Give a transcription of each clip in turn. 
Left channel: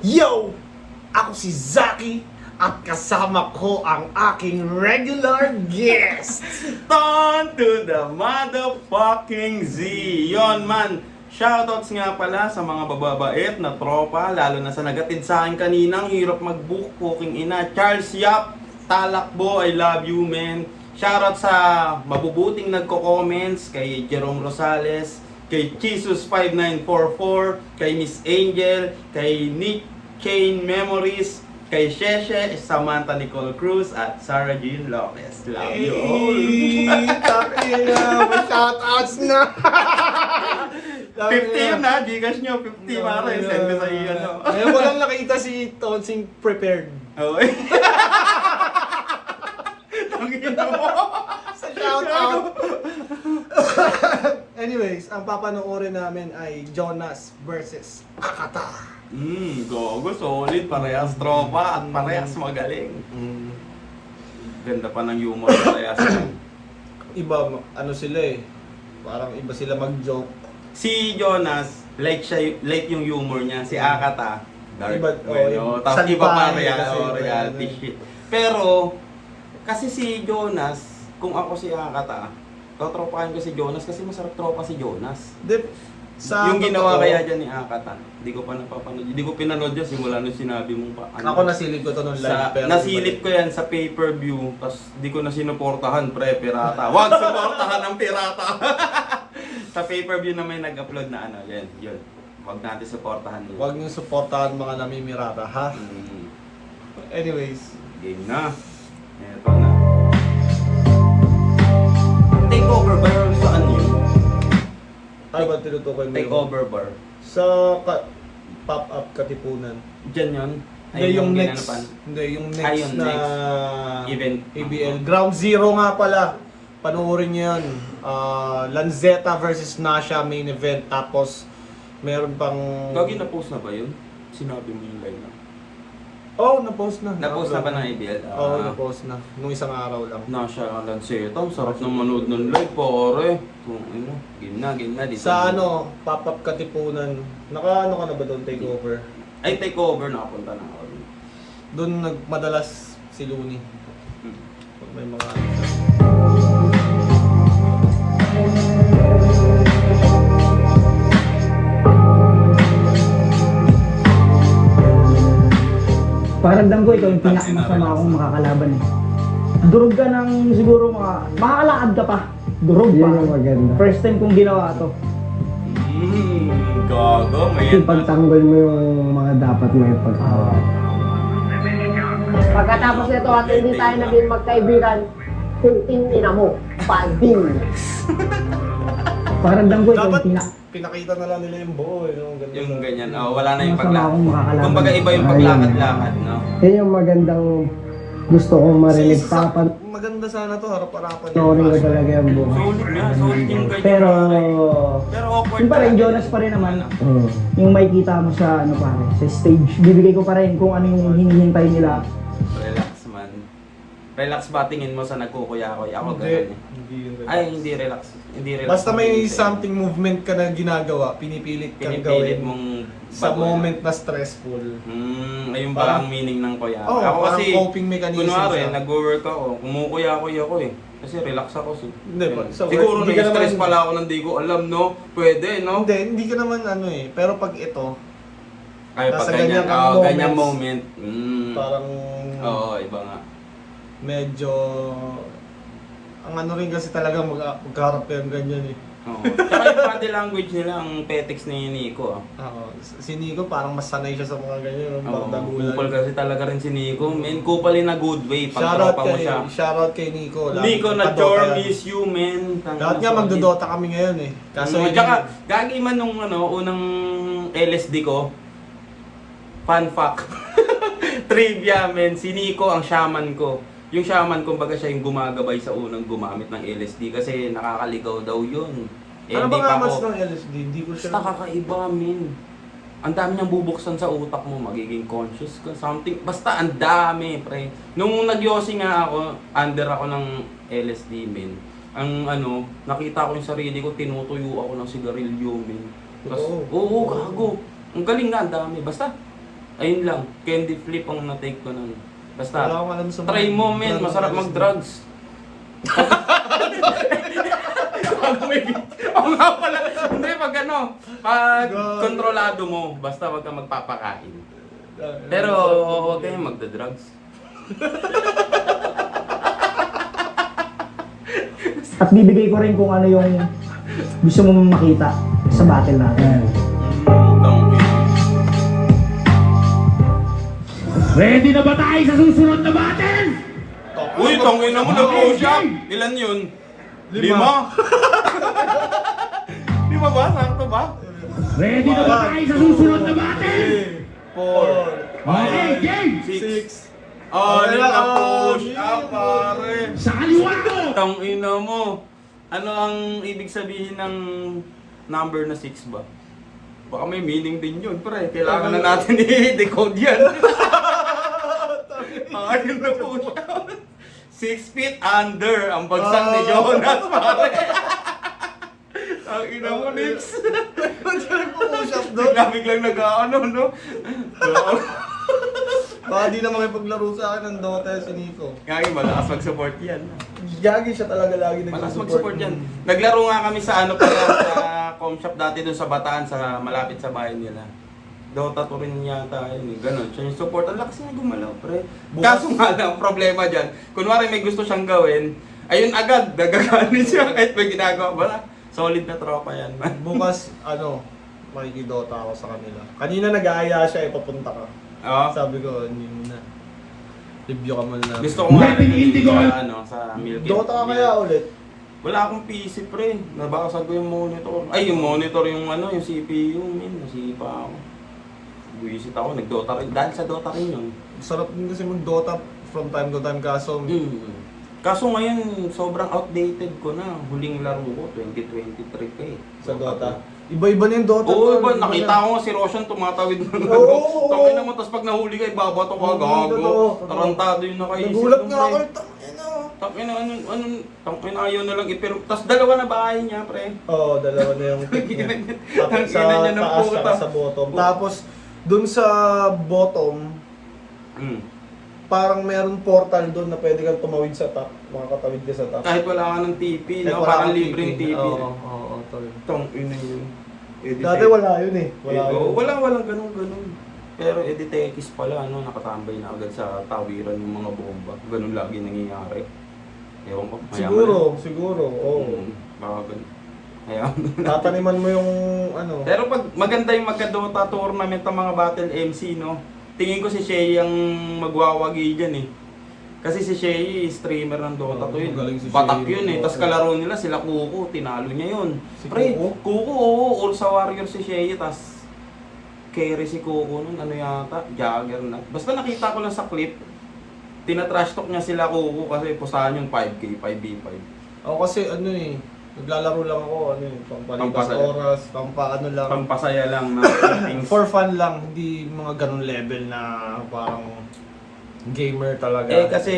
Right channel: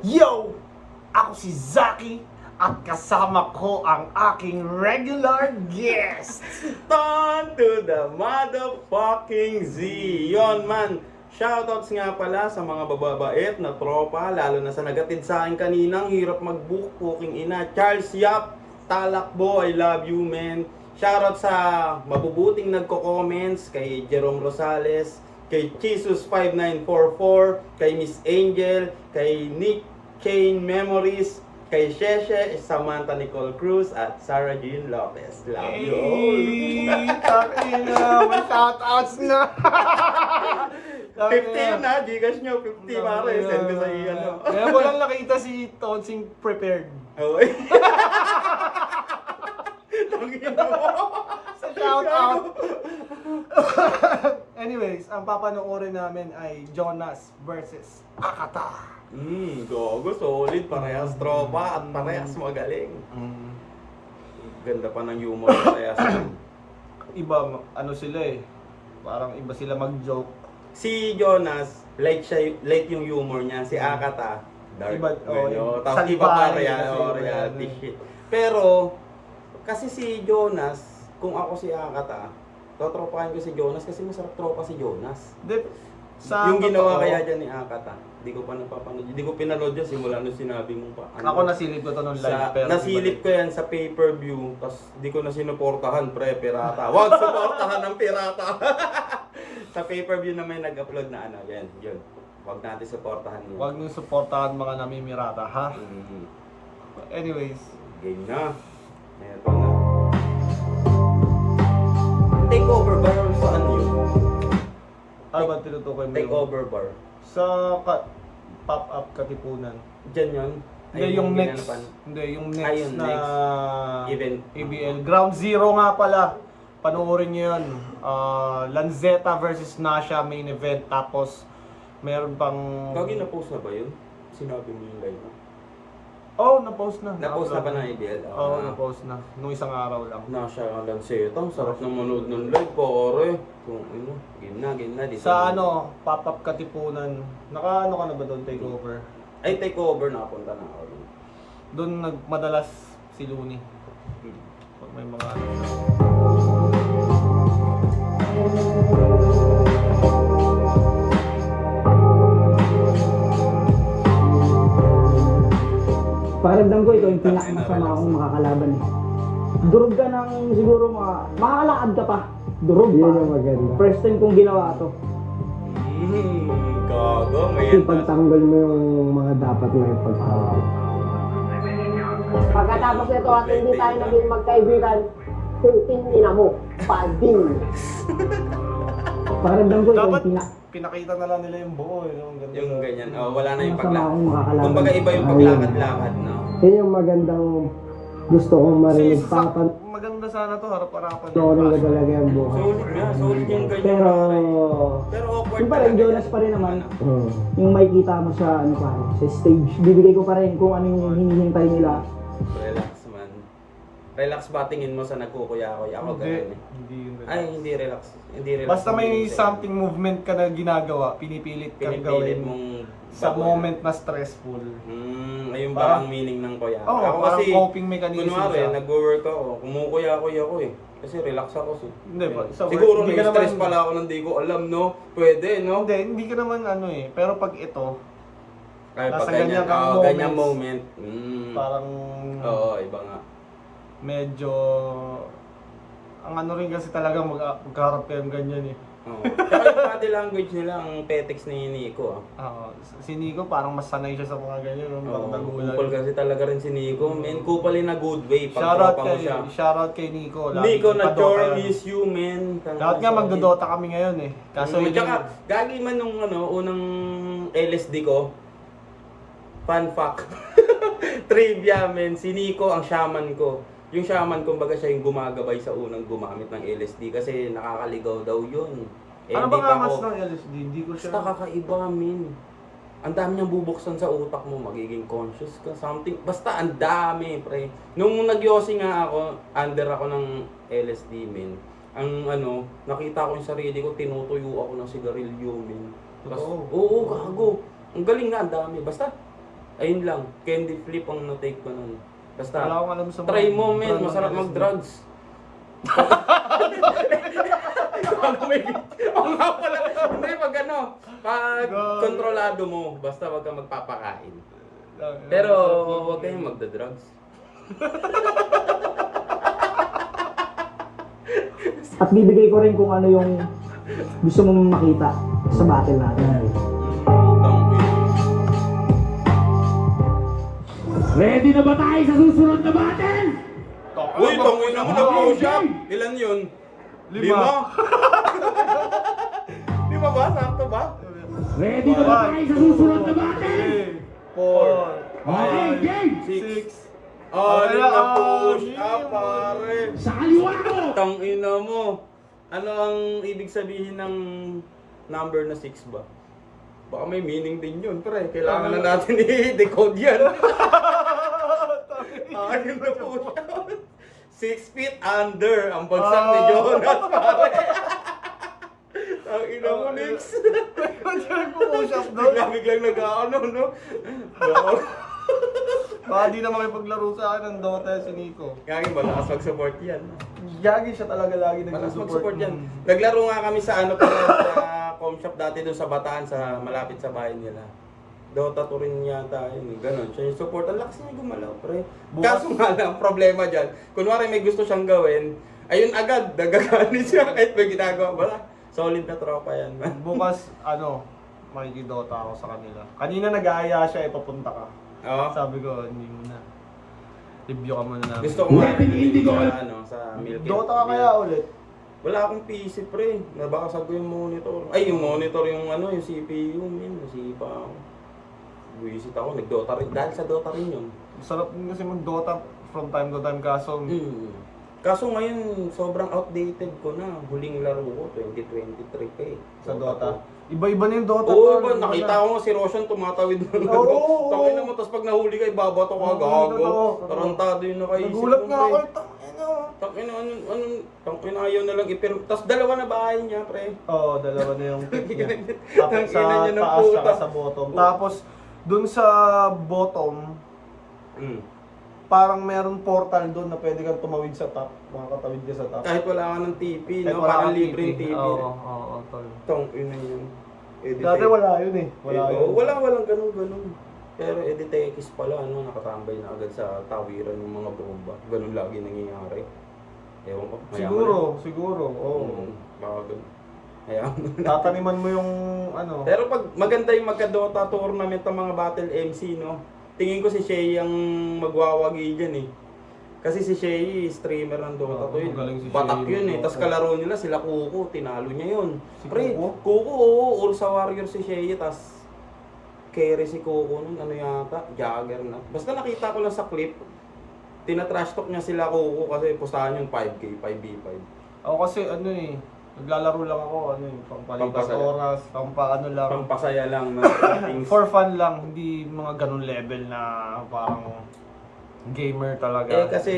Yo! Ako si Zaki at kasama ko ang aking regular guest. On to the motherfucking Z! Yon man, shoutouts nga pala sa mga bababait na tropa, lalo na sa nagatid sa akin kaninang hirap mag-book, fucking ina. Charles Yap, Talakbo, I love you man. Shoutout sa mabubuting nagko-comments, kay Jerome Rosales, kay Jesus5944, kay Miss Angel, kay Nick Chain Memories, kay Sheshe, Samantha Nicole Cruz, at Sarah Jean Lopez. Love you all! Takina, may shoutouts na. 50 yun na, Gcash nyo, 50 mara, send ko sa iyo. Ngayon ko lang nakita si Tonsing prepared. Okay. Tangina mo. Sa shoutout. Anyways, ang papanoorin namin ay Jonas versus Akata. Gogo, solid, parehas tropa at parehas magaling. Ganda pa ng humor parehas. Iba, ano sila eh. Parang iba sila mag-joke. Si Jonas, light yung humor niya. Si Akata, dark. Iba, Tapos iba pa salbahe kasi, reality shit. Pero, kasi si Jonas, kung ako si Akata, totropahin ko si Jonas kasi masarap tropa si Jonas. Yung ginawa kaya dyan ni Akata, hindi ko pa napapanood. Hindi ko pinanood yun simula nung sinabi mong pa. Ako nasilip ko to nung live. Nasilip ko yan sa pay-per-view, tapos hindi ko na sinuportahan pirata. Wag suportahan ng pirata. Sa pay-per-view na may nag-upload na ano, yan, yun. Wag natin suportahan yun. Huwag niyong suportahan mga namimirata, ha? Anyways. Game na. Eto na. Takeover bar saan yun? Ano ba tinutukoy mo? Takeover bar. Sa pop-up Katipunan. Diyan yun? Hindi, yung next. ginanapan. Hindi, yung Ay, next yung na next event. PBL. Ground Zero nga pala. Panoorin niyo yun. Lanzetta versus Nasha main event. Tapos, meron pang... Gagi na-post na ba yun? Sinabi mo yung line na. Oh, na-post na. Na-post na ba ng IBL? Oo, na-post na. Nung isang araw lang. Nasha Lanceta, ang sarap ng manood ng live, pare. Kung ano, game na dito. Sa ano, pop-up Katipunan. Naka-ano ka na ba doon, takeover? Ay, takeover, nakapunta na ako. Doon nagmadalas si Looney. Pag may mga... Pakiramdam ko ito yung pinakamasama akong makakalaban eh. Durog ka ng siguro makakalakad ka pa. Durog pa. Yun yung maganda. First time kong ginawa to. Gago, may Yung pagtanggol mo yung mga dapat mo yung pagtanggol. Pagkatapos nito at hindi tayo naging magkaibigan, kunting ina mo, panding. Pakiramdam ko ito Dapat yung pinakita na lang nila yung buo. yung ganyan, wala na yung Masama akong paglakad. makakalaban. Kumbaga iba yung paglakad-lakad, no? Yun yung magandang gusto kong marinig. Tapan, Maganda sana to, harap-harapan. panoorin ko talaga yung buhay. Solid nga, solid yung ganyan. Pero, Pero awkward Yung pa rin, talaga. Jonas pa rin naman. oh, Yung makikita mo sa ano pare, sa stage. Bibigay ko pa rin kung ano yung hinihintay nila. Relax man. Relax ba tingin mo sa nagkukuya-kuya? Ako Hindi. ganun eh. Hindi yun. Ay, hindi relax. Hindi relax. Basta may Hindi. something movement ka na ginagawa, pinipilit kang Pinipilit gawin mong sa baguhin. moment na stressful. Ayun ba Parang- ang meaning ng kuya? Oo, ako parang kasi, coping mechanism kunwari, siya. nag-work ako, kumukuya-kuya ako eh. Kasi relax ako. Hindi, Yan. sa work, Siguro hindi ka na-stress naman- pala ako nang di ko alam, no? Pwede, no? Hindi ka naman ano eh. Pero pag ito, Kaya pag nasa ganyan, ganyan kang ganyan moments, moment. parang Oo, iba nga. medyo... Ang ano rin kasi talaga magkaharap kayong ganyan eh. Oo. Tsaka yung body language nila, ang petex ni Nico. Si Nico parang mas sanay siya sa mga ganyan. Parang dagulan. Kupal kasi talaga rin si Nico. Men, kupal in a good way. Pag Shoutout tropa mo siya. kay Nico. Nico na Nagdodota chore, yan. miss you, men. Lahat nga magdodota kami ngayon eh. Kaso Kaso tsaka, gagi man nung unang LSD ko, fun fact, trivia men, si Nico ang shaman ko. Yung shaman, kumbaga siya yung gumagabay sa unang gumamit ng LSD kasi nakakaligaw daw yun. ano hindi ba nga pa mas ako. ng LSD? Hindi ko siya... Basta kakaiba, min. Ang dami niyang bubuksan sa utak mo, magiging conscious ka, something. Basta ang dami, pre. Nung nagyosi nga ako, under ako ng LSD, min. Ang ano, nakita ko yung sarili ko, tinutuyo ako ng sigarilyo, min. Oo. Oo, gago. Ang galing nga, ang dami. Basta, Ayun lang, candy flip ang na-take ko nun. Basta, Wala akong alam sa mga try mo men, brand ng masarap drugs. mag-drugs. Pag may oo nga pala. Hindi, pag ano, pag kontrolado mo, basta wag kang magpapakain. Pero, okay, magda-drugs. At bibigay ko rin kung ano yung gusto mong makita sa battle natin. Ready na ba tayo sa susunod na battle? Uy, tongin na mo na push up. Ilan yun? 5. 5 ba? Sakto ba? Ready na ba tayo sa susunod na battle? 4, Okay, game! 6. Oh, 5 push up, pare. Sa kaliwa ko! Tangina mo. Ano ang ibig sabihin ng number na 6 ba? Baka may meaning din yun, pre. Kailangan na natin i-decode yan. Ayun na po siya. 6 feet under ang bagsak ni Jonas, pare. Ang ina mo, Nix. push up doon. Biglang nag-ano, no? Baka di na makipaglaro sa akin ng Dota si Nico. Kaya malakas mag-support yan. Yagi siya talaga lagi Malakas nag-support. mag-support yan. Naglaro nga kami sa ano pala, sa com shop dati doon sa Bataan, sa malapit sa bahay nila. Dota 2 rin yata yun, gano'n. Siya yung support. Ang lakas niya gumalaw, pre. Kaso nga lang, problema dyan. Kunwari may gusto siyang gawin, ayun agad, nagagalit siya kahit may ginagawa. Wala, solid na tropa yan, man. Bukas, makikidota ako sa kanila. Kanina nag-aaya siya, ipapunta ka. Oo. Sabi ko, hindi muna. Review ka muna namin. Gusto ko nga rin sa Milky. Dota ka kaya ulit? Wala akong PC, pre. Nabakasag ko yung monitor. Ay, yung monitor, yung yung CPU, min. Nasipa ako. Buisit ako, nag-Dota rin. Dahil sa Dota rin yun. Sarap din kasi mag-Dota from time to time kaso Kaso ngayon, sobrang outdated ko na. Huling laro ko, 2023 pa eh. sa Dota. Iba-iba na yung Dota. Oo, tol. iba. Nakita ko nga si Roshan tumatawid ng Oo, oo, oo. Tangin naman, tapos pag nahuli ka, ibabato ka, Oo, gago. totoo. Tarantado yung nakaisip. Nagulat mo, nga pre. ako. Tangina. Tangina, ayaw na lang ipiro. Tapos dalawa na bahay niya, pre. Oo, dalawa na yung pick niya. Tapos sa Tangina niya ng taas puta. saka sa bottom. Tapos, dun sa bottom, parang meron portal doon na pwede kang tumawid sa top. Makakatawid ka sa top. Kahit wala ka ng TP, Kahit no? wala Parang kang libreng TP. Oo, tol. Tangina yun. Dati wala yun eh. Wala yun. Walang ganun. Pero Editex pala, nakatambay na agad sa tawiran yung mga bomba. Ganun lagi nangyayari. Ewan ko. Siguro. Oo. Baka ganun. Ayan. Tataniman mo yung ano. Pero pag maganda yung magka-Dota tournament ng mga battle MC, no? Tingin ko si Shay ang magwawagi dyan eh. Kasi si Shay, streamer ng Dota to yun. magaling si Batak Shay. yun eh. Tapos kalaro nila sila Kuko, tinalo niya yun. Si Pre, Kuko? Kuko, oo, all sa warrior si Shay. Tapos carry si Kuko nun, ano yata, Jagger na. Basta nakita ko lang sa clip, tinatrash talk niya sila Kuko kasi pusahan yung 5K, 5v5. Ako kasi naglalaro lang ako, pampalipas Pampasaya. oras, pampaano lang. Pampasaya lang na things. For fun lang, hindi mga ganun level na parang gamer talaga. Eh kasi,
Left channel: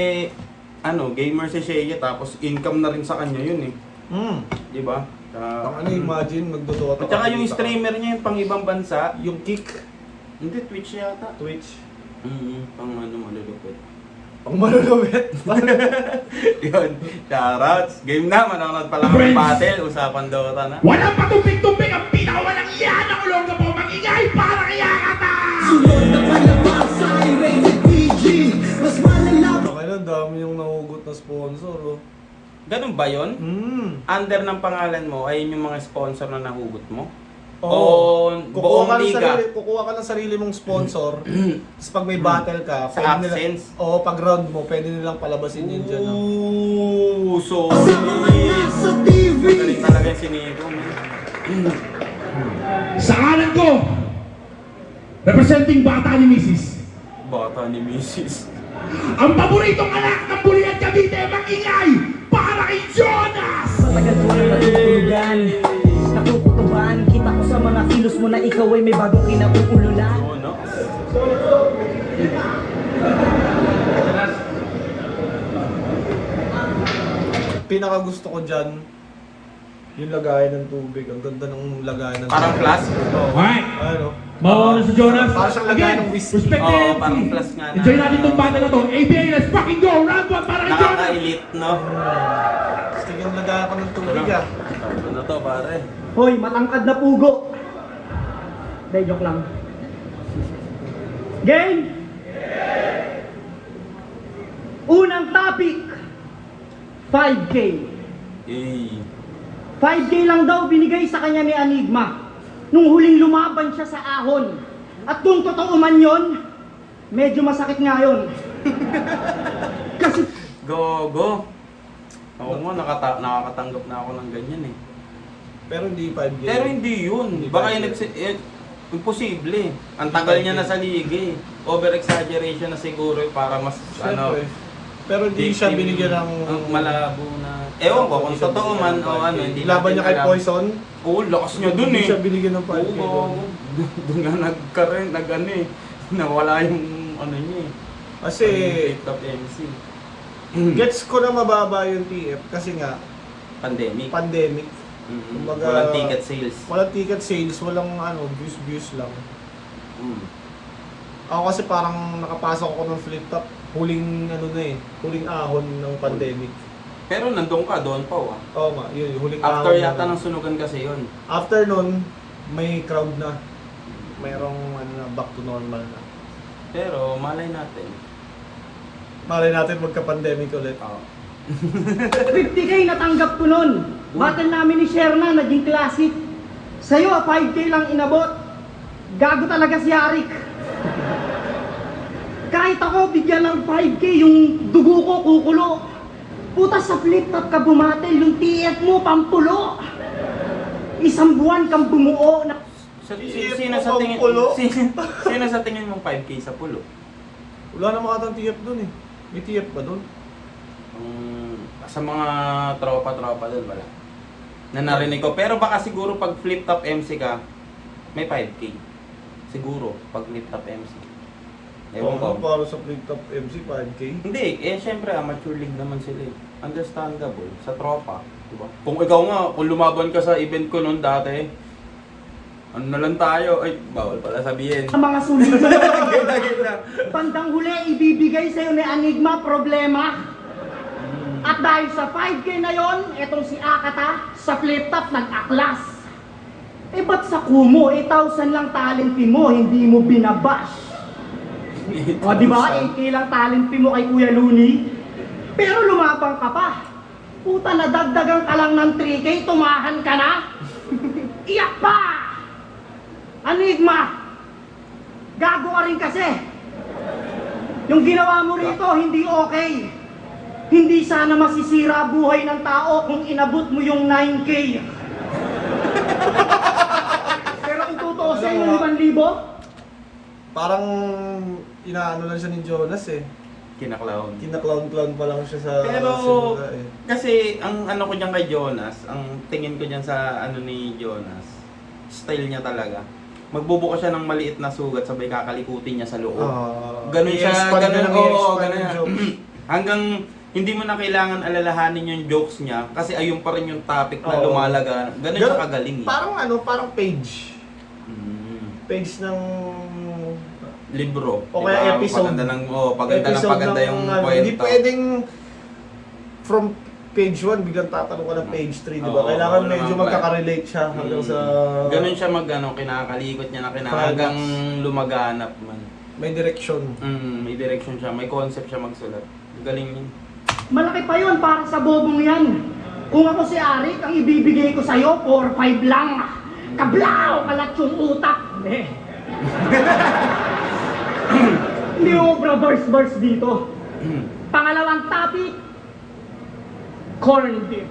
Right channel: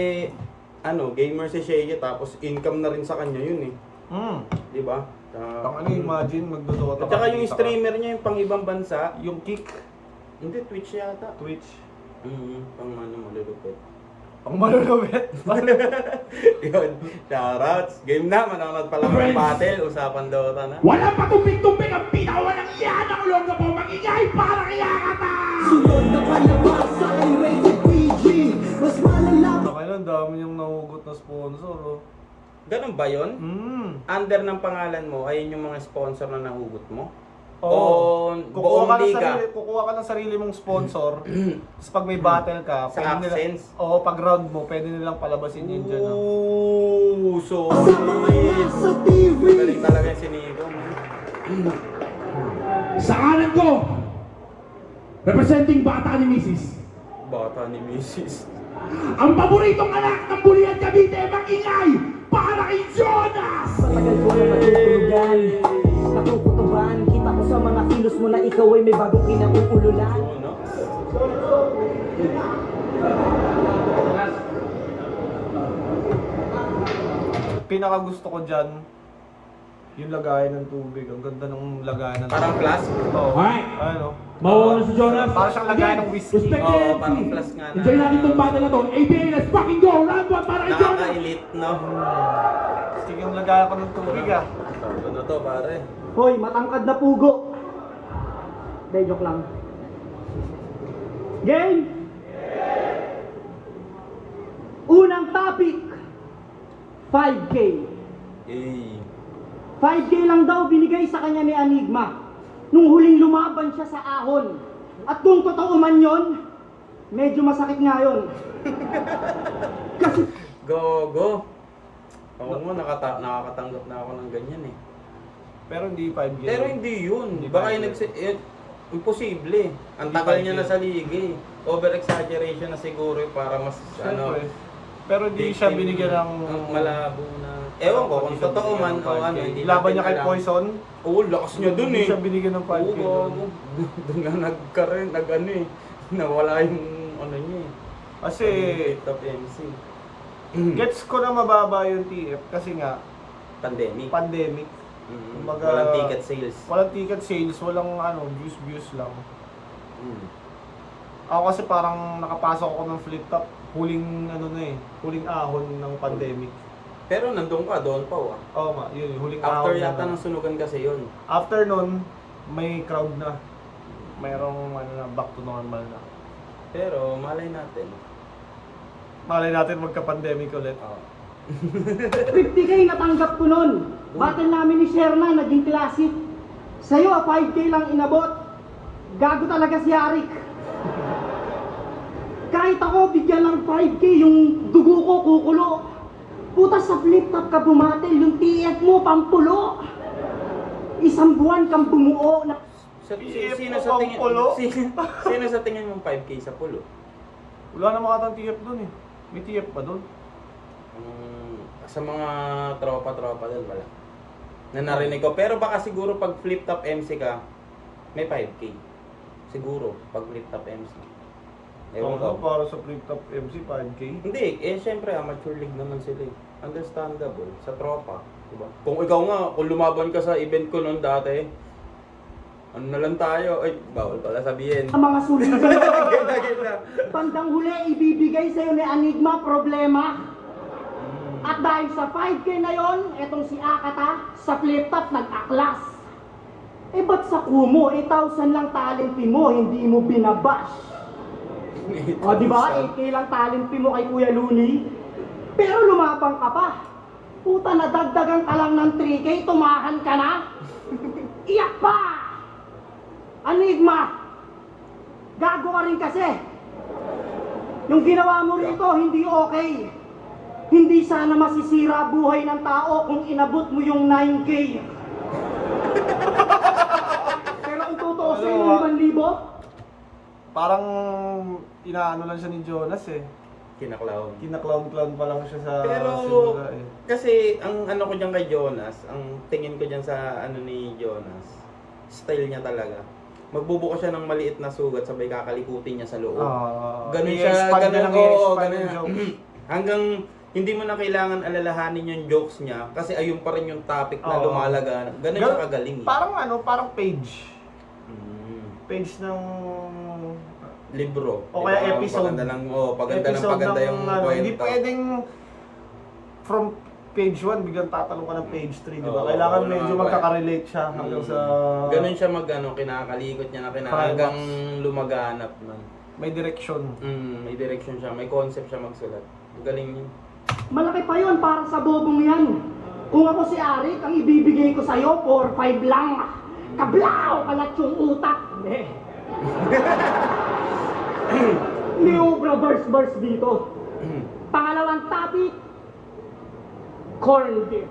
gamer si Shay, tapos income na rin sa kanya yun eh. Di ba? Imagine, magdodota At saka yung streamer niya yung pang ibang bansa, Yung kick, hindi Twitch yata. Twitch. Pang malulupit. Ang malulubit. Yun, shoutouts. Game na, manonood pa lang ng battle, usapan Dota na. Walang patumpik-tumpik ang pinakawalang yan ang ulong na po magingay para kaya kata! Okay lang, dami yung nahugot na sponsor. Oh. Ganun ba yun? Under ng pangalan mo, ayun yung mga sponsor na nahugot mo? O buong liga? Kukuha ka ng sarili mong sponsor. Tapos pag may battle ka, Sa pwede AdSense? pag round mo, pwede nilang palabasin yun dyan. No? Ooh, so sweet! Magaling talaga yung siniko, man. Sa kanan ko, representing bata ni Mrs. Bata ni Mrs. Ang paboritong anak ng Bulian Cavite, magingay para kay Jonas! Matagal ko na natutulugan, nakukutuban, kita ko sa mga kilos mo na ikaw ay may bagong kinauululan. Oo, no? Pinaka gusto ko dyan, yung lagayan ng tubig. Ang ganda ng lagayan ng Parang tubig. plus? Oo. Right. Ano? Mawawala si Jonas. Parang siyang lagay ng whiskey. Respect the Oo, MC. parang plus nga na. Enjoy natin itong battle na to. ABA, let's fucking go! Round 1 para kay Jonas! Nakaka-elite, no? Gusto yung lagay ako ng tubig ah. Ano to, pare? Hoy, matangkad na pugo. Hindi, joke lang. Game! Unang topic, 5K. Eh. 5K lang daw binigay sa kanya ni Enigma nung huling lumaban siya sa ahon. At kung totoo man yon, medyo masakit nga yun. Kasi Go. Oo nga, nakakatanggap na ako ng ganyan eh. Pero hindi 5K. Pero hindi yun. Hindi Baka ba yun? imposible. Ang tagal niya na sa liga eh. Over-exaggeration na siguro eh, para mas Siyempre. Pero hindi siya victim, binigyan ng... malabo na. Ewan ko kung totoo man o ano. Hindi Laban niya natin kay alam. Poison. Oo, lakas niya dun Hindi eh. siya binigyan ng 5K. Oo, doon nga nagkaroon, nag-ano eh. Nawala yung ano niya eh. Kasi Top MC. gets ko na mababa yung TF kasi nga Pandemic. pandemic. Kumbaga, Walang ticket sales. Walang ticket sales, walang views lang. Mm. Ako kasi parang nakapasok ako ng flip top, huling huling ahon ng pandemic. Pero nandun ka, doon pa ah. Oo nga, yun, huling After ahon. yata ng sunugan kasi yun. After nun, may crowd na. Mayroong back to normal na. Pero malay natin. Malay natin magka-pandemic ulit. Oo. 50K natanggap ko nun. Battle namin ni Sherna, naging classic. Sa'yo, 5K lang inabot. Gago talaga si Arik. Kahit ako, bigyan ng 5K, yung dugo ko kukulo. Puta sa flip top ka bumatel, yung TF mo pampulo. Isang buwan kang bumuo na... Sino sa tingin pulo? sino sa tingin mong 5K sa pulo? Wala na makatang TF dun eh. May TF pa dun? Sa mga tropa-tropa doon wala. Na narinig ko. Pero baka siguro pag flip top MC ka, may 5K. Siguro pag flip top MC. Ewan ko. Para sa flip top MC, 5K. Hindi, syempre amateur league naman sila eh. Understandable sa tropa, di ba? Kung ikaw nga, kung lumaban ka sa event ko noon dati, ano na lang tayo, ay bawal pala sabihin. Sa mga sulit. Gita. Bandang huli, ibibigay sa'yo ni Enigma problema. At dahil sa 5K na yon, itong si Akata, sa flip top nag-aklas. Eh ba't sa Kumo, 8,000 lang talent fee mo, hindi mo binabash? O di ba, 8K lang talent fee mo kay Kuya Looney? Pero lumabang ka pa. Puta, nadagdagan ka lang ng 3K, tumahan ka na? Iyak pa! Enigma! Gago ka rin kasi. Yung ginawa mo rito, hindi okay. Hindi sana masisira buhay ng tao kung inabot mo yung 9K. Pero kung totoo sa Ano ba? 5,000, Parang inaano lang siya ni Jonas eh. Kinaklaw. Kina-clown-clown pa lang siya sa Pero, simula eh. kasi ang ano ko diyan kay Jonas, ang tingin ko diyan sa ano ni Jonas, style niya talaga. Magbubuka siya ng maliit na sugat sabay kakalikutin niya sa loob. Ganun siya, i-expand ganun ng oo, i-expand ganun yung yan. jokes. Hanggang hindi mo na kailangan alalahanin yung jokes niya kasi ayun pa rin yung topic na Oo. lumalaga. Ganun siya kagaling. Parang parang page. Page ng Libro. o kaya episode. Paganda ng paganda episode ng yung Hindi kwento. pwedeng from page 1 biglang tatanong ka ng page 3, di ba? Oo, Kailangan oo medyo naman. magkaka-relate siya hanggang sa Ganun siya kinakalikot niya na hanggang lumaganap man. may direction. May direction siya, may concept siya magsulat. Galing niya. malaki pa yun para sa bobong yan. Kung ako si Arik, ang ibibigay ko sa'yo, 4-5 lang. Kablaw! Kalat yung utak. Hindi mo verse dito. Pangalawang topic, corned beef.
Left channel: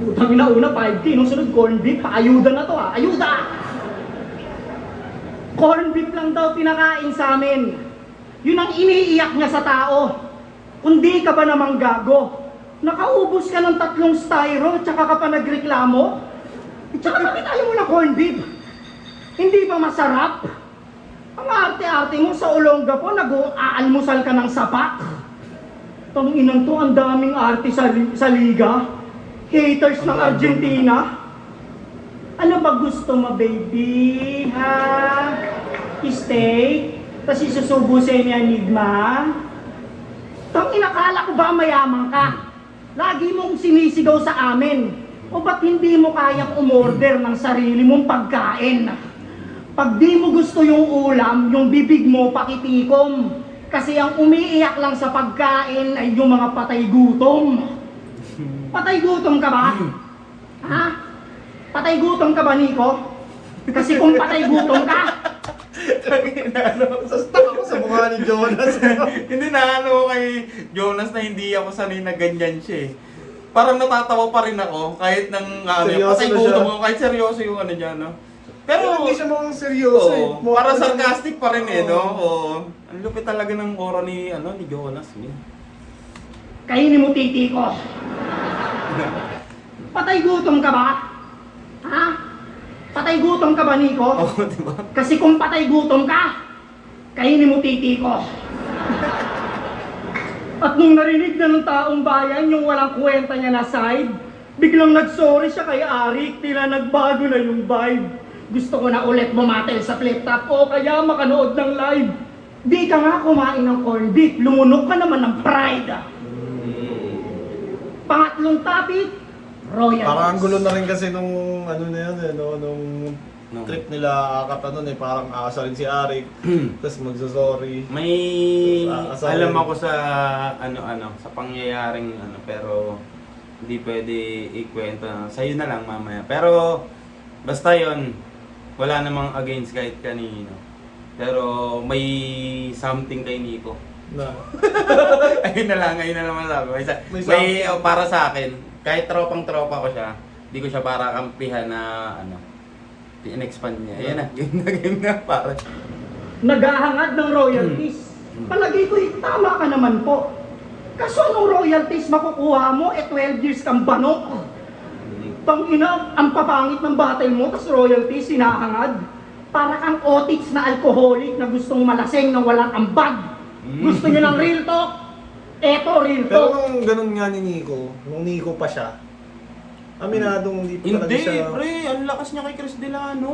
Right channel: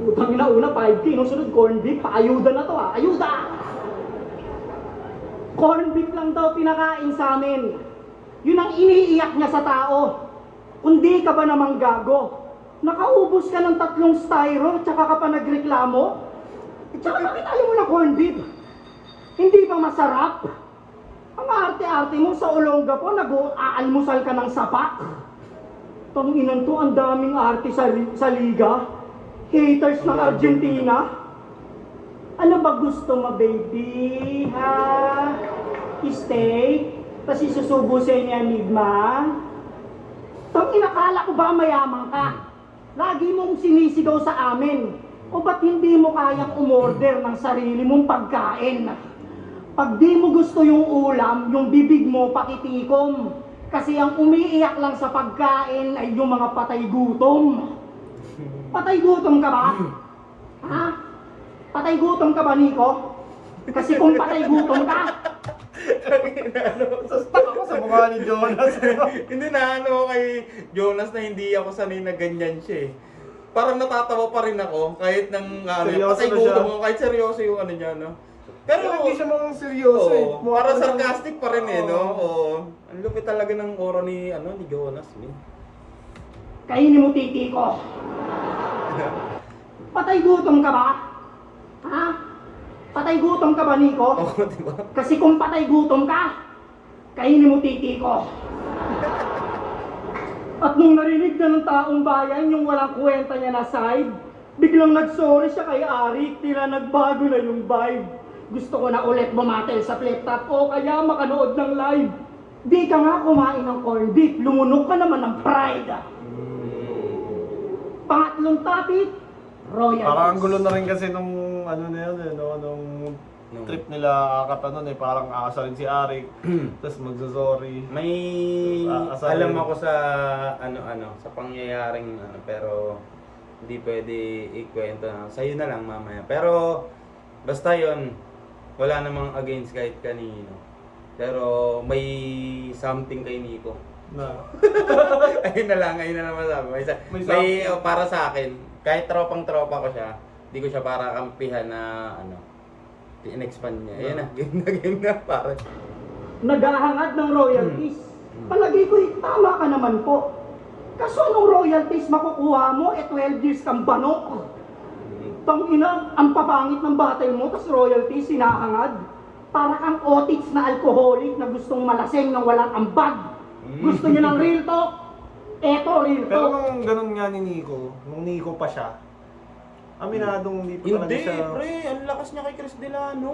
Utang una 5K, nung sunod corned beef, ayuda na to ayuda! Corned beef lang daw pinakain sa amin. Yun ang iniiyak niya sa tao. Kundi ka ba namang gago? Nakaubos ka ng 3 styro, tsaka ka pa nagreklamo? Tsaka bakit ayaw mo na corned beef? Hindi ba masarap? Ang arte-arte mo sa Olongga po, nag-aalmusal ka ng sapat. Tanginan to, ang daming arte sa liga. Haters ng Argentina. Ano ba gusto mo, baby? Ha? Steak? Tapos isusubo sa inyo Enigma? Tang inakala ko ba mayaman ka? Lagi mong sinisigaw sa amin. O ba't hindi mo kayang umorder ng sarili mong pagkain? Pag di mo gusto yung ulam, yung bibig mo pakitikom. Kasi ang umiiyak lang sa pagkain ay yung mga patay gutom. Patay gutom ka ba? Ha? Patay gutom ka ba, Nico? Kasi kung patay gutom ka, Stuck ako sa mukha ni Jonas. Hindi na ano kay Jonas na hindi ako sanay na ganyan siya eh. Parang natatawa pa rin ako kahit nang Seryoso patay na gutom siya. mo, kahit seryoso yung ano niya, no? Pero Pero hindi siya mukhang seryoso eh. oo, Mukha para pa siyang- sarcastic pa rin eh, no? Oo. Oo. Ang lupit talaga ng aura ni ni Jonas eh. kainin mo titi ko. Patay gutom ka ba? Ha? Patay gutom ka ba, Nico? Oo, di ba? Kasi kung patay gutom ka, kainin mo titi ko. At nung narinig na ng taong bayan yung walang kwenta niya na side, biglang nagsorry siya kay Arik, tila nagbago na yung vibe. Gusto ko na ulit bumatel sa flip top o kaya makanood ng live. Di ka nga kumain ng corned beef, lumunok ka naman ng pride. Pangatlong topic, royalties. Parang ang gulo na rin kasi nung ano na yan eh, no? Nung Nung- trip nila akata nun eh, parang aasarin si Arik, tapos magsasorry. May Sorry. alam ako sa sa pangyayaring pero hindi pwede ikwento. Sa'yo na lang mamaya. Pero basta 'yon, wala namang against kahit kanino. Pero may something kay Nico. Na. ayun na lang masabi. May May something. para sa akin, kahit tropang-tropa ko siya, hindi ko siya para kampihan na in-expand niya. Ayun na, game na para. Naghahangad ng royalties. Palagi ko, tama ka naman po. Kaso anong royalties makukuha mo? 12 years kang banok. Tangina, ang papangit ng battle mo, tas royalties, sinahangad. Para kang otits na alcoholic na gustong malaseng na walang ambag. Gusto niyo ng real talk? Eto, real Pero talk. nung ganun nga ni Nico, nung Nico pa siya, aminadong hindi pa talaga Hindi, siya. pre, ang lakas niya kay Chris Delano.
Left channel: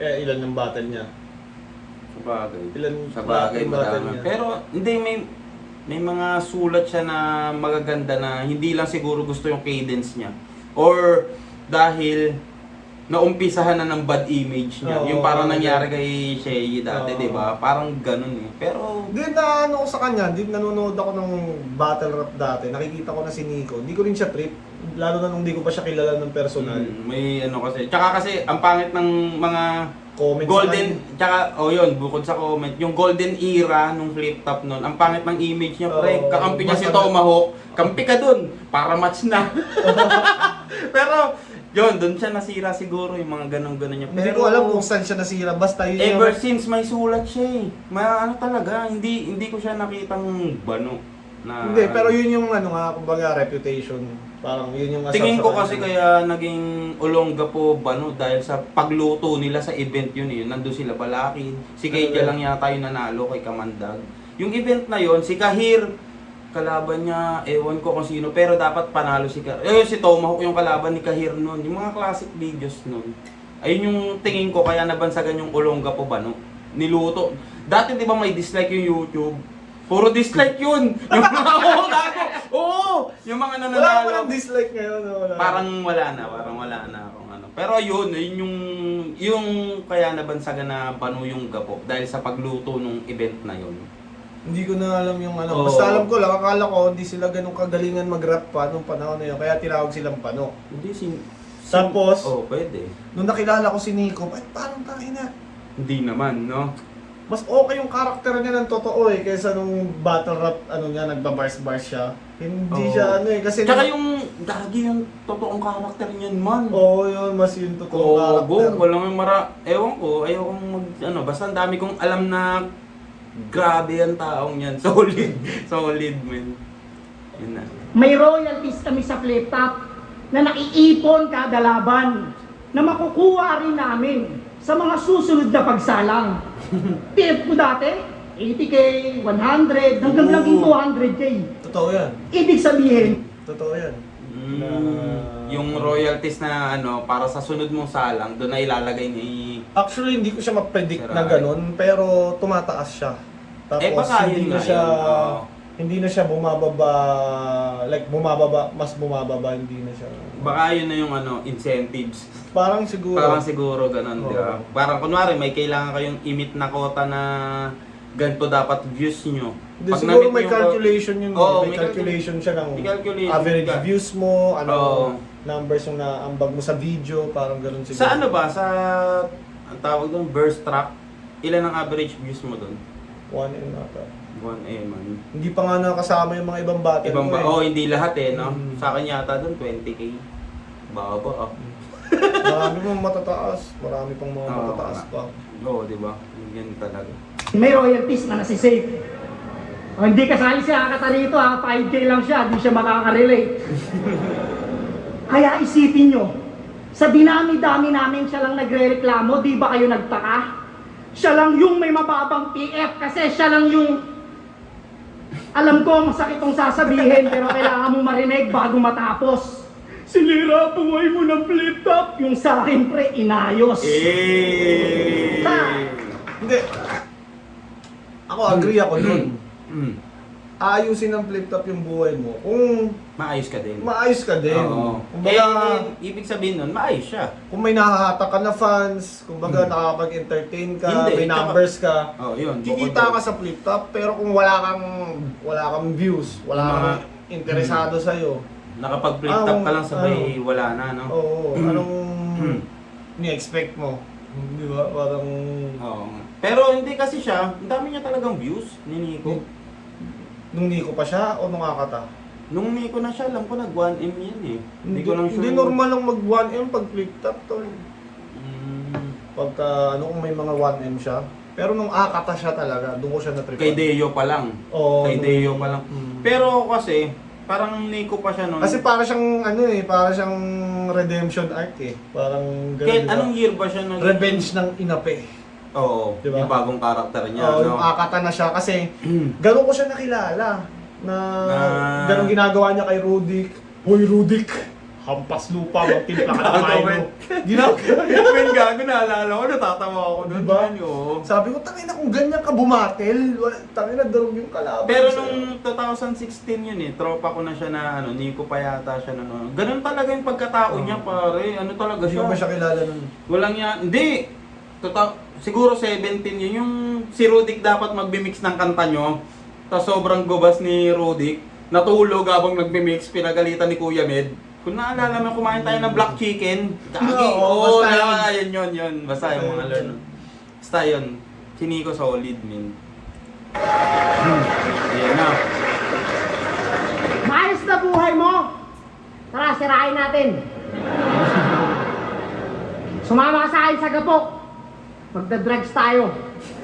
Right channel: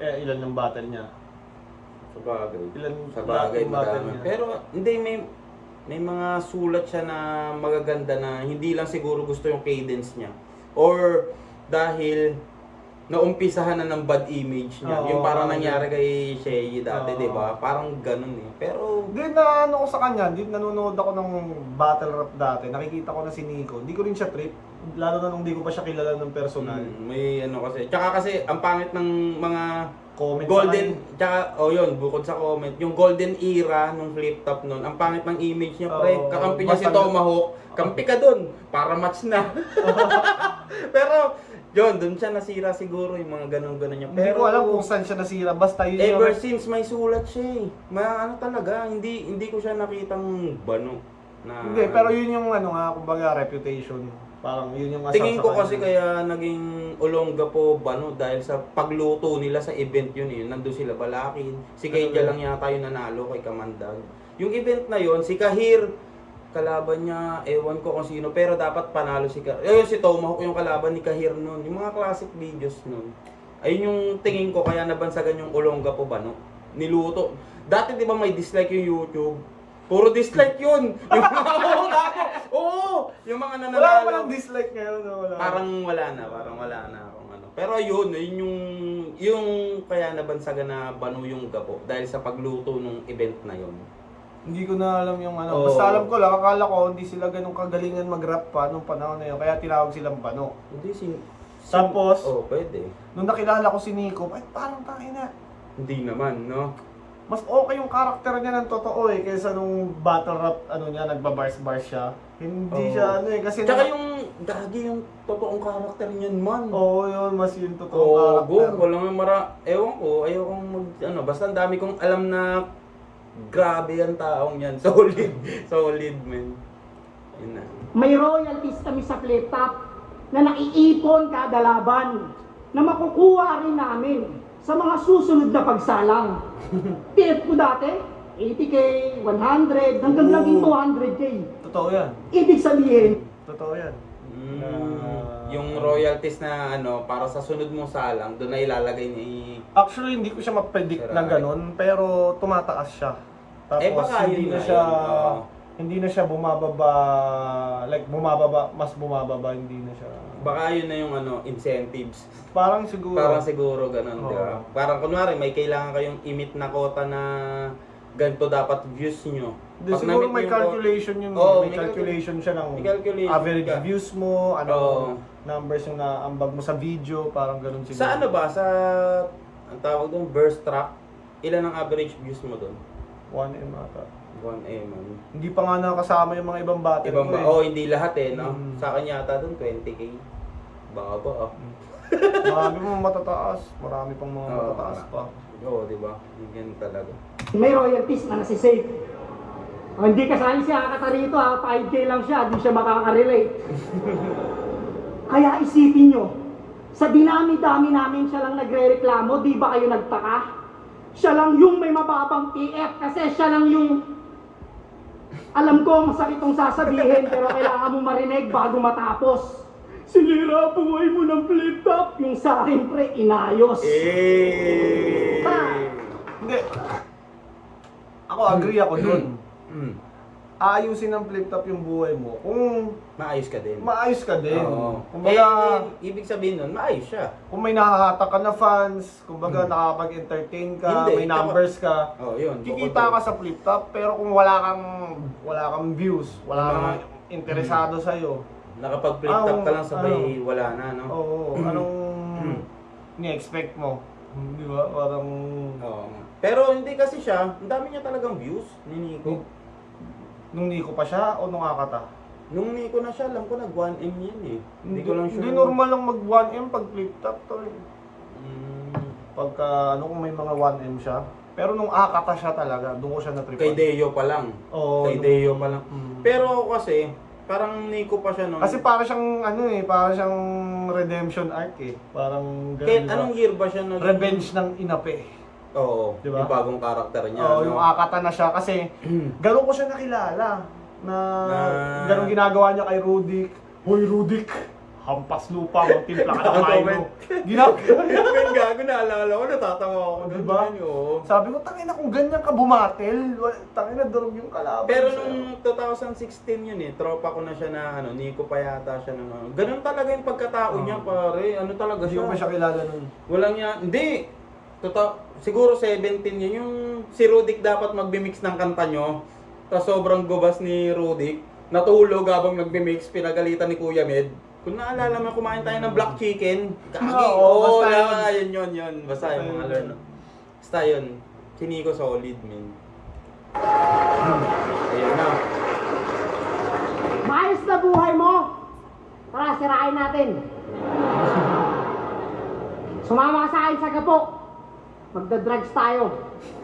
Ilan ng battle niya? Sa bagay. Ilan Sa bagay, yung battle madami. niya? Pero hindi, may mga sulat siya na magaganda na hindi lang siguro gusto yung cadence niya. Or dahil naumpisahan na ng bad image niya. Oo, yung parang oo, nangyari kay Shay dati, Oo. di ba? Parang ganun eh. Pero Hindi na ano ko sa kanya, hindi nanonood ako ng battle rap dati. Nakikita ko na si Nico. Hindi ko rin siya trip. Lalo na nung hindi ko pa siya kilala ng personal. may kasi. Tsaka kasi ang pangit ng mga Comments golden, naman. tsaka yun, bukod sa comment, yung golden era nung flip top nun, ang pangit ng image niya, pre. Oo, Kakampi niya si basta- Tomahawk, kampi ka dun, para match na. Pero, yun, dun siya nasira siguro yung mga ganun-ganun niya. Hindi ko alam kung saan siya nasira. Basta yun Ever yung... since may sulat siya eh. Ano talaga, hindi ko siya nakitang bano. Na, Hindi, pero yun yung ano nga, kumbaga reputation. Parang yun yung asar tingin sa ko kanya. kasi kaya naging Olongga po bano dahil sa pagluto nila sa event yun eh. Nandun sila Balakin. Si Keija lang yata yung nanalo kay Kamandag. Yung event na yun, si Kahir, kalaban niya, ewan ko kung sino, pero dapat panalo si Kahir. Si Tomahawk yung kalaban ni Kahir nun. Yung mga classic videos nun. Ayun yung tingin ko kaya nabansagan yung Olongga po bano. Niluto. Dati di ba may dislike yung YouTube? Puro dislike yun. Yung mga yung mga Wala nananalo. ko lang dislike ngayon. No? Wala. Parang wala na akong ano. Pero ayun yung kaya nabansagan na bano yung gapo dahil sa pagluto nung event na yun. Hindi ko na alam yung ano. Oo. Basta alam ko lang, akala ko hindi sila ganun kagalingan mag-rap pa nung panahon na yun. Kaya tinawag silang Pano. Hindi Tapos? pwede. Nung nakilala ko si Nico, ay parang tangina. Hindi naman, no? Mas okay yung karakter niya ng totoo eh, kaysa nung battle rap, ano niya, nagbabars-bars siya. Hindi Oo. siya ano eh, kasi... Tsaka yung gagi yung totoong karakter niyan man. Oo, yun, mas yung totoong karakter. Walang ewan ko, ayokong basta ang dami kong alam na grabe ang taong yan. Solid man. Yun na. May royalties kami sa flip top na naiipon kada laban na makukuha rin namin sa mga susunod na pagsalang. Tilt ko dati, 80k, 100, hanggang Oo. naging 200k. Totoo yan. Ibig sabihin, Totoo yan. Yung royalties na ano, para sa sunod mong salang, doon na ilalagay ni... Actually, hindi ko siya ma-predict Sir na Ray. ganun, pero tumataas siya. Tapos Baka hindi yun na nga siya yun. Oo. hindi na siya bumababa, like mas bumababa, hindi na siya. Baka yun na yung ano, incentives. Parang siguro. Parang siguro ganun, di ba? Oo. Parang kunwari, may kailangan kayong imit na kota na ganito dapat views nyo. Hindi, Pag siguro na-meet may nyo- calculation yun. Oo, may calculation siya ng may calculation average ka. views mo, ano, Oo. numbers yung naambag mo sa video, parang ganun siguro. Sa ano ba? Sa, ang tawag doon, burst track, ilan ang average views mo doon? 1M ata. 1M, man. Hindi pa nga nakasama yung mga ibang battle Ibang ko ba? eh. Oh, hindi lahat eh, no? Mm. Sa akin yata doon, 20k. Baba ah. Marami pang matataas. Marami pang mga Oo, matataas nga. pa. Oo, di ba? Ganyan talaga. May royalties na nasisave. O, hindi kasali si Akata rito ha, 5K lang siya, di siya makaka-relate. Kaya isipin nyo, sa dinami-dami namin siya lang nagre-reklamo, di ba kayo nagtaka? Siya lang yung may mababang PF kasi siya lang yung... Alam ko, masakit tong sasabihin, pero kailangan mo marinig bago matapos. Sinira buhay mo ng flip top, yung sa akin pre, inayos. Eh! Hindi. Ako agree ako dun. Mm. Ayusin ng flip top yung buhay mo. Kung Maayos ka din. maayos ka din. Oo. Kumbaga, Ibig sabihin nun, maayos siya. kung may nahahatak ka na fans, kumbaga nakakapag-entertain ka, Hindi, may numbers ka, Oh, yun. kikita ka sa flip top, pero kung wala kang views, wala kang interesado sa iyo. Nakapag-flip top ka lang sabay ano? wala na, no? Oo, anong ni-expect mo? Di ba? Parang Oo nga. Pero hindi kasi siya, ang dami niya talagang views ni Nico. nung Nico pa siya o nung Akata? Nung Nico na siya, alam ko nag 1M yan eh. Hindi ko lang sure. Hindi normal lang mag 1M pag flip top tol. Mm, Pagka ano kung may mga 1M siya. Pero nung Akata siya talaga, doon ko siya na-trip. kay Deo pa lang. Oo, Kay nung- Deo pa lang. Mm. Pero kasi, parang Nico pa siya nun. Kasi para siyang ano eh, para siyang redemption arc eh. Parang ganun, Kaya diba? anong year ba siya nag... Revenge ng inape. Oo, Diba? yung bagong karakter niya. Oo, no? yung Akata na siya kasi ganun ko siya nakilala na ganun ginagawa niya kay Rudik. Hoy Rudik, hampas lupa, magtimpla ka ng kaino. Ginagawa niya. Men, gago, naalala ko, natatawa ako doon. Diba? Oo. Sabi ko, tangina kung ganyan ka bumatel, tangina durog yung kalaban. Pero sa'yo." nung 2016 yun eh, tropa ko na siya na ano, Nico pa yata siya na ano. Ganun talaga yung pagkatao niya pare, ano talaga Hindi siya. ko ba siya kilala nun? Walang yan, hindi. Siguro 17 yun, yung si Rudik dapat magbi-mix ng kanta nyo. Tapos sobrang gubas ni Rudik, natulog habang nagbi-mix, pinagalitan ni Kuya Med. Kung naalala mo, kumain tayo ng black chicken. Kagi, Oo, oo, basta yun. Basta yung mga learn. Basta yun, si Nico solid, min. Ayun na. Maayos na buhay mo! Tara, sirain natin! Sumama ka sa akin sa gapok! Magda-drugs tayo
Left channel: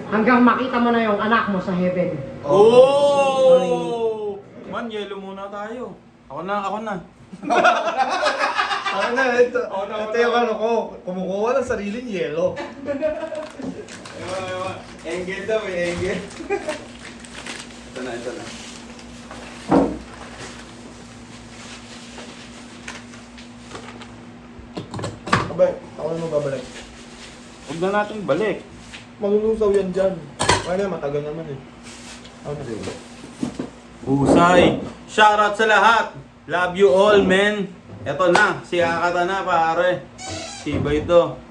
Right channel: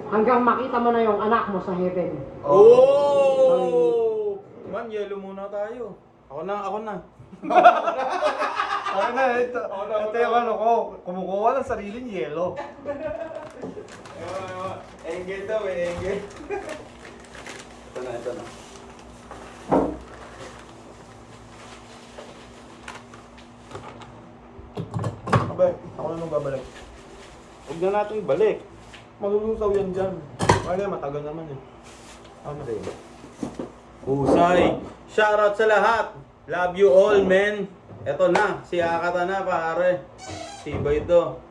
hanggang makita mo na yung anak mo sa heaven. Oh! Man, yelo muna tayo. Ako na. Ano, ito yung ano ko, kumukuha ng sariling yelo. Engel daw eh, engel. Ito na. Abay, ako na magbabalik. Huwag na natin balik. Malulusaw yan dyan. Kaya matagal naman eh. Ano na Husay! Shoutout sa lahat! Love you all, men! Eto na, si Akata na, pare. Siba ito.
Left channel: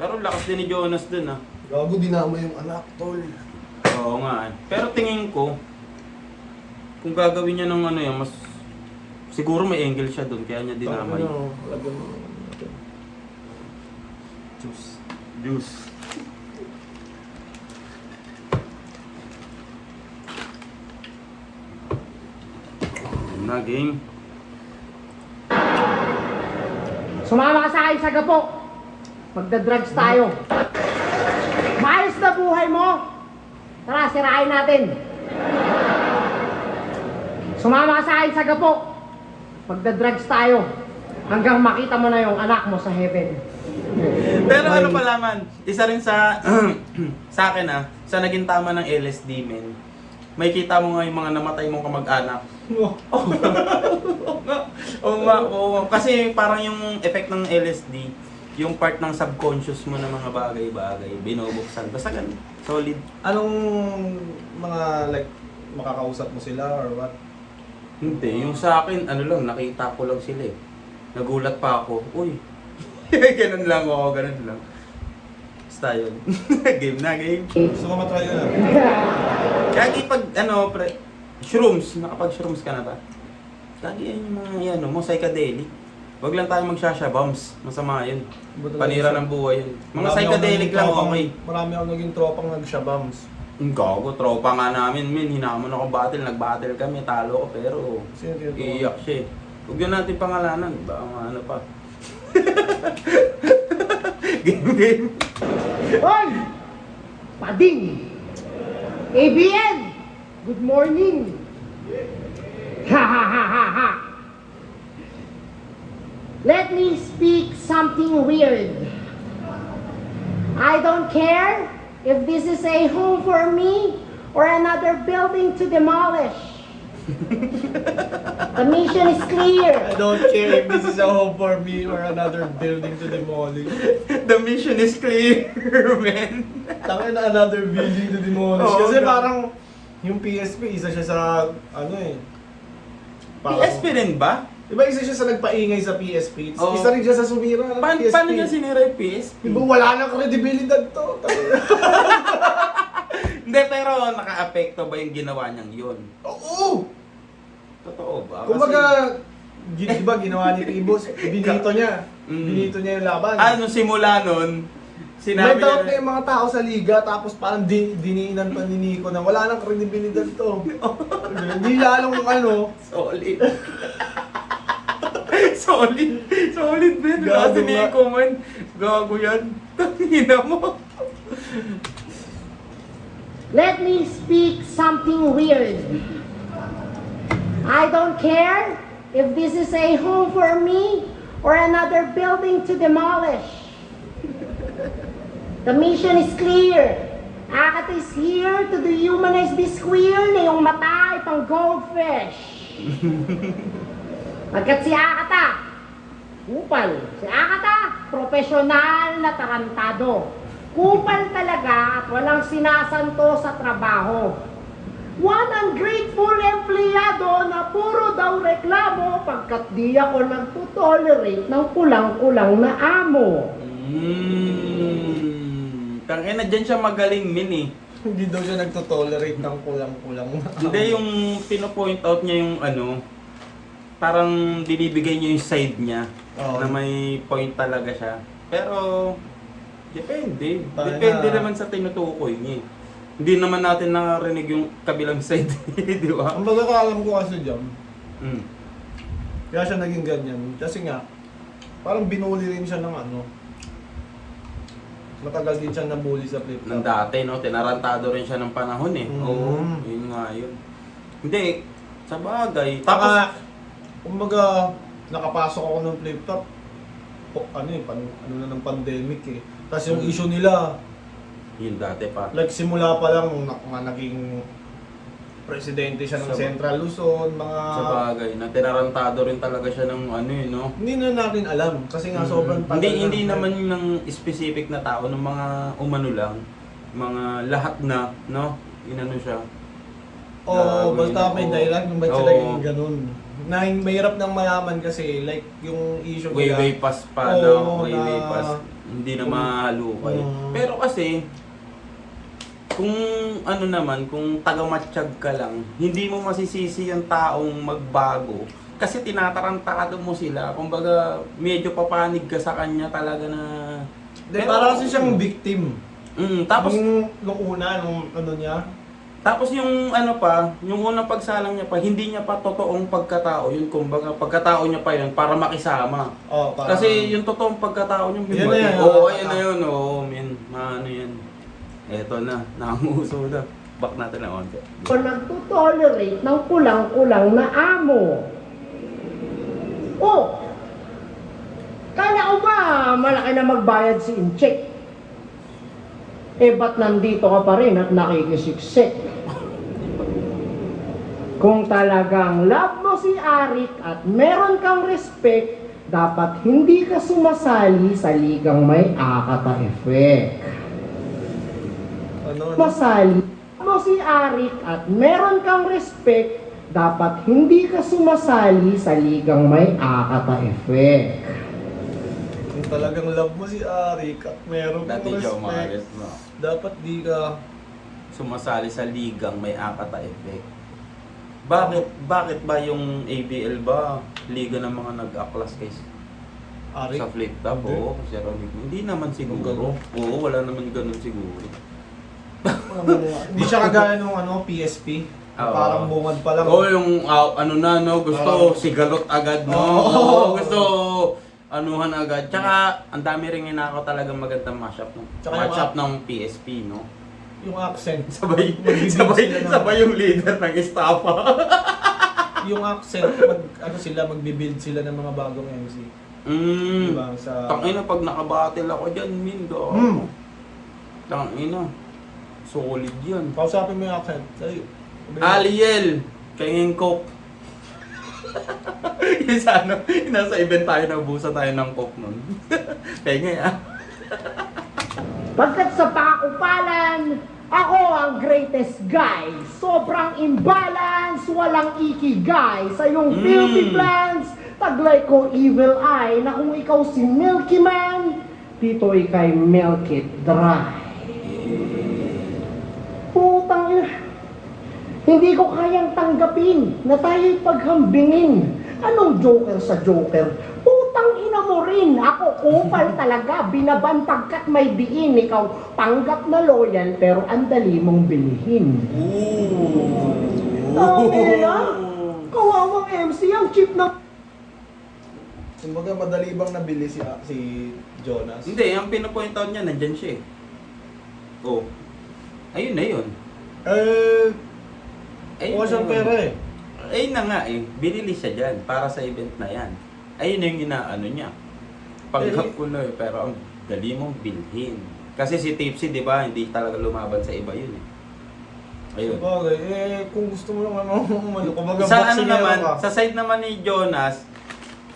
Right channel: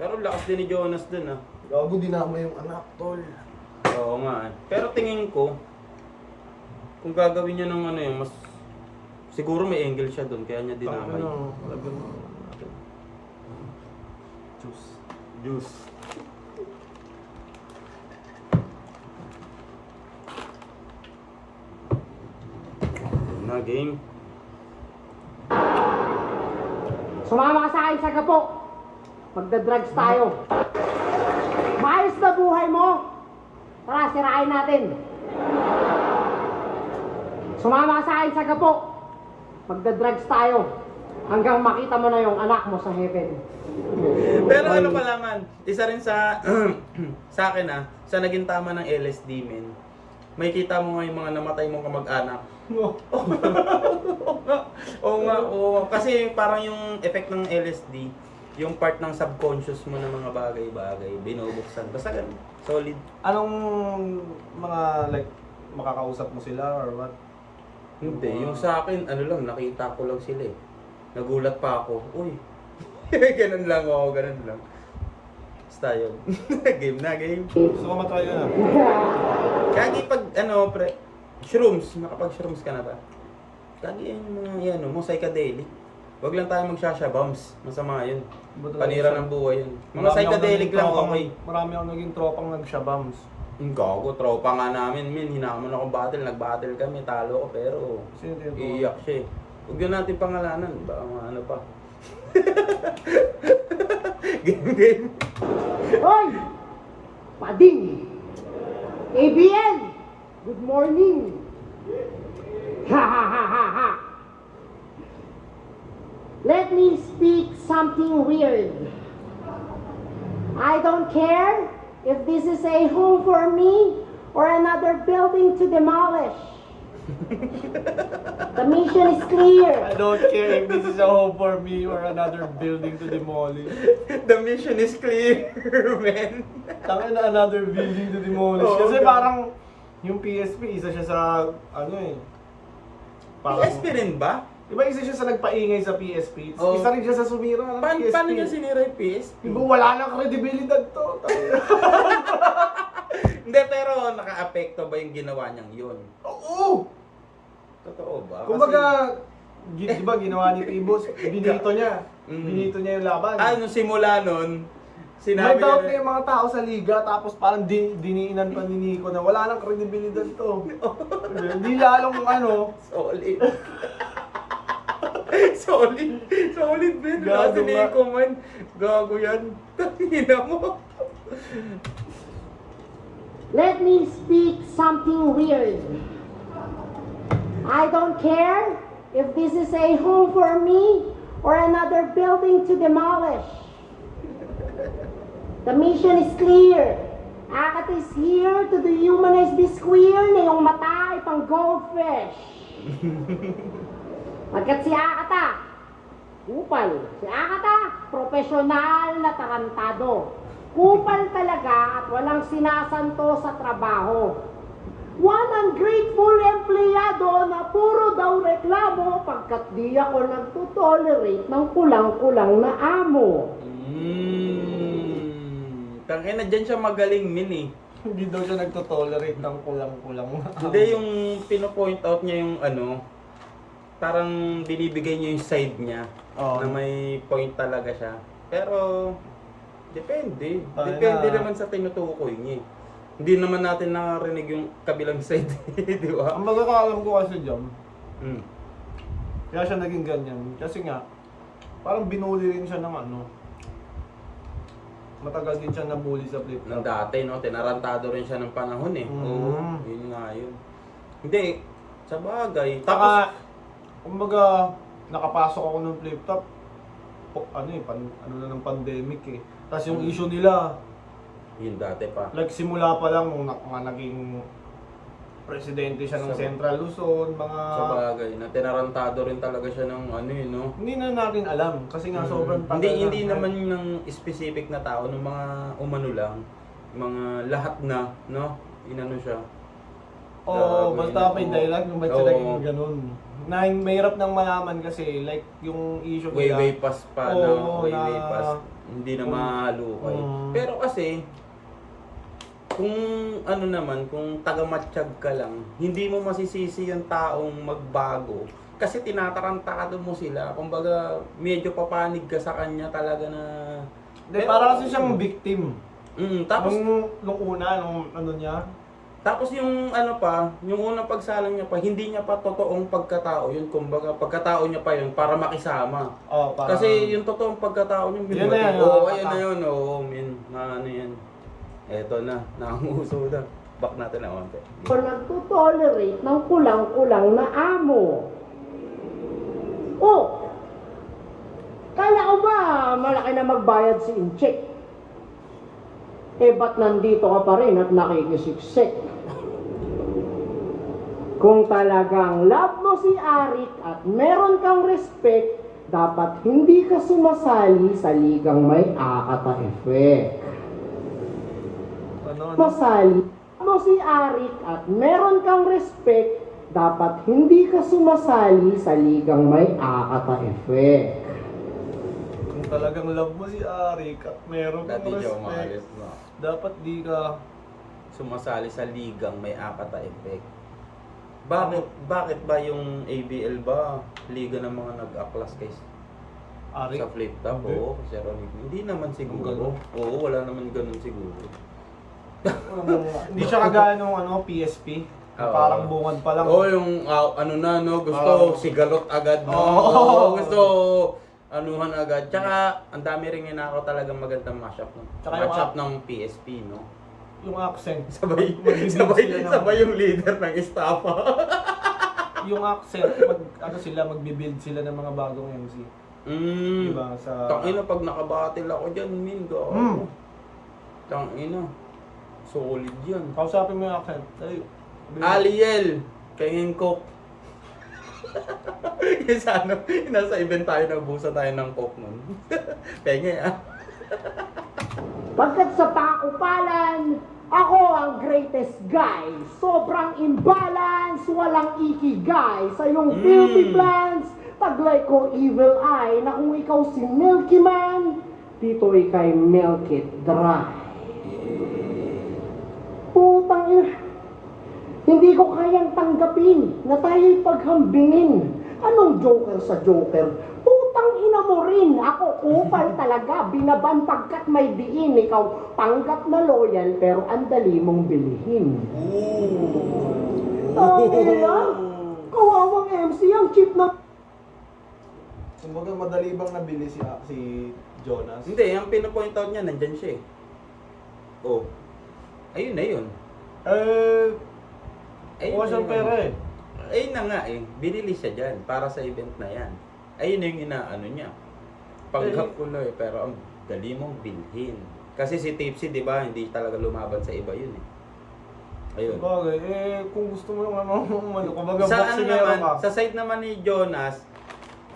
Pero lakas din ni Jonas dun, ah. Gago dinama yung anak, tol. Oo nga, eh. Pero tingin ko, kung gagawin niya ng ano yan, mas... Siguro may angle siya dun, kaya niya dinamay. Ano, lagyan mo natin. Juice. Yun na, game. Sumama ka sa akin sa gapok! Magda-drugs tayo. Maayos na buhay mo! Tara, sirain natin! Sumama ka sa akin sa gapok! Magda-drugs tayo hanggang makita mo na yung anak mo sa heaven. Pero ano pala man, isa rin sa sa akin sa naging tama ng LSD men. May kita mo nga yung mga namatay mong kamag-anak. Oh. Oo. Kasi parang yung effect ng LSD, yung part ng subconscious mo na mga bagay-bagay, binubuksan. Basta ganun, solid. Anong mga like makakausap mo sila or what? Hindi, yung sa akin, ano lang, nakita ko lang sila eh. Nagulat pa ako, uy. Ganun lang ako, ganun lang. Basta yun. Game na, game. Gusto ko matry na. Kagi pag, shrooms, nakapag-shrooms ka na ba? Kagi yan yung mga yan, mo psychedelic. Wag lang tayo magsashabams, masama yun. Panira ng buhay yun. Mga psychedelic lang, okay. Marami ako naging tropang nag-shabams. Ang gago, tropa nga namin, hinamon ako battle, nag-battle kami, talo ko, pero Sino tinutuwa? iiyak siya eh. Huwag yun natin pangalanan, baka ano pa. Game. Hoy! Pading! ABN! Good morning! Ha ha ha ha ha! Let me speak something weird. I don't care if this is a home for me or another building to demolish. The mission is clear. I don't care if this is a home for me or another building to demolish. The mission is clear, man. Tangin na another building to demolish. Oo, Kasi grabe. parang yung PSP, isa siya sa ano eh. PSP rin ba? Diba isa siya sa nagpaingay sa PSP? Oo. Isa rin siya sa sumira ng PSP. Paano niya sinira yung PSP? Diba wala nang kredibilidad to? Hindi, pero naka-apekto ba yung ginawa niyang yun? Oo! Totoo ba? Kumbaga, diba ginawa ni Ibos, binito niya. Mm. Binito niya yung laban. Nung simula nun, May sinabi doubt na niya, yung mga tao sa liga, tapos parang diniinan pa ni Nico na wala nang kredibilidad to. Hindi alam kung ano. solid. solid man. Gago Kasi ni nga. Eko man, gago yan. Tangina mo. Let me speak something weird. I don't care if this is a home for me or another building to demolish. The mission is clear. Akat is here to dehumanize this queer na yung mata ay pang goldfish. Pagkat si Akata, kupal. Si Akata, profesional na tarantado. Kupal talaga at walang sinasanto sa trabaho. One ungrateful empleyado na puro daw reklamo pagkat di ako nagtutolerate ng kulang-kulang na amo. Tangina, dyan siya magaling min eh. Hindi daw siya nagtotolerate ng kulang-kulang. Hindi, yung pino-point out niya yung parang binibigay niya yung side niya Oo. na may point talaga siya. Pero, depende. Paano Depende na? naman sa tinutukoy niya. Hindi naman natin nakarinig yung kabilang side, di ba? Ang alam ko kasi dyan, Mm. kaya siya naging ganyan. Kasi nga, parang binuli rin siya ng ano. Matagal din siya nabully sa flip Nang dati, no? Tinarantado rin siya ng panahon eh. Mm. Oo, yun nga yun. Hindi, sa bagay. Tapos, kumbaga, nakapasok ako ng flip top. Ano na ng pandemic eh. Tapos yung issue nila, Yun dati pa. like simula pa lang nung naging presidente siya ng Sa- Central Luzon, mga... Sa bagay, na tinarantado rin talaga siya ng no? Hindi na natin alam kasi nga sobrang tagal Hindi na. naman ng specific na tao, ng mga umano lang, mga lahat na, no? Inano siya. Oo, Gago basta yun, may oo. dahilan kung ba't sila Oo. yung ganun. Na mahirap nang malaman kasi like yung issue Way pass pa, Oo, no? Way na- pass. Hindi na mahalukay. Mm. Pero kasi, kung ano naman, kung taga-matsyag ka lang, hindi mo masisisi yung taong magbago. Kasi tinatarantado mo sila. Kumbaga, medyo papanig ka sa kanya talaga na... Hindi, para kasi siyang victim. Tapos, Nung una, nung ano niya, tapos yung ano pa, yung unang pagsalang niya pa, hindi niya pa totoong pagkatao. Yun, kumbaga, pagkatao niya pa yun para makisama. parang, Kasi yung totoong pagkatao niya, Yan na yan, Oo, nakakata- yan na yun. Oo, men. Ano yan. Eto na, nanguso na. Back natin na onte. O nagtutolerate ng kulang-kulang na amo. Oh! Kala ko ba malaki na magbayad si Incheck? Eh ba't nandito ka pa rin at nakikisiksik? Kung talagang love mo si Arik at meron kang respect, dapat hindi ka sumasali sa ligang may Akata effect. Ano? Masali mo si Arik at meron kang respect, dapat hindi ka sumasali sa ligang may Akata effect. Kung talagang love mo si Arik at meron kang Dati siya respect, umalis, no? dapat di ka... Sumasali sa ligang may Akata effect. Bakit ba yung ABL ba liga ng mga nag-aklas kay Arik? sa flip top? Hindi. Oo, Sir Anic. Hindi naman siguro. Ganun. Oo, wala naman ganun siguro. Hindi siya kagaya nung PSP. Oo. Parang bungad pa lang. Oo, yung ano na, no, gusto sigalot agad, no? Oo. Oo, gusto anuhan agad. Tsaka, ang dami rin ako talagang magandang mashup ng Tsaka mashup ng PSP, no? Yung accent. Sabay, Mag-build sabay, sila ng- sabay yung leader ng estafa. Yung accent, magbi-build sila ng mga bagong MC. Diba? Sa... Tangina, pag nakabattle ako dyan, min, go. Mm. Tangina. Solid yan. Kausapin mo yung accent. Ay, Aliel, kayong coke. Yung sa ano, yung nasa event tayo, nabusa tayo ng coke nun. Kaya nga, Pagkat sa pakupalan, ako ang greatest guy. Sobrang imbalance, walang ikigay. Sa iyong filthy plans, taglay ko evil eye. Na kung ikaw si Milky Man, dito ikay milk it dry. Putang ina. Hindi ko kayang tanggapin na tayo'y paghambingin. Anong joker sa joker? Putang ina mo rin. Ako kupal talaga. Binabantag ka't may diin. Ikaw tanggap na loyal pero ang dali mong bilihin. Kawawang MC ang chip na... Kumbaga madali bang nabili si Jonas? hindi, ang pinapoint out niya, nandyan siya eh. Oh. Ayun na yun. Ayun Kuha na siyang yun. pera eh. Ayun na nga eh, binili siya dyan para sa event na yan. Ayun na yung inaano niya. Panggap ko na eh, pero ang dali mong bilhin. Kasi si Tipsy, di ba, hindi talaga lumaban sa iba yun eh. Ayun. Sabagay, kung gusto mo lang kumbaga Sa ano boxingero naman, ka. sa side naman ni Jonas,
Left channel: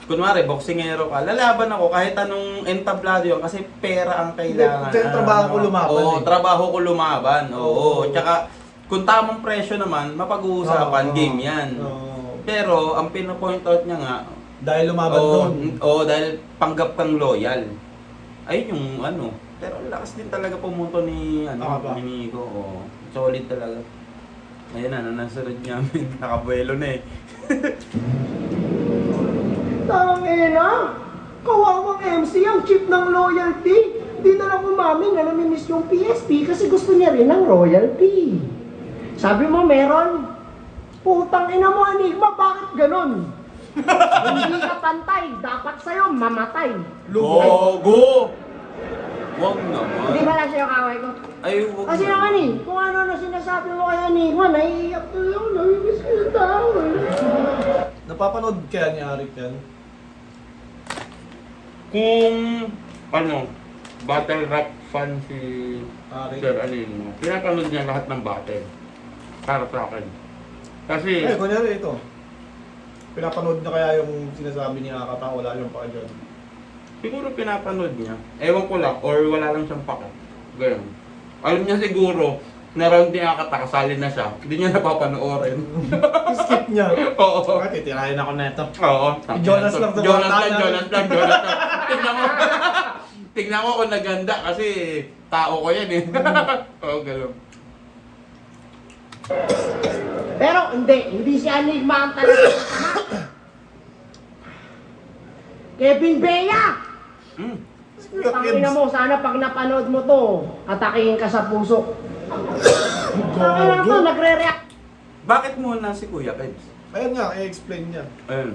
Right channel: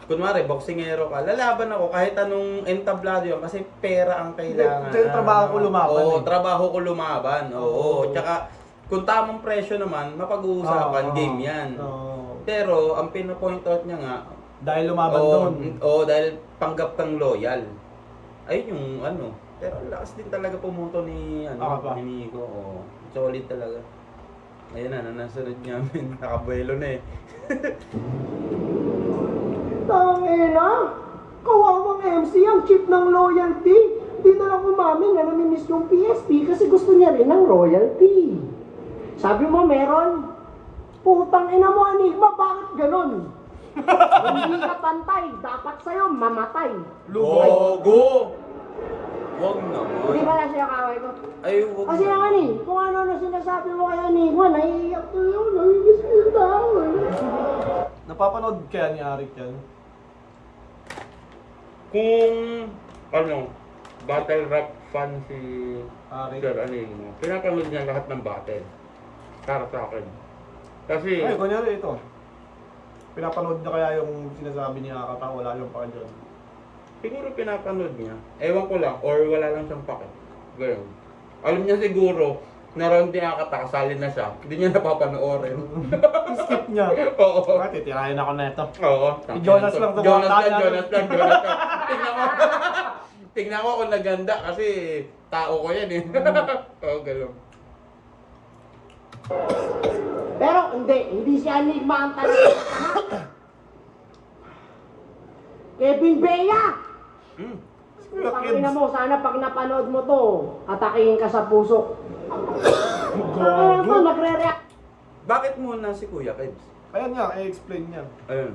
kunwari, boxingero ka, lalaban ako kahit anong entablado yun kasi pera ang kailangan. Hindi, trabaho ko lumaban Oo, eh. trabaho ko lumaban. Oo, Oo. tsaka kung tamang presyo naman, mapag-uusapan, Oo. game yan. Oo. Pero, ang pinapoint out niya nga, Dahil lumaban doon. dahil panggap kang loyal. Ayun yung ano. Pero ang lakas din talaga pumunto ni Ako pa. ni Nico. Oo, solid talaga. Ayun na, nasunod niya. Nakabuelo na eh. Tangina! Kawawang MC ang chip ng loyalty. Di na lang umamin na namimiss yung PSP kasi gusto niya rin ng royalty. Sabi mo meron? Putang ina mo, Enigma, bakit ganun? Hindi ka pantay, dapat sa'yo mamatay. Gogo! Wag Hindi naman. ba lang sinakaway ko? Ay, wag Kasi naman eh, kung ano na sinasabi mo kay Enigma, naiiyak ko yun, namimiss ko yung tao eh. Napapanood kaya ni Arik yan? Kung, ano, battle rap fan si Arik? Sir Anino, pinapanood niya lahat ng battle. Para sa akin. Kasi, Ay, kunyari ito. Pinapanood na kaya yung sinasabi ni Akata, wala yung pa dyan. siguro pinapanood niya. Ewan ko lang, or wala lang siyang pake. Ganun. Alam niya siguro, na round niya kasali na siya, hindi niya napapanoorin. Skip niya. Oo. Ah, titirayan ako na ito. Oo. Si Jonas lang Jonas tumatala. lang, Jonas lang, Jonas lang. Tingnan mo. Tingnan mo kung naganda kasi tao ko yan eh. Oo, gano'n. Pero hindi si Enigma ang talaga. Kevin Bea! Hmm. Ang ina mo, sana pag napanood mo to, atakihin ka sa puso. Ang ina to, nagre-react. Bakit muna si Kuya Kebs? Ayun nga, i-explain niya. Ayun.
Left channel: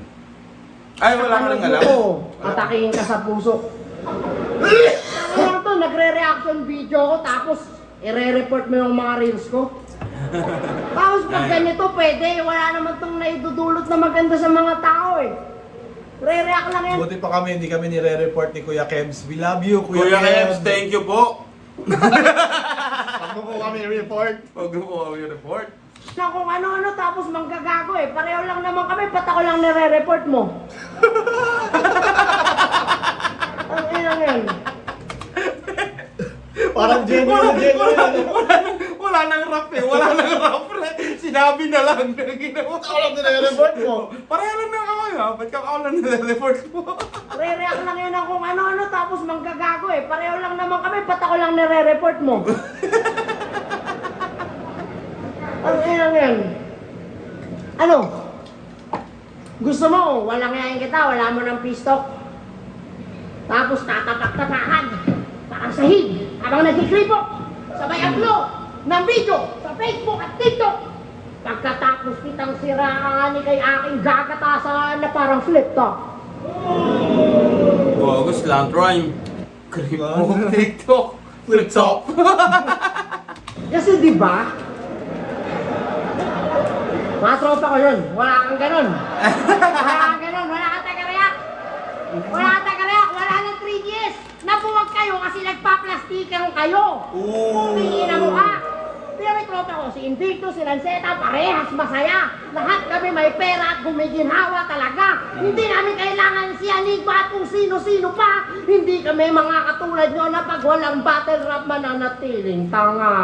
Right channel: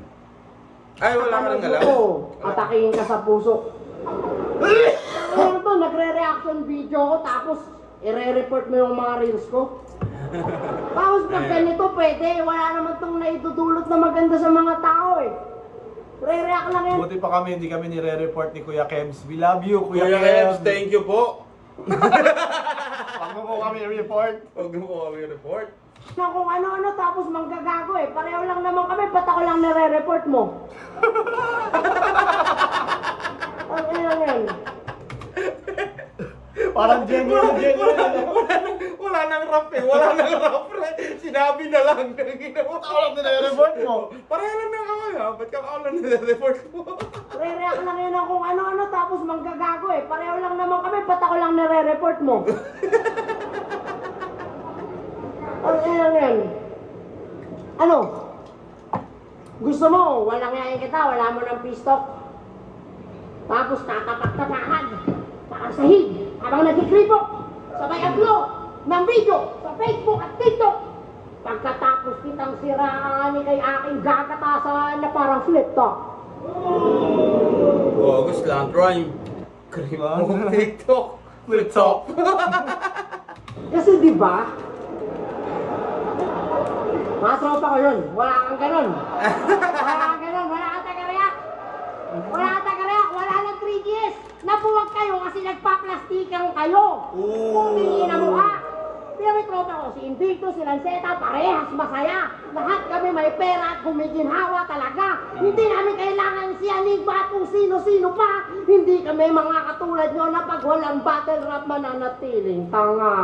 Ay, wala ka lang alam. Atakihin ka sa puso. Ang ina to, nagre-reaction video ko, tapos ire-report mo yung mga reels ko. Tapos pag ganito, pwede. Wala naman tong naidudulot na maganda sa mga tao eh. Re-react lang yan. Buti pa kami, hindi kami nire-report ni Kuya Kebs. We love you, Kuya Kebs, thank you po. Pag mo po kami report. Huwag mo po kami report. Na kung ano-ano tapos manggagago eh. Pareho lang naman kami, ba't ako lang nire-report mo? Ang ilang yan. Parang genuine. Wala nang rap eh. Wala nang rap eh. Sinabi na lang na ginawa. Ako lang nire-report mo. Pareho lang na kami ha. Ba't ka ako lang nire-report mo? Re-react lang yan kung ano-ano tapos manggagago eh. Pareho lang naman kami, ba't ako lang nire-report mo? Ang ilang yan. Ano? Gusto mo, walang yayin kita, wala mo ng pistok. Tapos tatapak-tapakan, parang sahig, habang nagkikripok, sabay upload ng video sa Facebook at TikTok. Pagkatapos kitang siraan ni kay aking gagatasan na parang flip top. Bogus lang, rhyme. Krip mo, TikTok. Flip top. Kasi di ba? Mga tropa ko yun, wala kang ganon. Wala kang ganon, wala kang tagarayak. Wala kang tagarayak, wala nang 3GS. Napuwag kayo kasi nagpa-plastiker kayo. Tingin na mukha. Pero may tropa ko, si Invicto, si Lanceta, parehas masaya. Lahat kami may pera at gumiginhawa talaga. Hindi namin kailangan si Enigma at kung sino-sino pa. Hindi kami mga katulad nyo na pag walang battle rap mananatiling tanga.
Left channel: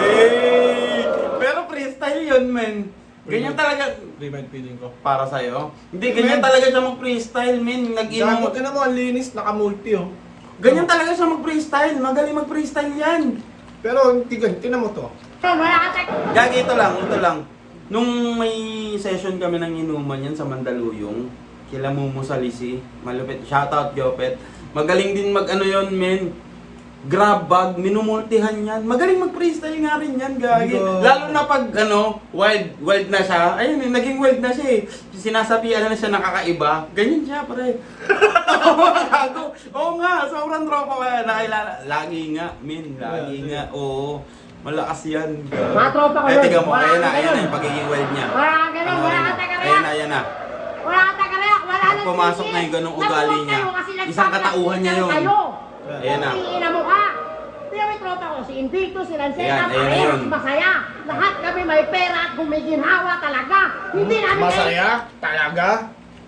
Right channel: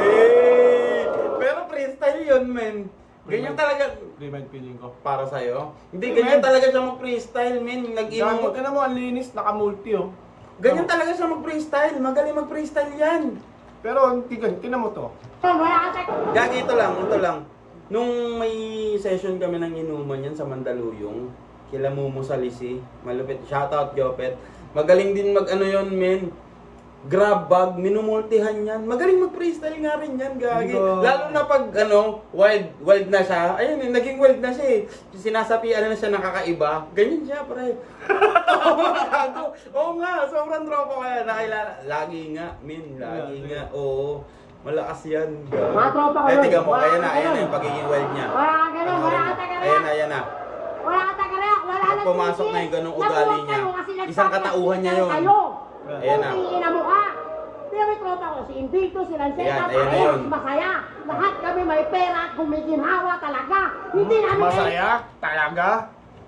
Hey! Pero freestyle yun, men. Ganyan talaga. Remind feeling ko. Para sa'yo? Hindi, ganyan talaga siya mag-freestyle, men. Gago ka na mo, ang linis, naka-multi oh. Ganyan talaga siya mag-freestyle. Magaling mag-freestyle yan. Pero tinan mo to. Wala kang Gagi, ito lang. Nung may session kami ng inuman yan sa Mandaluyong, kila Mumu Salisi, malupit, shoutout Jopet. Magaling din mag-ano yun, men. Grab bag, minumultihan yan. Magaling mag-freestyle nga rin yan, gagi. Lalo na pag, wild na siya. Ayun, naging wild na siya eh. Sinasapian na siya nakakaiba. Ganyan siya, pre. Oo nga, sobrang tropa ko yan. Nakilala. Lagi nga, min. Lagi nga, oo. Malakas yan. Mga tropa ko Eh, yun. tiga mo, Wala ayan kang na ganon. yung pagiging wild niya. Wala kang ganon, Panoorin wala mo. kang tagarayak. Ayan na. Wala kang tagarayak, wala Pag nang pumasok 3GS. na yung ganong ugali Napuwag niya, kayo kasi isang katauhan niya yun. kayo. Ayan na. Tingin na mukha. Pero may tropa ko, si Invicto, si Lanceta, Ayan na parehas yun. masaya. Lahat kami may pera at gumiginhawa talaga. Hindi namin Masaya? Talaga?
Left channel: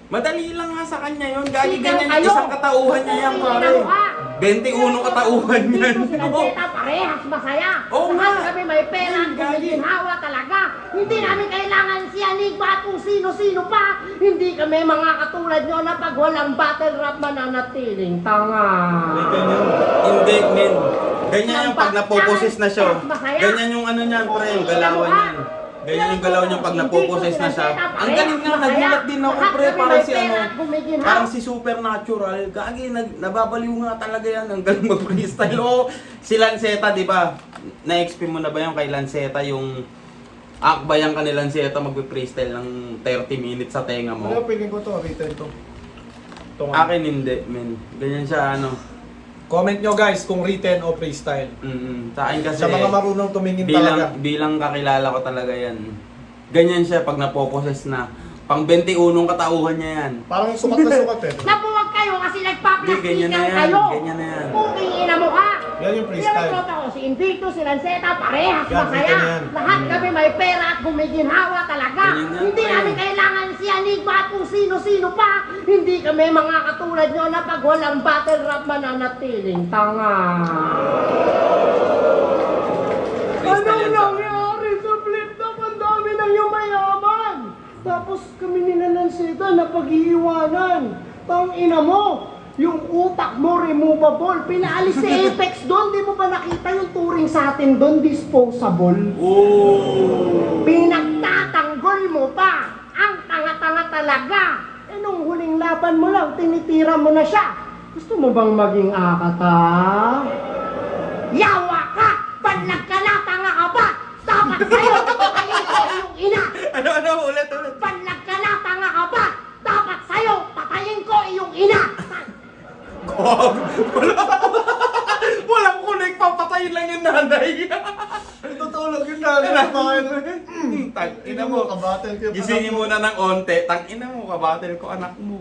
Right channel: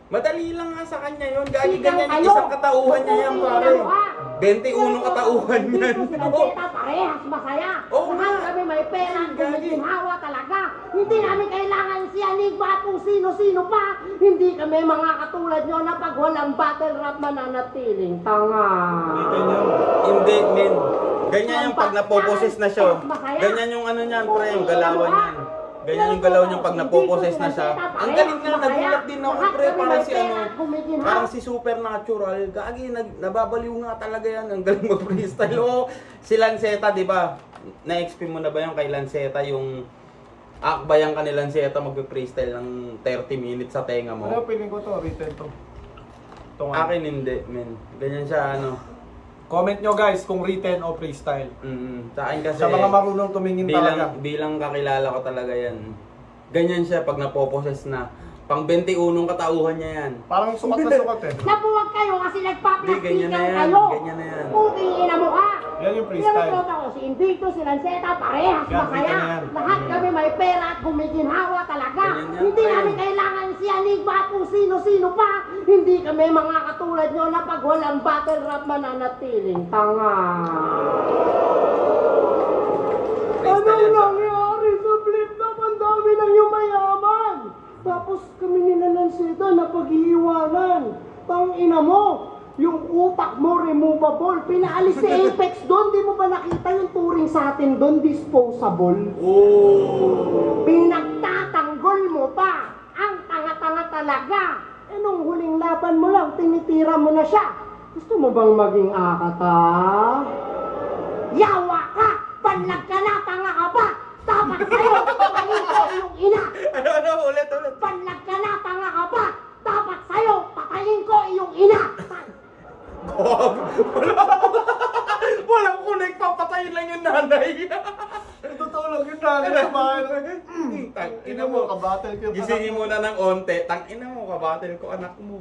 Madali lang nga sa kanya yun. Gagi Sigang ganyan kayo. yung isang katauhan niya yan, Tingin pare. na mukha. 21 katauhan yan. Si Lanceta, parehas masaya. Oo nga. Lahat kami may pera at gumiginhawa talaga. Hindi namin kailangan si Enigma at kung sino-sino pa. Hindi kami mga katulad nyo na pag walang battle rap mananatiling tanga. Written yun. Hindi, men. Ganyan yung pag napoposes na siya. Ganyan yung ano niyan, pre, yung galawan niyan. Ganyan yung galaw niya pag napoposes na siya. Ang galing nga, nagulat din ako, pre, parang si parang si Supernatural. Gagi, nababaliw nga talaga yan. Ang galing mag-freestyle. Oo, si Lanceta, di ba? Na-XP mo na ba yung kay Lanceta, yung akbayan ka ni Lanceta mag-freestyle ng 30 minutes sa tenga mo? Wala, feeling ko to, written to. Ito nga. Akin hindi, men. Ganyan siya, ano. Comment nyo guys kung written o freestyle. Sa akin kasi, Sa mga marunong tumingin talaga. bilang kakilala ko talaga yan. Ganyan siya pag napoposes na. Pang 21 katauhan niya yan. Parang sukat na sukat eh. Napuwag kayo kasi Hindi, nagpa-plastikan ganyan na yan. kayo. Ganyan na yan. Puting ina mo ka. Yan yung freestyle. Pero ako, si Invicto, si Lanceta, parehas Yan, masaya. written yan. Lahat kami may pera at gumiginhawa talaga. Ganyan yan, Hindi pre. namin kailangan si Enigma at kung sino-sino pa. Hindi kami mga katulad nyo na pag walang battle rap mananatiling tanga. Freestyle yan sa nangyari sa flip top? Ang dami na yung mayaman. Tapos kami ni Lanceta na pag-iiwanan. Tang ina mo, yung utak mo removable. Pinaalis si Apex doon. Di mo ba nakita yung touring sa atin doon? Disposable. Oh! Pinagtatanggol mo pa. Ang tanga-tanga talaga. Eh nung huling laban mo lang, tinitira mo na siya. Gusto mo bang maging akata? Yawa ka! Panlag ka na, tanga ka ba? Dapat sa'yo, patayin ko ang ina! Ano, ulit. Panlag ka na, tanga ka ba? Dapat sa'yo, patayin ko iyong ina! Gog! Walang kunik, papatayin lang yung nanay. Tutulog yun na. Kumain. Tang ina mo. Kabattle kayo. Gisingin mo na ng onte. Tang ina mo, kabatel ko anak mo.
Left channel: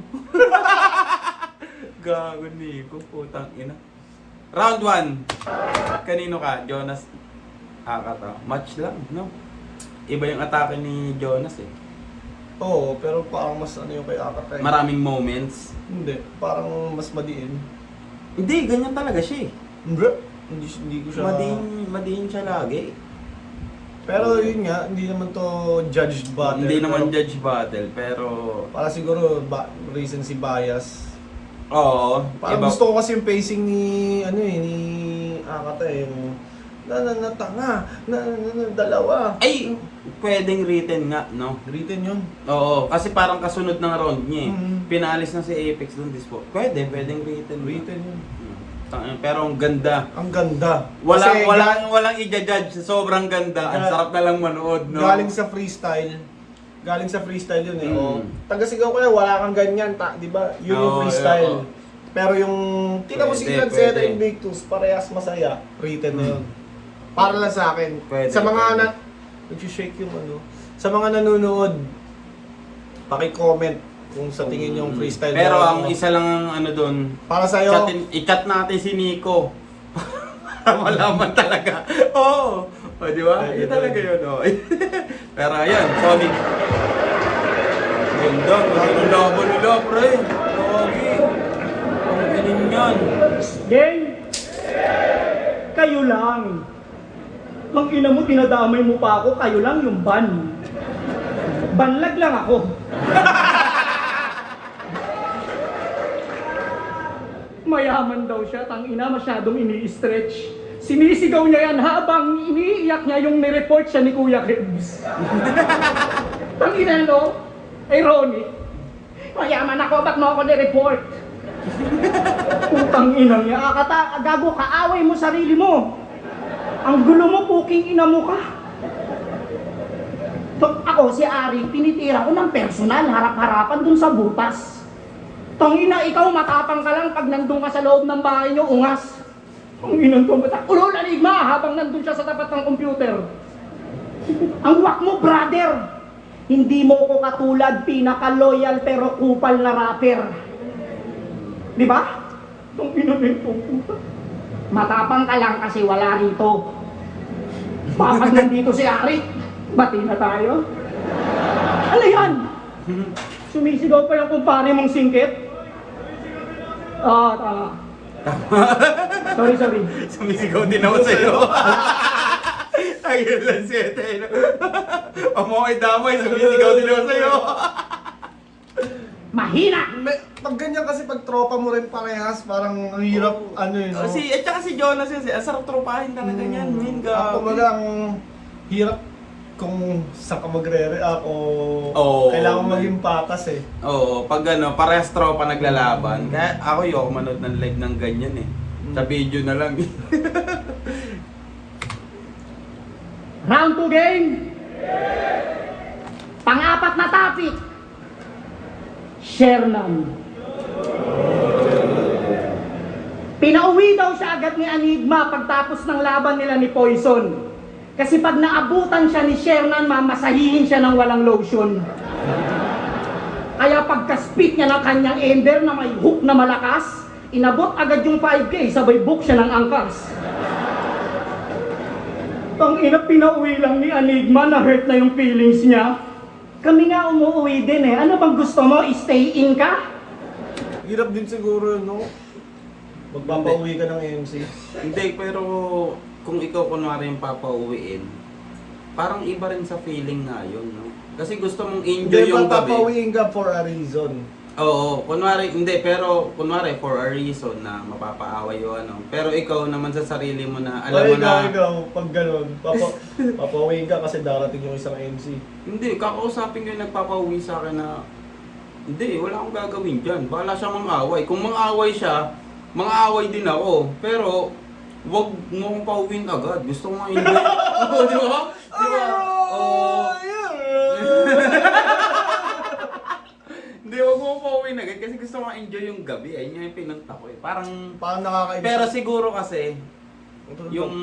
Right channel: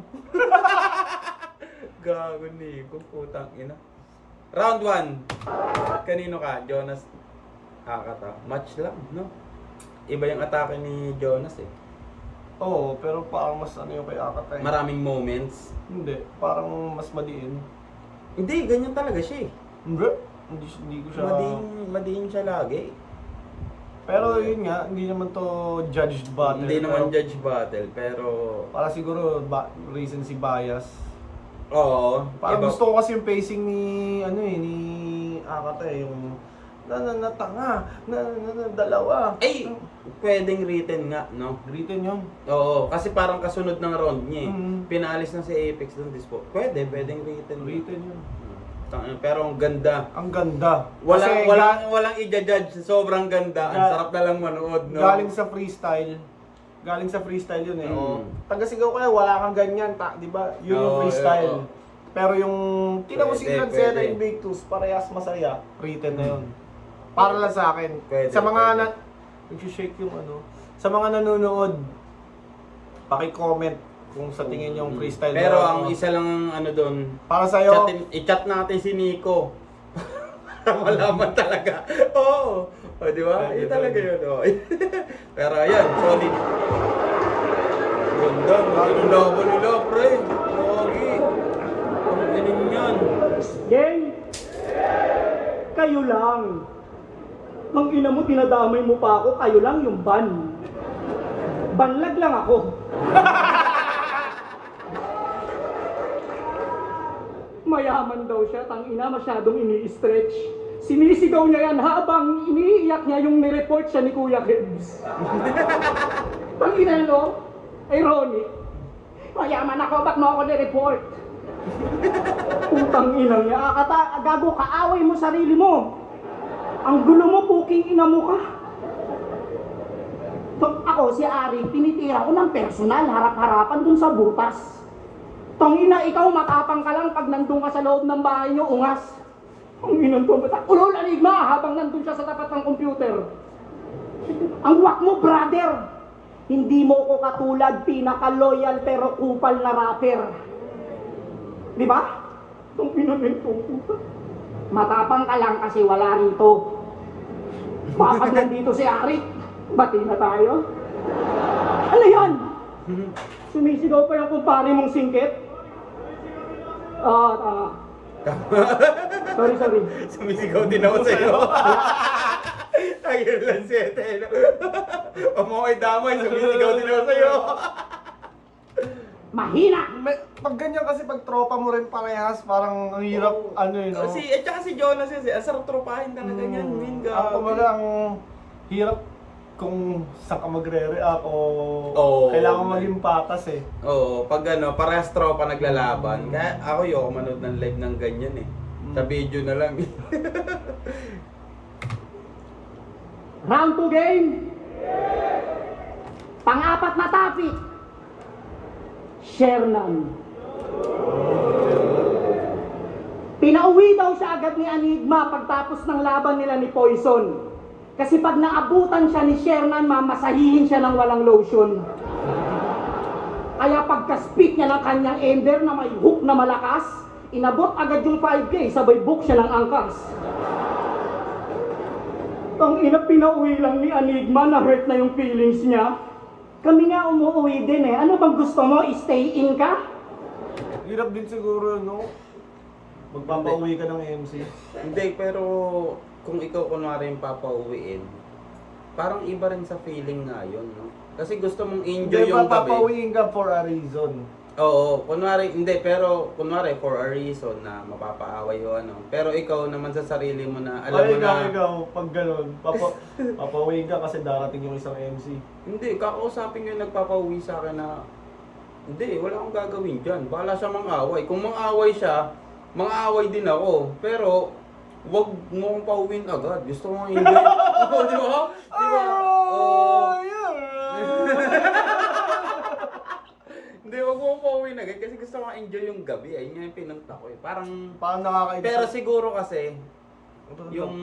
Gago Nico, putang ina. Round 1. Kanino ka? Jonas Akata. Match lang, no? iba yung atake ni Jonas eh. Oo, pero parang mas ano yung kay Akata eh. Maraming moments. Hindi, parang mas madiin. Hindi, ganyan talaga siya eh. Hindi ko siya... Madiin siya lagi. Pero yun nga, hindi naman to judged battle. Hindi naman pero judge battle, pero... para siguro recency bias. Oo. Parang iba- gusto ko kasi yung pacing ni ni Akata eh, yung tanga, dalawa. Ay, pwedeng written nga, no? Written yun. Oo, kasi parang kasunod ng round niya eh. Mhm. Pinalis na si Apex doon, dispo. Pwedeng written. Written yun. Pero ang ganda. Ang ganda. Walang Kasi walang i-judge, sobrang ganda. Ang sarap na lang manood, no? galing sa freestyle. Galing sa freestyle yun eh. Mm. Oh. Taga-sigaw ko yan, wala kang ganyan, di ba? Yun yung Oo, freestyle. oo. Pero yung tinapos si Pwede, Lanceta pwede. Invictus, parehas masaya. Written na yun. Para lang sa akin. Pwede, Sa mga pwede. nag-shake yung ano. Sa mga nanonood, paki-comment kung sa tingin yung freestyle. Pero na- ang isa lang ang ano doon, para sa'yo, i-chat natin si Nico. Para malaman talaga. Oo. O, di ba? Pwede, Yun talaga pwede. yun. Oh. Pero ayan, solid. Ganda. Ganda labo nila, pre. Logi. Ang galing yan. Gang! Kayo lang. Nung ina mo, tinadamay mo pa ako, kayo lang yung ban. Banlag lang ako. Mayaman daw siya, tang ina masyadong ini-stretch. Sinisigaw niya yan habang iniiyak niya yung nireport siya ni Kuya Gibbs. Tang ina no? Ironic. Mayaman ako, ba't mo ako nireport? Putang inang niya, Akata, gago, kaaway mo sarili mo. Ang gulo mo, puking ina mo ka. Ako, si Ari, tinitira ko ng personal, harap-harapan dun sa butas. Tangina, ikaw matapang ka lang pag nandun ka sa loob ng bahay niyo, ungas. Tanginang ko matapang. Ulol, aligma, habang nandun siya sa tapat ng computer. Ang wak mo, brother. Hindi mo ko katulad, pinaka-loyal pero kupal na rapper. Di ba? Itong pinamento ko. Matapang ka lang kasi wala rito. Bakit nandito si Ari? Bati na tayo. Ano yan? Sumisigaw pa yung kumpare mong singkit? Tama. Sorry. Sumisigaw din ako sa'yo. Ayun lang siya. Amoy damay, sumisigaw din ako sa'yo. Mahina! pag ganyan kasi pag tropa mo rin parehas, parang ang hirap, ano yun. no? At saka si Jonas kasi, ang sarap tropahin talaga niyan. Minga. Ako kumbaga, ang hirap kung saan ka magre-react o Oo, kailangan mo man. maging patas eh. Oo, pag ano, parehas tropa naglalaban. Kaya ako yung manood ng live ng ganyan eh. Sa video na lang. Round 2 game. Pang-apat na topic. Sherman. Pinauwi daw siya agad ni Enigma pagtapos ng laban nila ni Poison. Kasi pag naabutan siya ni Sherman, mamasahihin siya ng walang lotion. Kaya pagka-spit niya ng kanyang ender na may hook na malakas, inabot agad yung 5K, sabay book siya ng angkas. Ang ina, pinauwi lang ni Enigma, na-hurt na yung feelings niya. Kami nga umuwi din eh. Ano bang gusto mo? Stay in ka? Hirap din siguro, no? Magpapauwi ka ng MC. Hindi, pero kung ikaw kunwari yung papauwiin, parang iba rin sa feeling nga yun, no? Kasi gusto mong enjoy Hindi, yung gabi. magpapauwiin ka for a reason. Oo, kunwari, hindi, pero kunwari for a reason na mapapaaway o ano. Pero ikaw naman sa sarili mo na, alam mo na, ikaw, pag gano'n, papauwiin ka kasi darating yung isang MC. hindi, kakausapin ko yung nagpapauwi sa akin na, hindi, wala akong gagawin dyan. Bahala siya mang-away. Kung mang-away siya, mang-away din ako. Pero, wag mo akong pauwiin agad. Gusto ko nga enjoy. Oo, di ba? Di ba? Oo. Hindi, wag mo akong pauwiin agad kasi gusto ko nga enjoy yung gabi. Ayun nga yung pinunta ko eh. Parang, Parang nakakaibig. pero siguro kasi, yung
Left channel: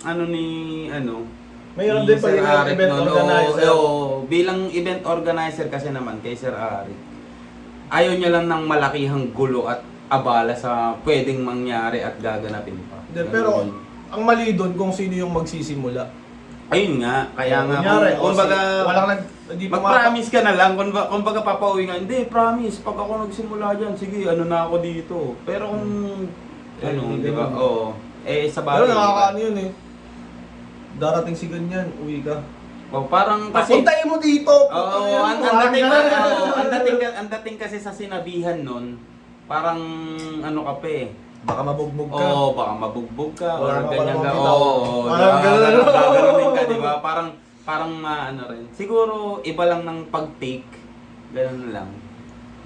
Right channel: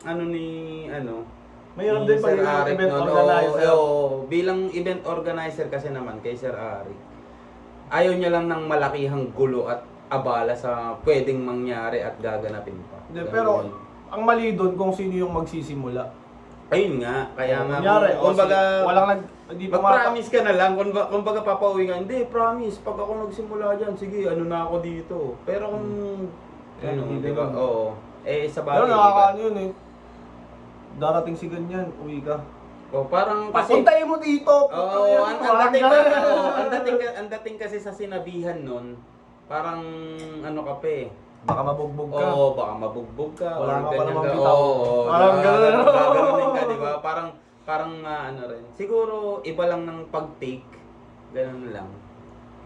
ano ni, ano, Mayroon ni din pa Sir yung Arik event noon. organizer. Oo, bilang event organizer kasi naman kay Sir Arik, ayaw niya lang ng malakihang gulo at abala sa pwedeng mangyari at gaganapin pa. Hindi, pero ang mali doon kung sino yung magsisimula. Ayun nga, kaya nga, Kunyari, kumbaga, walang hindi mag-promise ka na lang, kumbaga papauwi nga, hindi, promise, pag ako nagsimula dyan, sige, ano na ako dito. Pero kung, ano, hindi di ba, naman. oo, sa Pero bagay, nakakaano yun eh. Darating si ganyan, uwi ka. parang kasi, Papuntahin mo dito! oo, ang dating kasi sa sinabihan nun, parang, ano ka pa eh, Baka mabugbog ka. oo, baka mabugbog ka, Wala or ka pa ganyan namang ka, bitaw. oo, Parang ganun. gaganunin ka, di ba? Parang ano rin. Siguro, iba lang ng pag-take, ganun lang.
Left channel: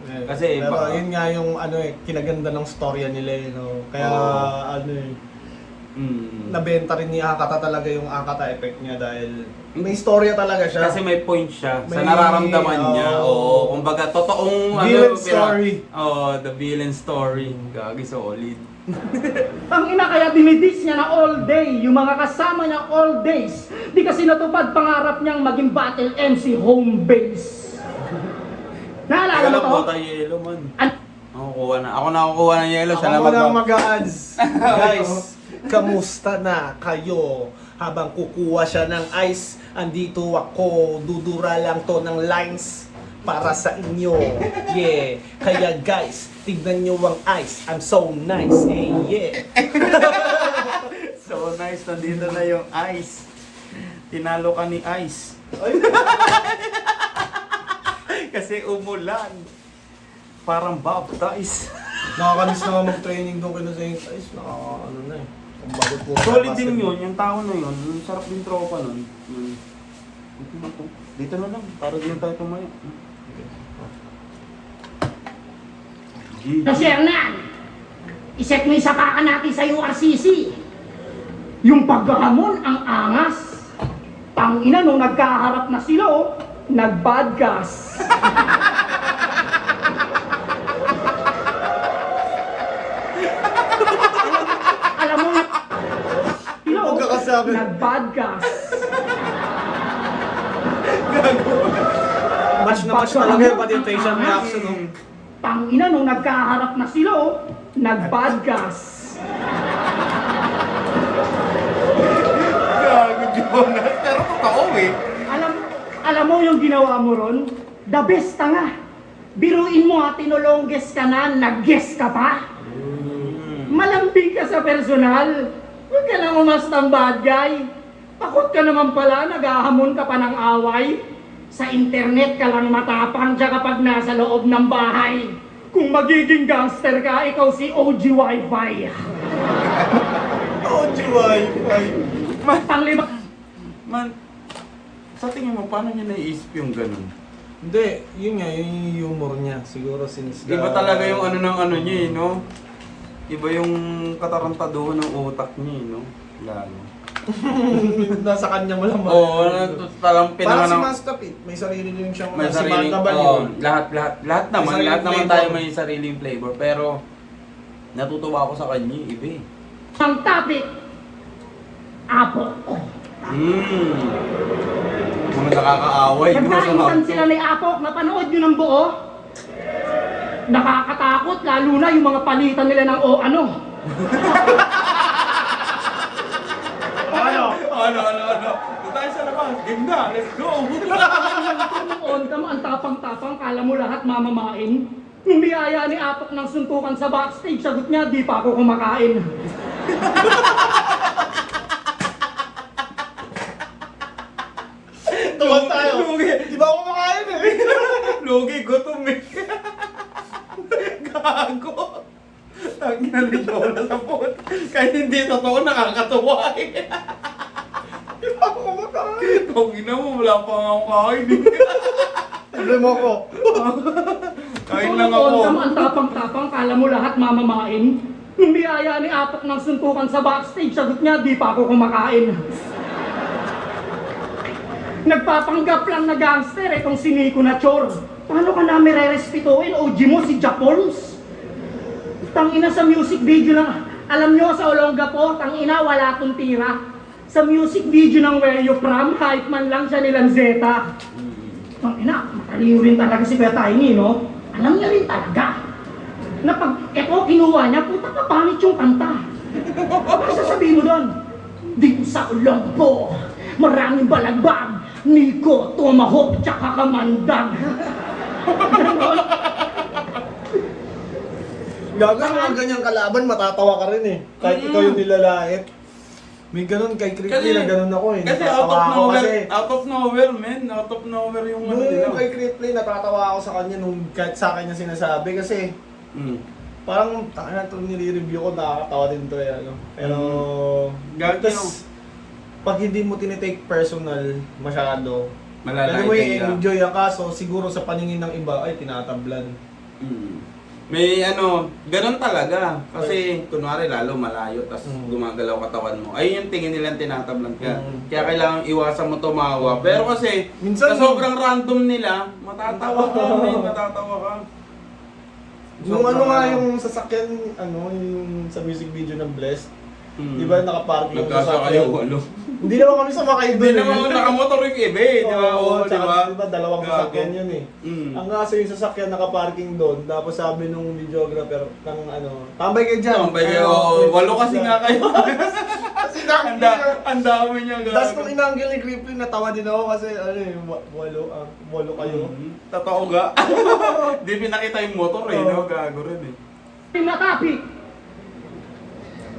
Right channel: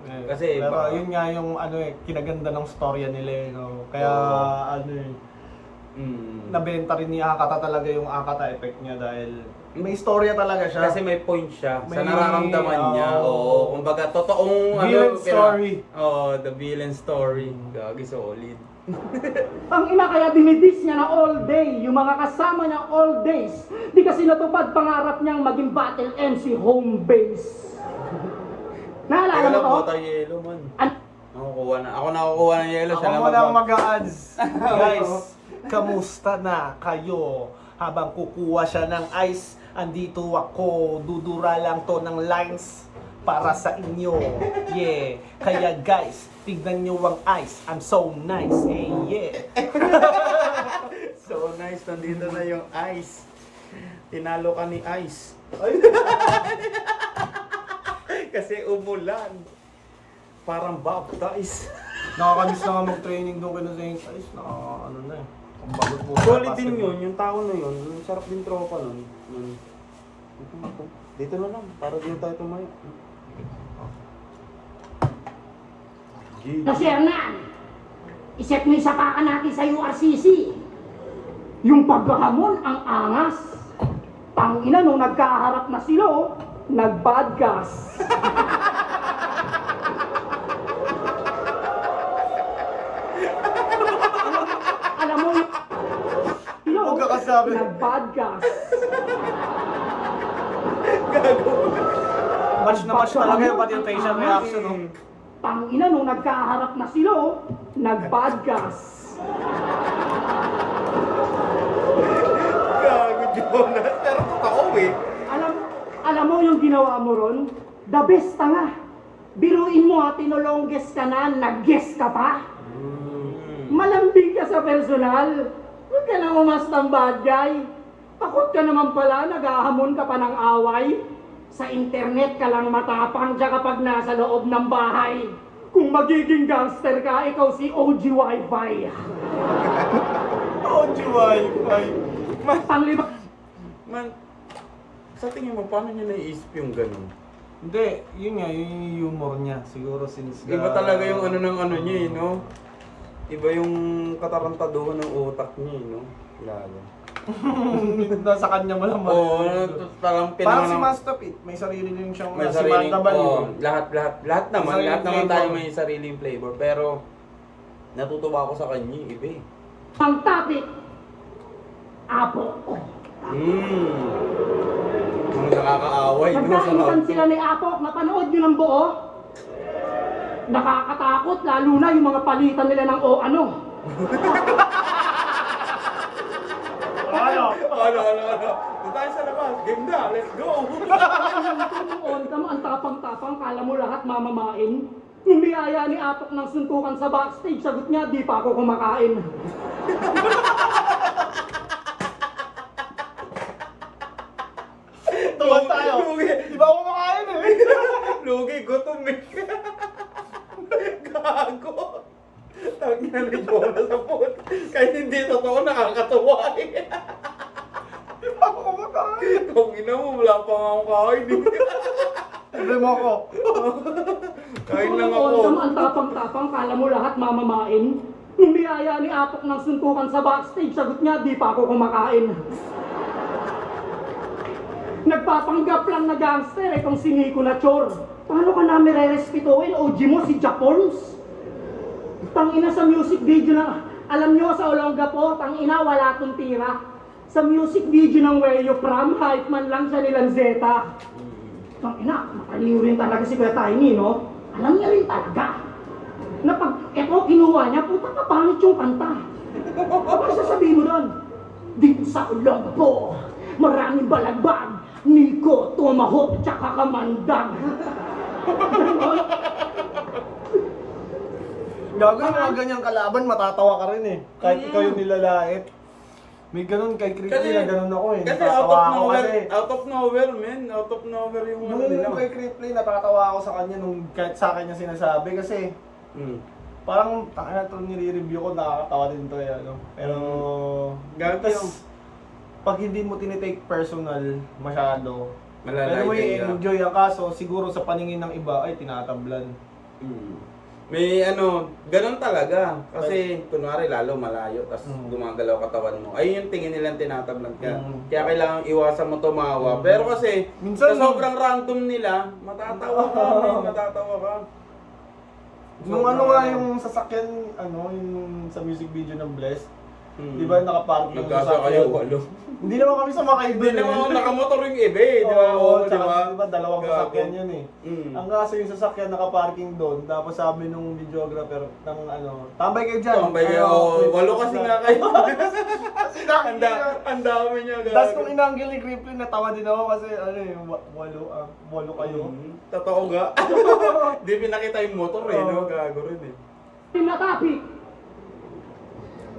Eh, Kasi pero baka- yun nga yung ano eh, kinaganda ng storya nila eh, no? Kaya Oo. ano eh, Mm. nabenta rin ni Akata talaga yung Akata effect niya dahil may storya talaga siya. Kasi may point siya sa May- nararamdaman niya. Oo, kumbaga totoong Villain story. Oo, the villain story. Gagi solid. Ang ina kaya dinidis niya na all day, yung mga kasama niya all days. Di kasi natupad pangarap niyang maging battle MC home base. Teka Naalala lang, mo to? bota yellow man. Ako kuha na. Ako nakukuha ng yellow. Ako muna ang mag-a-ads. Guys, kamusta na kayo? Habang kukuha siya ng ice, andito ako, dudura lang to ng lines para sa inyo. Yeah. Kaya guys, tignan nyo ang ice. I'm so nice. Hey, yeah. So nice, nandito na yung ice. Tinalo ka ni ice. Kasi umulan. Parang baptize. Nakakamiss na nga mag-training doon kina Saint Ice. Ano na eh. Ang bagot po. Solid din yun, yung tao na yun. Yung sarap din tropa nun. Dito na lang, para din tayo tumayo. Kasi Hernan, iset mo yung sapakan natin sa URCC. Yung paghahamon ang angas. Tangina nung nagkaharap na sila, oh, nag-badgas. Alam mo, sila, oh, Pagkakasabi. nag-badgas. Match na match talaga yun, pati yung facial reaction. No? Tangina nung nagkaharap na sila, oh, nag-badgas. Gago, Jonas. Pero totoo eh. Alam mo yung ginawa mo ron? The best ka nga. Biruin mo ha, tinulongges ka na, nag-guess ka pa. Malambing ka sa personal. Huwag ka lang umastang bad guy. Takot ka naman pala, naghahamon ka pa ng away. Sa internet ka lang matapang siya kapag nasa loob ng bahay. Kung magiging gangster ka, ikaw si OG Wi-Fi. OG Wi-Fi. Panglima, Man, sa tingin mo, paano niya naiisip yung ganun? Hindi, yun nga, yung humor niya. Siguro since Iba talaga yung ano ng ano niya eh, no? Iba yung katarantaduhan ng utak niya eh, no? Lalo. Nasa kanya mo lang. Oo, Parang talagang si pinanganak. Master Pete, may sarili din siyang May si sariling, Banda Baliw. oo, lahat naman, sariling lahat naman flavor. tayo may sariling flavor. Pero, natutuwa ako sa kanya, iba eh. ang topic, Apo. Mga nakakaaway mo sa Nagkainuan auto. sila ni Apok, napanood nyo ng buo? Nakakatakot, lalo na yung mga palitan nila ng o ano. Ano? Doon tayo sa labas. Game na, let's go! Noon ka mo, ang tapang-tapang, kala mo lahat mamamain. Nung biyaya ni Apok ng suntukan sa backstage, sagot niya, di pa ako kumakain. Tuwan tayo. Lugi. Di ba ako makain eh? Lugi, gutom eh. Gago. Tangina ni Jonas sa puto. Kahit hindi totoo, nakakatuwa eh. Di ba ako makain? Kung ina mo, wala pa nga akong kain. Sabi mo ako. Kain lang Noon ako. ka mo, ang tapang-tapang, kala mo lahat mamamain. Nung biyaya ni Apok ng suntukan sa backstage, sagot niya, di pa ako kumakain. Nagpapanggap lang na gangster itong si Nico na chor. Paano ka namin re-respetoin? OG mo si Japons. Tangina sa music video lang. Alam nyo sa Olongapo, tangina wala tong tira. Sa music video ng Where You From, hype man lang siya nilang Zeta. Tangina, mataliw rin talaga si Kuya Tiny, no? Alam niya rin talaga. Na pag eto kinuha niya, puta ka pangit yung kanta. Ano sasabihin mo doon? Dito sa Olongpo, maraming balagbag, Nico, Tomahawk, tsaka Kamandag. Gago, mga ganyang kalaban, matatawa ka rin eh. Kahit ikaw yung nilalait. May ganun kay Crippy na ganun ako eh. Kasi out Natatawa of ako nowhere, kasi. out of nowhere, man. Out of nowhere yung ano nila. Nung kay Crippy, natatawa ako sa kanya nung kahit sa akin niya sinasabi kasi Mm. parang na to nire-review ko, nakakatawa din to eh. Ano. Pero, Gago tas, yung- pag hindi mo tinitake personal masyado, Malalait ano mo ka. i-enjoy ang kaso, siguro sa paningin ng iba, ay tinatablan. May ano, ganun talaga. Kasi kunwari lalo malayo, tas gumagalaw katawan mo. Ayun yung tingin nilang tinatablan ka. Kaya kailangan iwasan mo tumawa. Pero kasi, Minsan sa sobrang random nila, matatawa ka, man, matatawa ka. Nung ano Sobrang nga yung sasakyan, ano, yung sa music video ng Blessed, Mm. di ba nakaparking yung Nagkasa kayo, sasakyan? walo. Hindi naman kami sumakay Hindi doon eh. naman nakamotor yung iba eh, di ba? Oo, Oo, di tsaka, ba? di ba, dalawang Gago. sasakyan yun eh. Mm. Ang kaso yung sasakyan nakaparking doon, tapos sabi nung videographer ng ano, tambay kayo dyan. Tambay kayo, Ano, walo kasi nga kayo. Kasi nakakita. Ang dami niya, gago. Tapos nung inanggil ni Crippy, natawa din ako kasi ano eh, walo kayo. Totoo ga? Di pinakita yung motor eh, no? Gago rin eh. Pinakapi,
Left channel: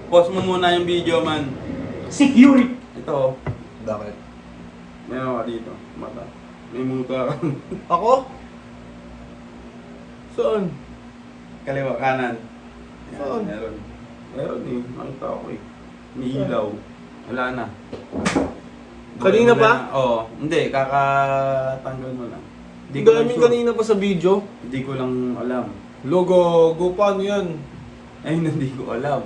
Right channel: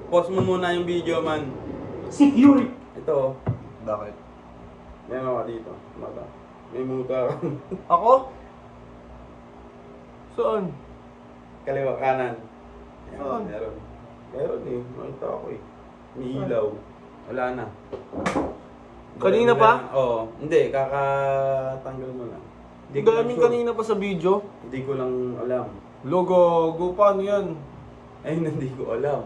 Pause mo muna yung video, man. security. Ito, Bakit? may mga dito. Mata. May muta. Ako? Saan? Kaliwa, kanan. Ayan, Saan? meron. Meron eh. Nakita ako eh. May ilaw. Wala na. Kanina Wala pa? na. Oo. Hindi, kakatanggal mo lang. Hindi Ang ko lang daming sure. kanina pa sa video. Hindi ko lang alam. Logo, go paano yan? Ayun, hindi ko alam.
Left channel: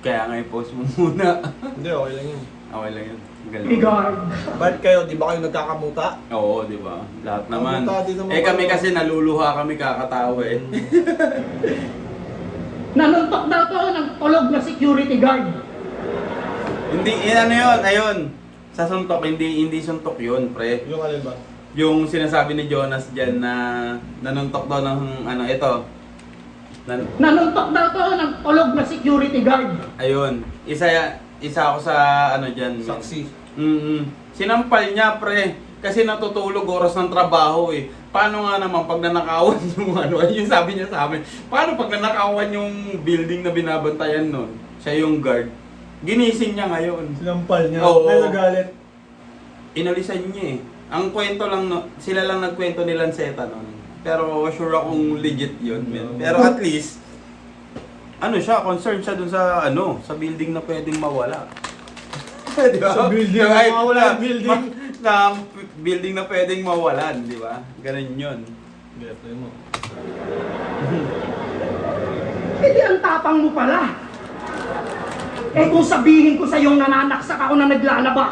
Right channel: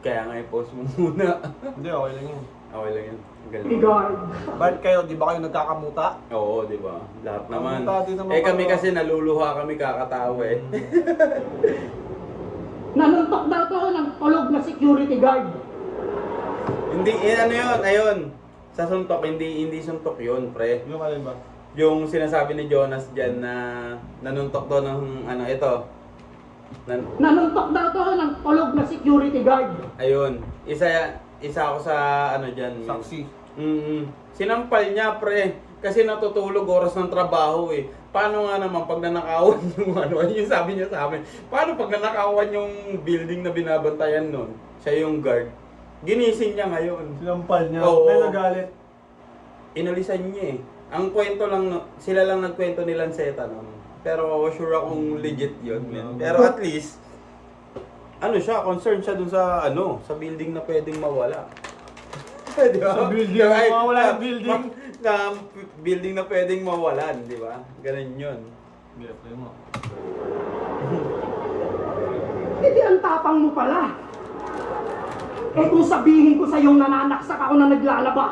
Kaya nga i-post mo muna. Hindi, okay lang yun. Okay lang yun. Galing. Igard. Bakit kayo, di ba kayo nagkakamuta? Oo, di ba? Lahat naman. Kamuta din naman Eh kami kayo. kasi naluluha kami kakatawa eh. Nanuntok daw to ng tulog na security guard. Hindi, ano yun, ayun. Sa suntok, hindi suntok yun, pre. Yung alin ba? Yung sinasabi ni Jonas dyan na nanuntok daw ng ano, ito. Nanuntok daw to ng tulog na security guard. Ayun, isa ako sa ano dyan. Saksi. Sinampal niya, pre. Kasi natutulog oras ng trabaho eh. Paano nga naman pag nanakawan yung ano, yung sabi niya sa amin, paano pag nanakawan yung building na binabantayan nun? Siya yung guard. Ginising niya ngayon. Sinampal niya. Oo. May nagalit. Inalisan niya eh. Ang kwento lang, sila lang nagkwento ni Lanceta nun. Pero sure akong legit yun, men. Pero at least, ano siya, concerned siya dun sa, ano, sa building na pwedeng mawala. Di ba? Sa building na Ay, mawala ang building. Na building na pwedeng mawalan, di ba? Ganun yun. Gete mo. Hindi ang tapang mo pala. Eh kung sabihin ko sa iyong nananaksak ako na naglalaba.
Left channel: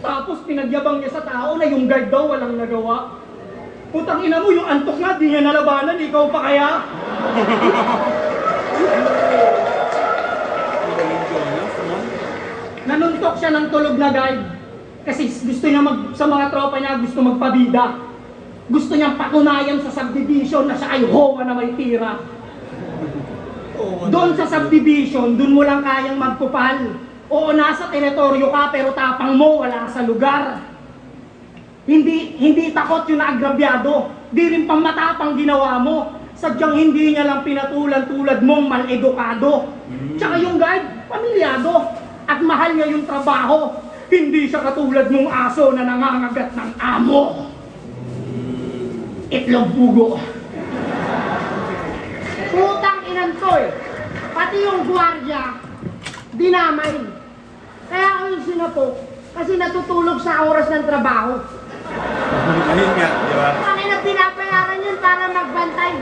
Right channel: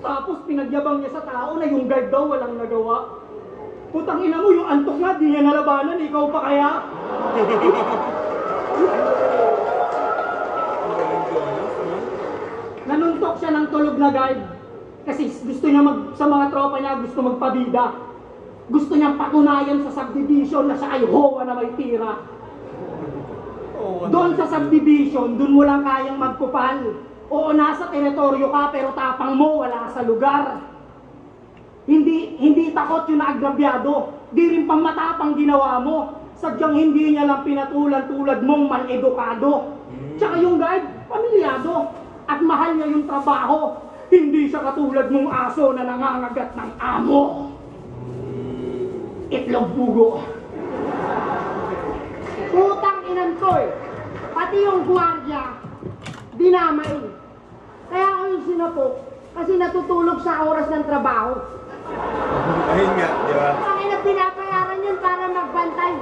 Tapos pinagyabang niya sa tao na yung guard daw walang nagawa. Putang ina mo, yung antok nga, di niya nalabanan, ikaw pa kaya? Nanuntok siya ng tulog na guard. Kasi gusto niya sa mga tropa niya, gusto magpabida. Gusto niyang patunayan sa subdivision na siya ay hoa na may tira. Doon sa subdivision, doon mo lang kayang magpupal. Oo, nasa teritoryo ka, pero tapang mo, wala sa lugar. Hindi takot yung naagrabyado. Di rin pang matapang ginawa mo. Sadyang hindi niya lang pinatulan-tulad mong mal-edukado. Tsaka yung guard, pamilyado. At mahal niya yung trabaho. Hindi siya katulad mong aso na nangangagat ng amo. Itlog pugo. Utang ilan to eh. Pati yung gwardiya, dinamay. Kaya ako yung sinapok kasi natutulog sa oras ng trabaho. Ayun nga, di ba? Kami na pinapayaran yun para magbantay.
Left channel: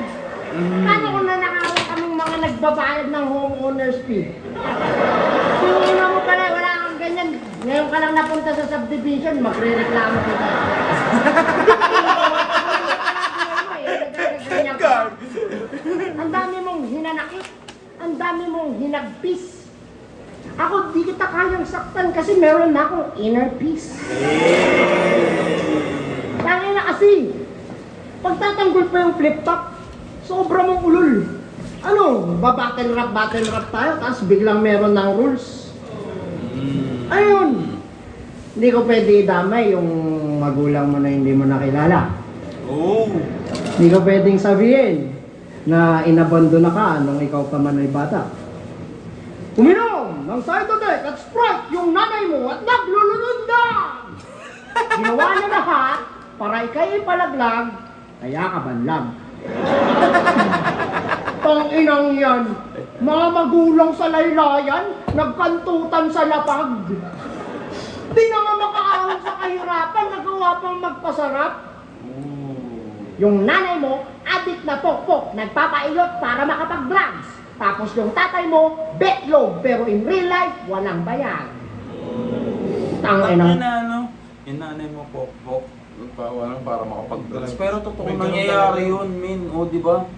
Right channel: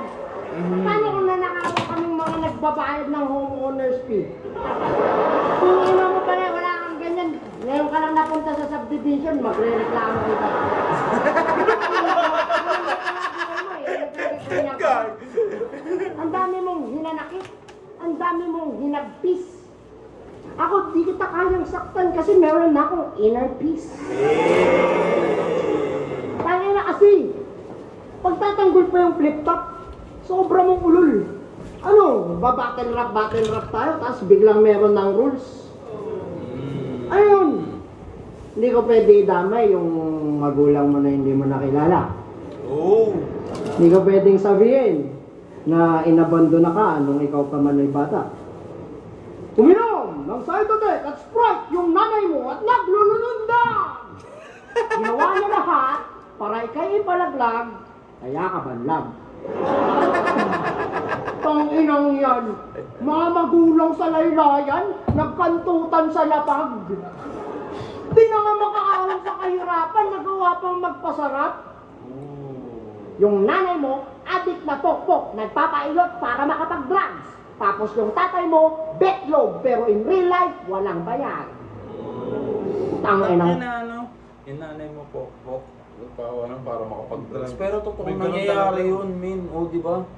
Paano kung nanakaroon kaming mga nagbabayad ng homeowner's fee? Yung una mo pala, wala kang ganyan. Ngayon ka lang napunta sa subdivision, magre-reklamo ko. Ang dami mong hinanakit. Ang dami mong hinagpis. Ako, di kita kayang saktan kasi meron na akong inner peace. Tangin na kasi, pagtatanggol pa yung flip-top, sobra mong ulol. Ano, ba-battle rap tayo, tapos biglang meron ng rules. Ayun! Hindi ko pwede idamay yung magulang mo na hindi mo nakilala. Oh! Hindi ko pwedeng sabihin na inabondo na ka nung ikaw pa man ay bata. Uminom ng Cytotec at Sprite yung nanay mo at naglulununda! Ginawa niya lahat para ikay ipalaglag, kaya ka banlag. Tanginang yan, mga magulang sa laylayan, nagkantutan sa lapag. Di naman makaahon sa kahirapan, nagawa pang magpasarap. Yung nanay mo, adik na pokpok, nagpapailot para makapag-drugs. Tapos yung tatay mo, betlog, pero in real life, walang bayad. Tanginang... Yung nanay mo, pok-pok. Walang para makapag-drugs. Pero totoo May ganun nangyayari talaga. yun, min. O, di ba?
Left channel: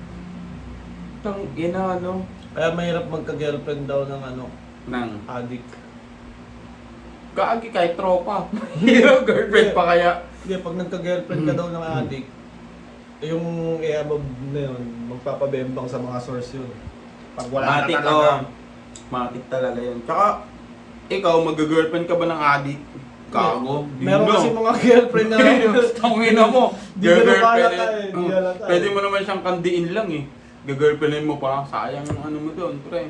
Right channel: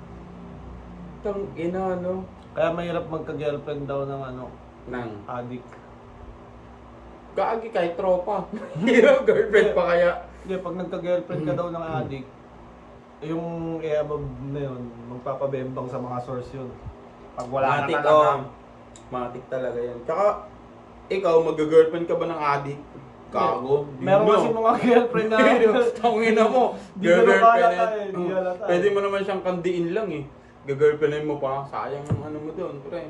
Kaya mahirap magka-girlfriend daw ng Nang, addict. kaagi kahit tropa. Hirap girlfriend pa kaya. Hindi, pag nagka-girlfriend ka daw ng addict, yung i-above na yun, magpapabembang sa mga source yun. Pag wala Matik, na talaga. Matik talaga yun. Tsaka, ikaw, mag-girlfriend ka ba ng addict? Kago. Meron kasi mga girlfriend na Tangina mo. Di ka Girlfriend. nakalata eh, di halata eh. Pwede mo naman siyang kandiin lang eh. Gagirlfriendin mo pa. Sayang ang ano mo doon, pre.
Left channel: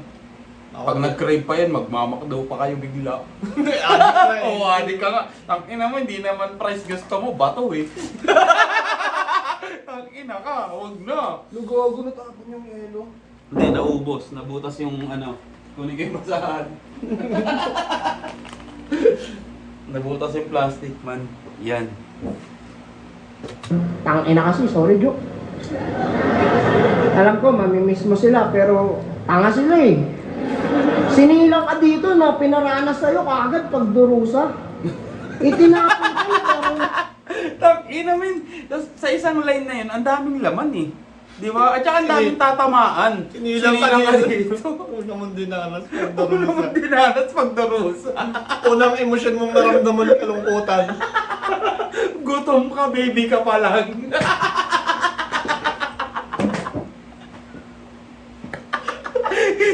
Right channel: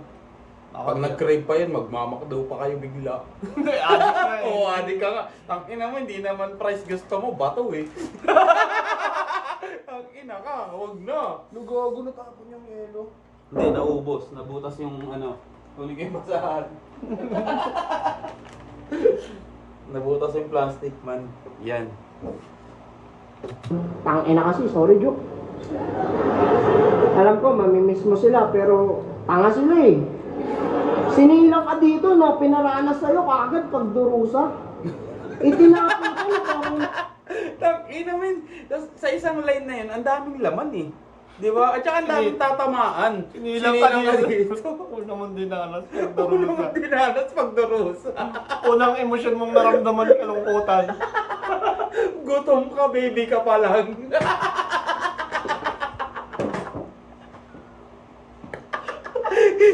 Pag nag-crave pa yan, magmamakdaw pa kayo bigla. addict na eh. Oo, adik ka nga. Tangina mo, hindi naman price gusto mo, bato eh. Tangina ka, huwag na. Lugogo na tapon yung yelo. Hindi, naubos. Nabutas yung kunin ko yung basahan. Nabutas yung plastic, man. Yan. Tangina kasi, sorry Jo. Alam ko, mamimiss mo sila, pero tanga sila eh. Sinilang ka dito na pinaranas sa'yo kaagad pagdurusa. Itinapon ko parang... Tangina, men. Sa isang line na yun, ang daming laman eh. Di ba? At saka ang daming tatamaan. Sinilang ka dito. Una mong dinanas pag Ano darusa. naman dinanas pagdarusa? Unang emosyon mong naramdaman kalungkutan. Gutom ka, baby ka pa lang.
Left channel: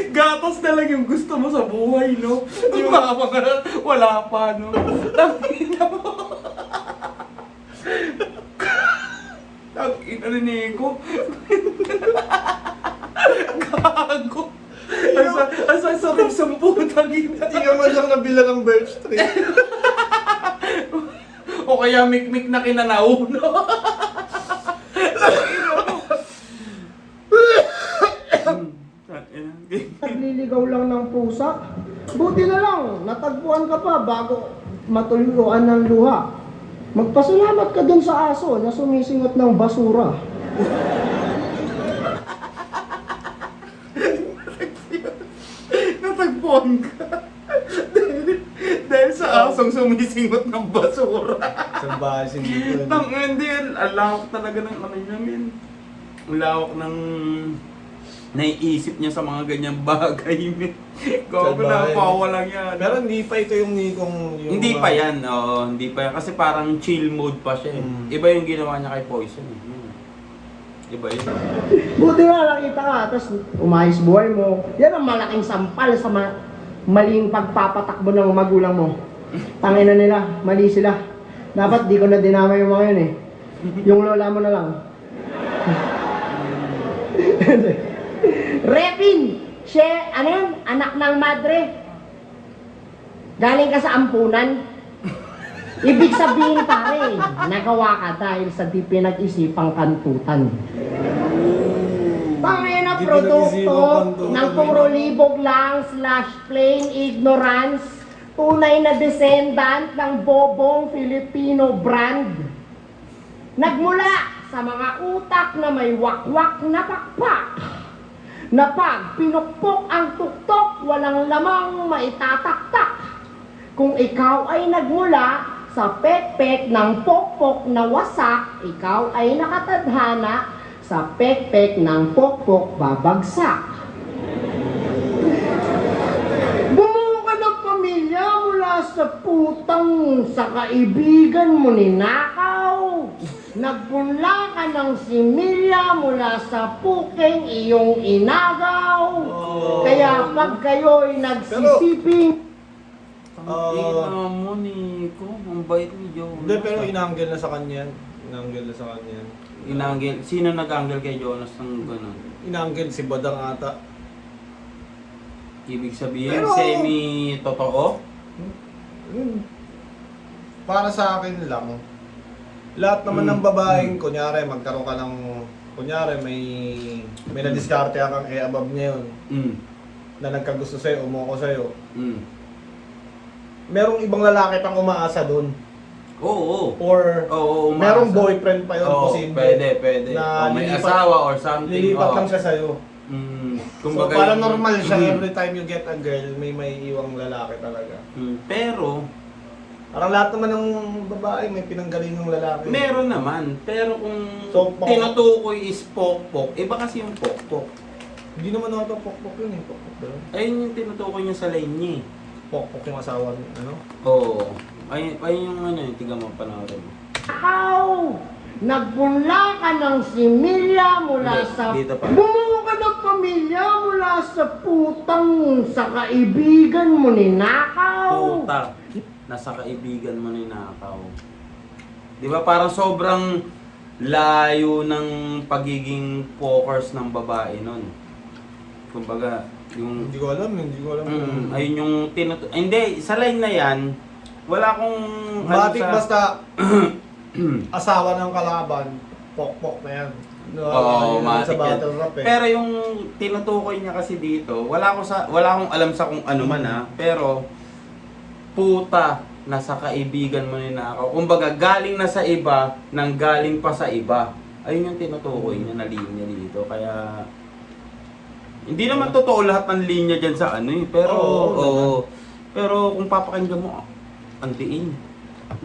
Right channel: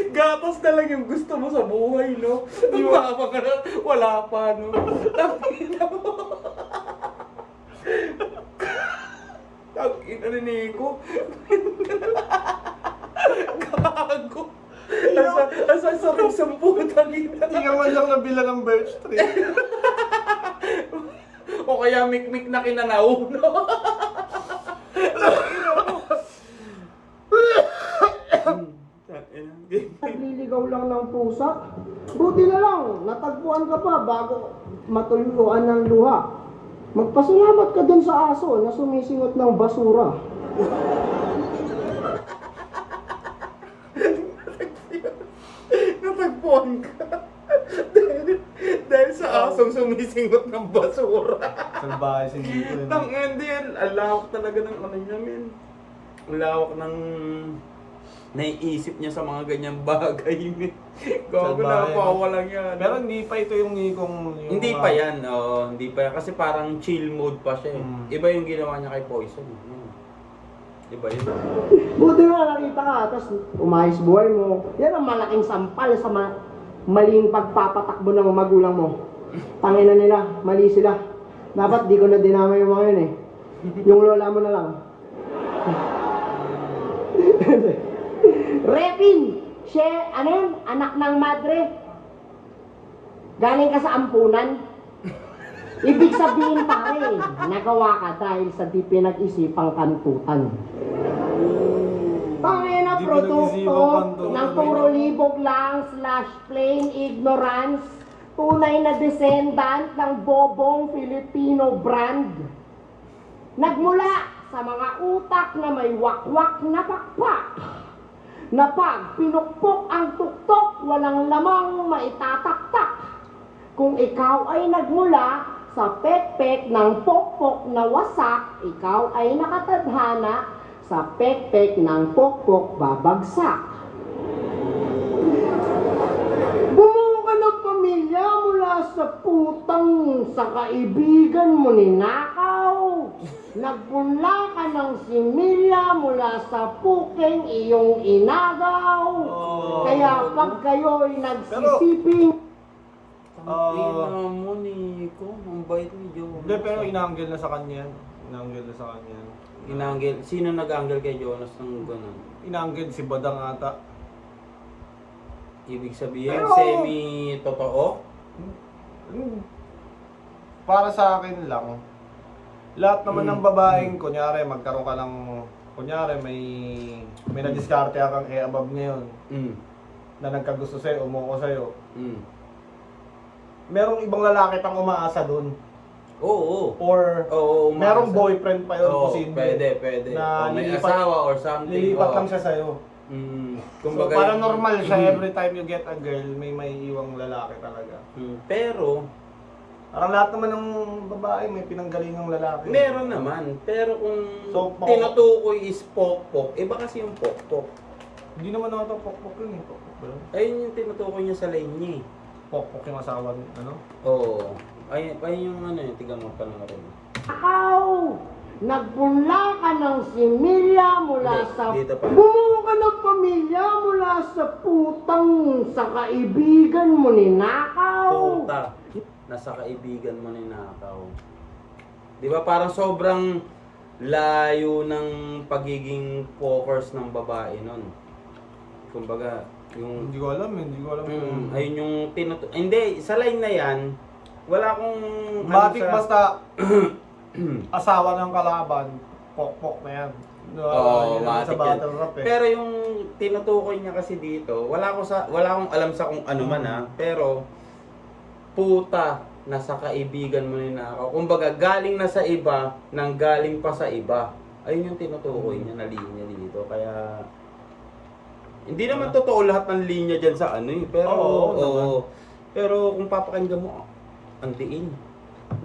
Gatas na lang yung gusto mo sa buhay, no? Di ba? Wala pa, no? Tangina mo. Tangina na Nico. Gago. Asa sa rin sa tangina. Hindi ka man lang nabila ng birch tree. O kaya mikmik na kinanaw, no? Nagliligaw lang ng pusa. Buti na lang, natagpuan ka pa bago matuluan ng luha. Magpasalamat ka dun sa aso na sumisingot ng basura. Natagpuan ka. dahil sa asong sumisingot ng basura. Salbahe si Nico. Hindi yan. Ang lawak talaga ng ano niya, men. Ang lawak ng naiisip niya sa mga ganyang bagay, men. Gago na, pawa lang yan. Pero hindi pa ito yung Nikong... Hindi pa yan, oo. Hindi pa yan. Kasi parang chill mode pa siya. Iba yung ginawa niya kay Poison. Iba yun. Buti na nakita ka, tapos umayos buhay mo. Yan ang malaking sampal sa maling pagpapatakbo ng magulang mo. Tangina nila, mali sila. Dapat di ko na dinamay yung mga yun eh. Yung lola mo na lang. Repin! Siya, ano yun? Anak ng madre. Galing ka sa ampunan. Ibig sabihin pare, nagawa ka dahil sa di pinag-isipang kantutan. Pangin na Di produkto pinag-isipang kantutan, ng puro libog lang / plain ignorance, tunay na descendant ng bobong Filipino brand. Nagmula sa mga utak na may wakwak na pakpak, na pag pinukpok ang tuktok, walang lamang maitataktak. Kung ikaw ay nagmula sa pekpek ng pokpok na wasak, ikaw ay nakatadhana sa pekpek ng pokpok babagsak. Bumuo ka ng pamilya mula sa putang sa kaibigan mo ninakaw. Nagpunla ka ng similya mula sa puking iyong inagaw. Kaya pag kayo'y nagsisiping Tingnan mo Nico, ang bait ni Jonas. Hindi, pero inanggel na sa kanya yan. Inanggel na sa kanya yan. Inanggel. Sino nag-anggel kay Jonas ng gano'n? Inanggel si Badang ata. Ibig sabihin, Pero- semi-totoo? Para sa akin lang, lahat naman ng babaeng, kunyari, magkaroon ka ng, kunyari, may na-discarte kang above ngayon Mm. na nagkagusto sa'yo, umuko sa'yo. Mm. Merong ibang lalaki pang umaasa doon. Oo. Or Oo, merong umaasa. boyfriend pa yun, Oo, posible. pwede. Na O may lilipat- asawa or something. Lilipat Oo. lang siya sa'yo. Mm. So, para yung- normal siya, Mm. every time you get a girl, may iwang lalaki talaga. Mm. Pero, Parang lahat naman ng babae may pinanggalingang lalaki. meron naman. Pero kung So, tinutukoy is pokpok, iba kasi yung pokpok. Hindi naman ako ito pokpok yun eh. Pokpok ba yun? Ayun yung tinutukoy niya sa line niya eh. Pokpok yung asawa niya, ano? Oo. Ayun yung ano yung tiga mo panoorin mo. Nakaw! Nagpunla ka ng similya mula Hindi, sa... dito pa. Bumuo ka ng pamilya mula sa putang sa kaibigan mo ni Nakaw. Puta, nasa kaibigan mo ni Nakaw. Di ba parang sobrang layo ng pagiging pokers ng babae nun. Kumbaga, yung... Hindi ko alam, hindi ko alam. ayun yung hindi, sa line na yan, wala akong... Matik basta asawa ng kalaban, pokpok na yan. Oo, Yun naman sa matik yan. battle rap eh. Pero yung tinutukoy niya kasi dito, wala akong alam sa kung ano man ha, pero puta, nasa kaibigan mo ni Nakaw. Kumbaga, galing na sa iba, nang galing pa sa iba. Ayun yung tinutukoy niya na linya dito. Kaya, hindi naman totoo lahat ng linya dyan sa ano eh. Pero, Oo, pero kung papakinggan mo, ang diin.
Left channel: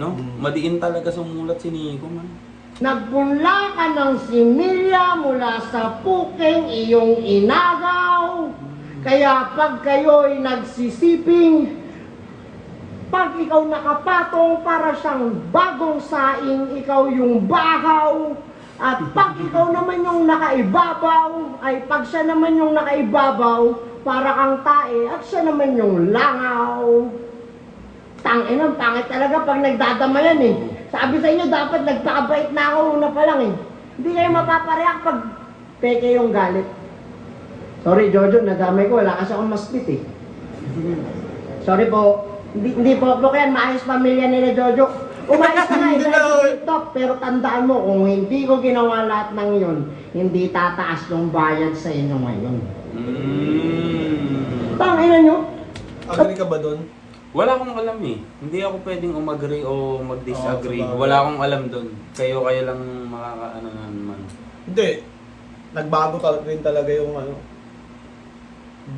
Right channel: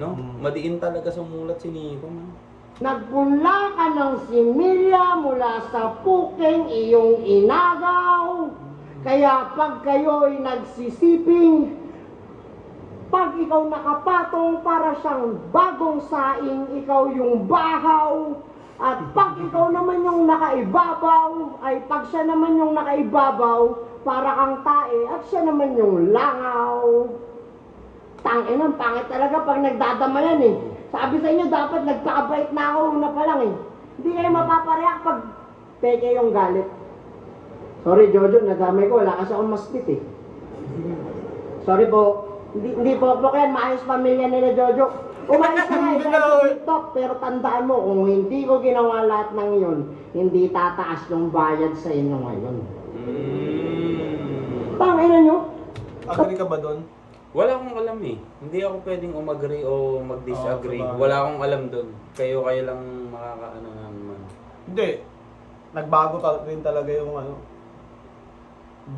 No? Madiin talaga sumulat si Nico man. Nagpunla ka ng similya mula sa puking iyong inagaw. Kaya pag kayo'y nagsisiping, pag ikaw nakapatong para siyang bagong saing, ikaw yung bahaw. At pag ikaw naman yung nakaibabaw, ay pag siya naman yung nakaibabaw, para kang tae, at siya naman yung langaw. Tangin, pangit talaga pag nagdadama yan eh. Sabi sa inyo, dapat nagpakabait na ako una pa lang eh. Hindi kayo mapapareak pag peke yung galit. Sorry Jojo, nadamay ko, wala kasi akong mastit eh. Sorry po, hindi po yan, maayos pamilya nila Jojo. Umayos na Hindi na, nga, TikTok, pero tandaan mo, kung hindi ko ginawa lahat ng yun, hindi tataas yung bayad sa inyo ngayon. Tangina nyo? Agree ka ba doon? Wala akong alam eh. Hindi ako pwedeng umagree o mag-disagree. Oo, sabagay. Wala akong alam doon. Kayo lang makakaano naman. Hindi. Nagbago rin talaga yung ano,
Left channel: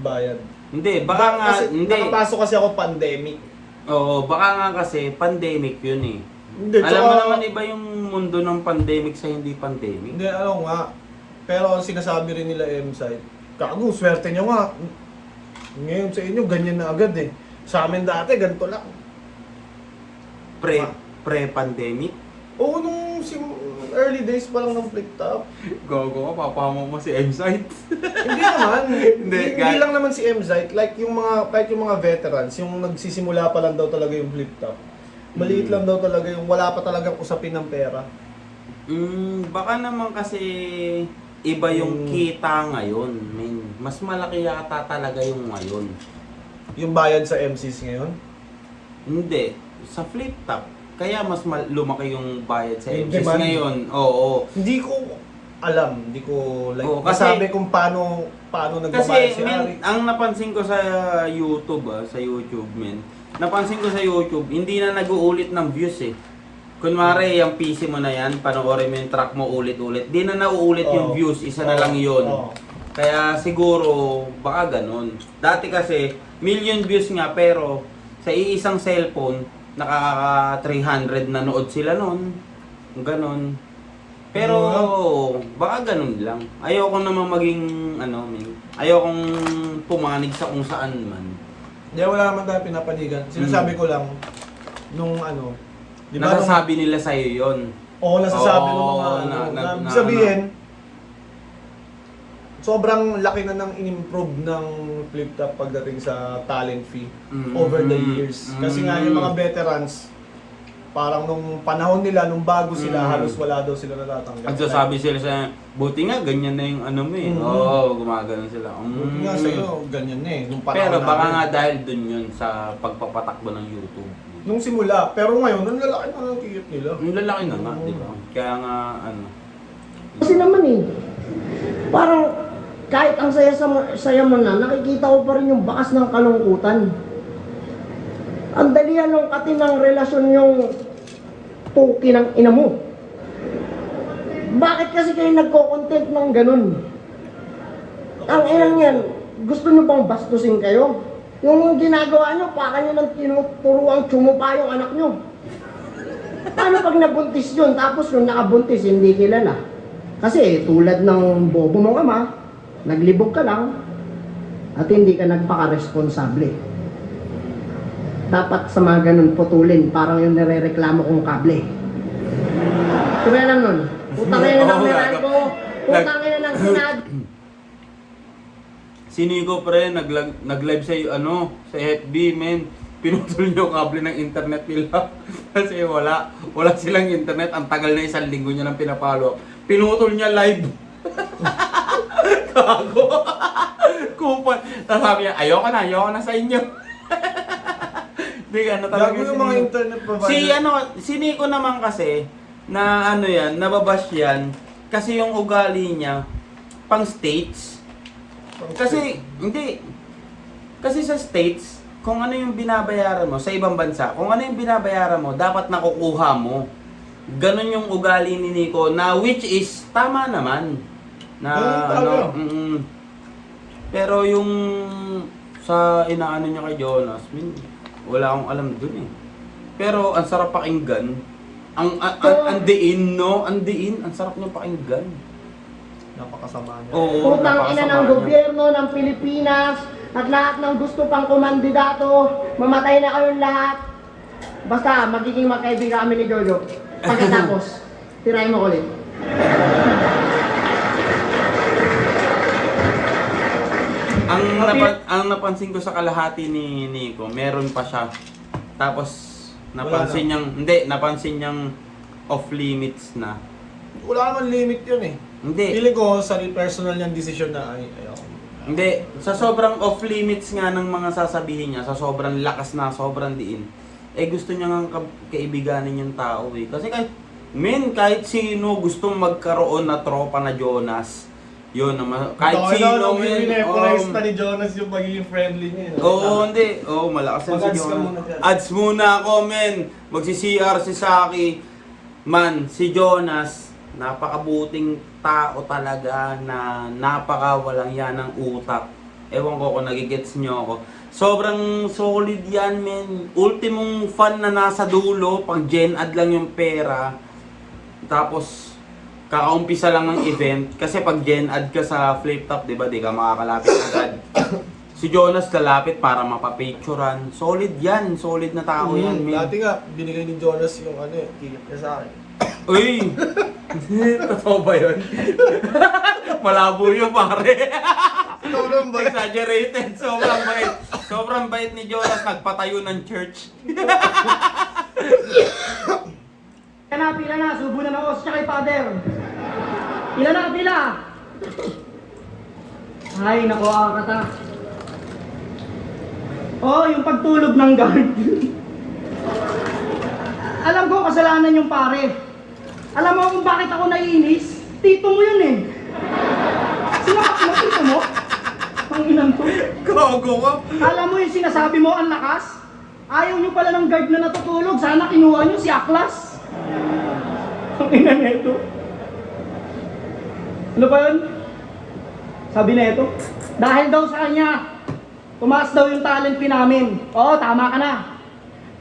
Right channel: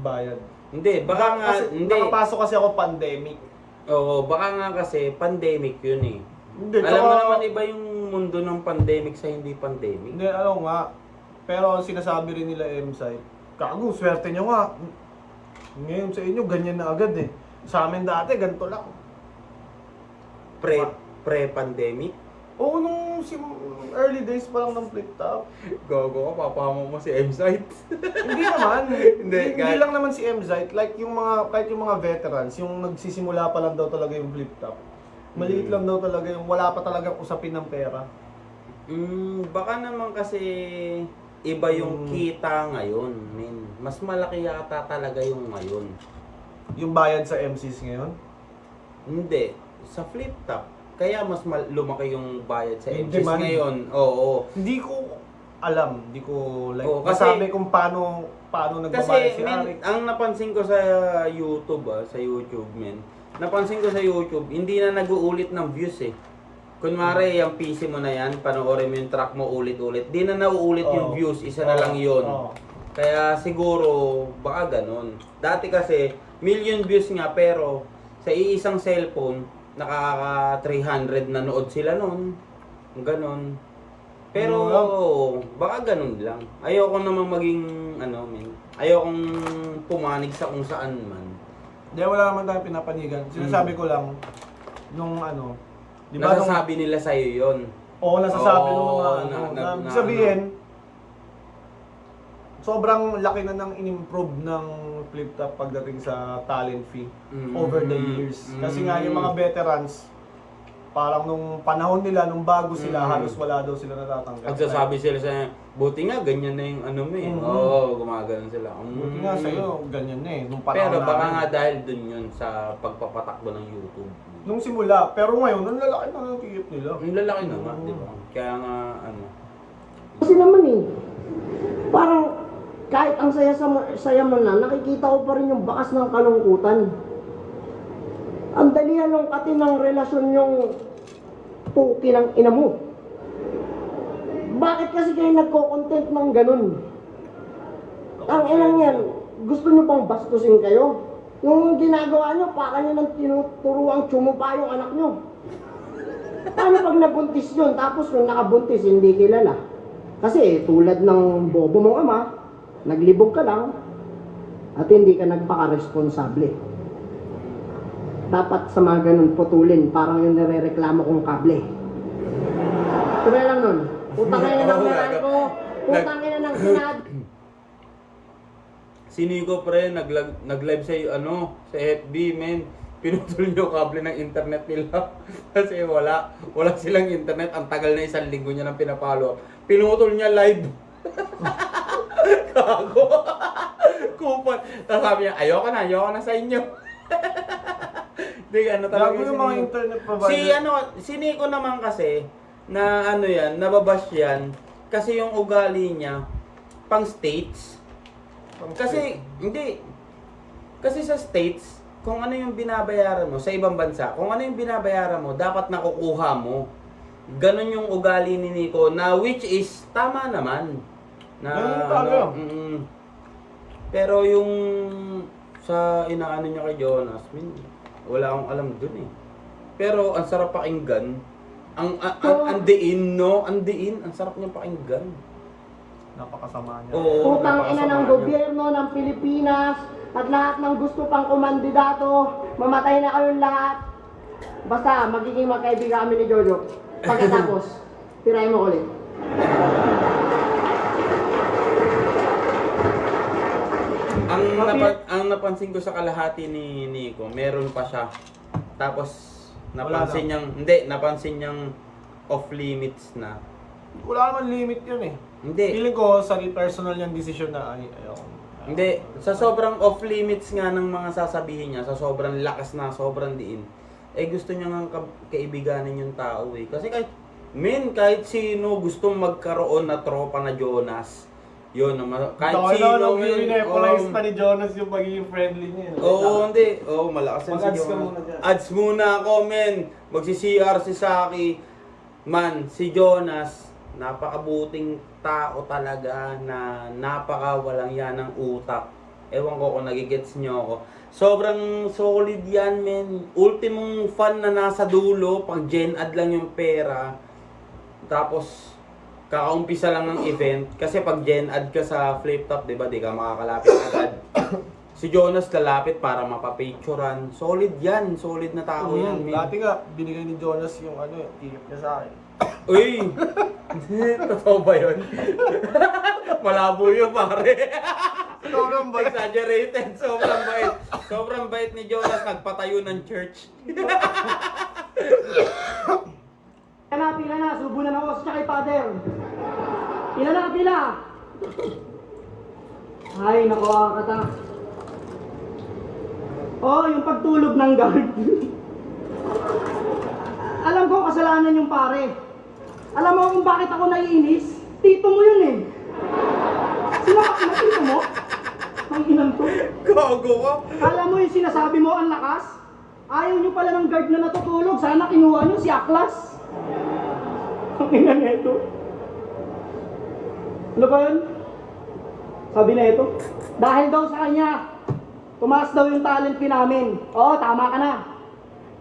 bayad. Hindi, baka nga, Kasi hindi. nakapasok kasi ako pandemic. Oo, baka nga kasi pandemic yun eh. Hindi, Alam tsaka- mo naman iba yung mundo ng pandemic sa hindi pandemic. Hindi, ano nga. Pero ang sinasabi rin nila M-Site, kago, swerte nyo nga. Ngayon sa inyo, ganyan na agad eh. Sa amin dati, ganito lang. Pre-pandemic? Oo, nung early days pa lang ng flip top. Gogo ka, papama mo si M-Site. Hindi naman. Hindi, hindi kahit- lang naman si M-Site. Like yung mga, kahit yung mga veterans, yung nagsisimula pa lang daw talaga yung flip top. Maliit lang daw talaga yung wala pa talagang usapin ng pera. Baka naman kasi iba yung kita ngayon. Mas malaki yata talaga yung ngayon. Yung bayad sa MCs ngayon. Hindi, sa flip top. Kaya mas lumaki yung bayad sa Yung MCs demand. ngayon. Oo. Hindi ko alam, hindi ko like Oo, kasi- masabi kung paano nagbabayad Kasi si Ari. ang napansin ko sa YouTube, sa YouTube napansin ko sa YouTube, hindi na nag-uulit ng views eh. Kunwari, yung PC mo na yan, panoorin mo yung track mo ulit-ulit. Di na nauulit yung Oo. views, isa na Oo. lang yun. Oo. Kaya siguro, baka ganun. Dati kasi, million views nga, pero sa iisang cellphone, nakaka 300 na nood sila nun. Ganun. Pero, baka ganun lang. Ayoko namang maging, ayokong pumanig sa kung saan man. Hindi, wala naman tayo pinapanigan. Sinasabi ko lang, nung di ba Nasasabi nila sa'yo yun. Oo, nasasabi ng Oo, mga na- ibig sabihin, sobrang laki na ng in-improve ng Flip Top pagdating sa talent fee Mm. over the years. Kasi nga yung mga veterans, parang nung panahon nila, nung bago sila, halos wala daw sila natatanggap. Nagsasabi sila sa buti nga, ganyan na yung ano mo eh. Oo, gumagano sila. Buti nga sa'yo, ganyan na eh. Nung panahon Pero baka namin. nga dahil dun yun sa pagpapatakbo ng YouTube. Nung simula, pero ngayon, ang lalaki na ng tiyot nila. Ang lalaki na nga, di ba? Kaya nga, ano. Kasi naman eh, parang kahit ang saya mo na, nakikita ko pa rin yung bakas ng kalungkutan. Ang dali halongkatin ng relasyon yung puki ng ina mo. Bakit kasi kayo nagko-content ng ganun? Ang inang yan, gusto nyo bang bastusin kayo? Yung ginagawa nyo, baka nyo nang tinuturuang tsumupa yung anak nyo. Paano pag nabuntis yun, tapos yung nakabuntis, hindi kilala? Kasi tulad ng bobo mong ama, naglibog ka lang, at hindi ka nagpaka-responsable. Dapat sa mga ganun putulin, parang yung nire-reklamo kong kable. Kaya lang nun, utangin na ng Meralco, utangin na ng Senado. Si Nico pre, nag-live sa sa FB, men. Pinutol niyo kable ng internet nila. Kasi wala silang internet. Ang tagal na 1 linggo niya nang pinapalo. Pinutol niya live. Kago. Kupal. Tapos sabi niya, ayoko na sa inyo. Hindi ano talaga Gago yung mga internet provider. si Nico naman kasi, na nababash yan. Kasi yung ugali niya, pang states. Kasi, hindi. Kasi sa States, kung ano yung binabayaran mo sa ibang bansa, kung ano yung binabayaran mo, dapat nakukuha mo. Ganon yung ugali ni Nico, na which is, tama naman. Na, pero yung sa inaano niya kay Jonas, wala akong alam dun eh. Pero, ang sarap pakinggan. Ang diin, no? Ang diin, ang sarap niyang pakinggan. Napakasama niya. Oo, Utang ina ng napakasama niya. gobyerno ng Pilipinas at lahat ng gusto pang kumandidato, mamatay na kayong lahat. Basta magiging magkaibigan kami ni Jojo. Pagkatapos, tirahin mo ulit. Ang napansin ko sa kalahati ni Nico, meron pa siya. Tapos napansin niyang off limits na. Wala naman limit yun eh. Hindi. Feeling ko sa personal niyang desisyon na ayaw. Hindi, sa sobrang off limits nga ng mga sasabihin niya, sa sobrang lakas na, sobrang diin, gusto niya nga kaibiganin yung tao eh. Kasi kahit sino gustong magkaroon na tropa na Jonas, yun naman, kahit sino, men. Pinipolize na ni Jonas yung pagiging friendly niya. Oo, hindi. Oo, malakas yan si Mag-ads ka Jonas. muna dyan. Ads muna ako, men. Magsi-CR si Saki. Man, si Jonas, napakabuting tao talaga na napakawalang yan ng utak. Ewan ko kung nagigets nyo ako. Sobrang solid yan, men. Ultimong fan na nasa dulo, pang gen ad lang yung pera. Tapos, kakaumpisa lang ng event. Kasi pag gen ad ka sa Flip Top, di ba, di ka makakalapit agad. Si Jonas lalapit para mapapicturan. Solid yan, solid na tao yan, men. Dati nga, binigay ni Jonas yung ticket niya sa akin. Uy! Totoo ba yun? Malabo yun, pare. Sobrang bait. Exaggerated. Sobrang bait. Sobrang bait ni Jonas. Nagpatayo ng church. Pila na, subo na ng os siya kay Father. Pila na, pila. Ay, nako, kata. Oh, yung pagtulog ng guard. Alam ko, kasalanan yung pare. Alam mo kung bakit ako naiinis? Tito mo yun eh. Sinapak mo, tito mo? Ang inang to. Gago ka. Alam mo yung sinasabi mo, ang lakas? Ayaw nyo pala ng guard na natutulog. Sana kinuha nyo si Aklas. Ang ina nito. Ano ba yun? Sabi na ito. Dahil daw sa kanya, tumaas daw yung talent fee namin. Oo, tama ka na.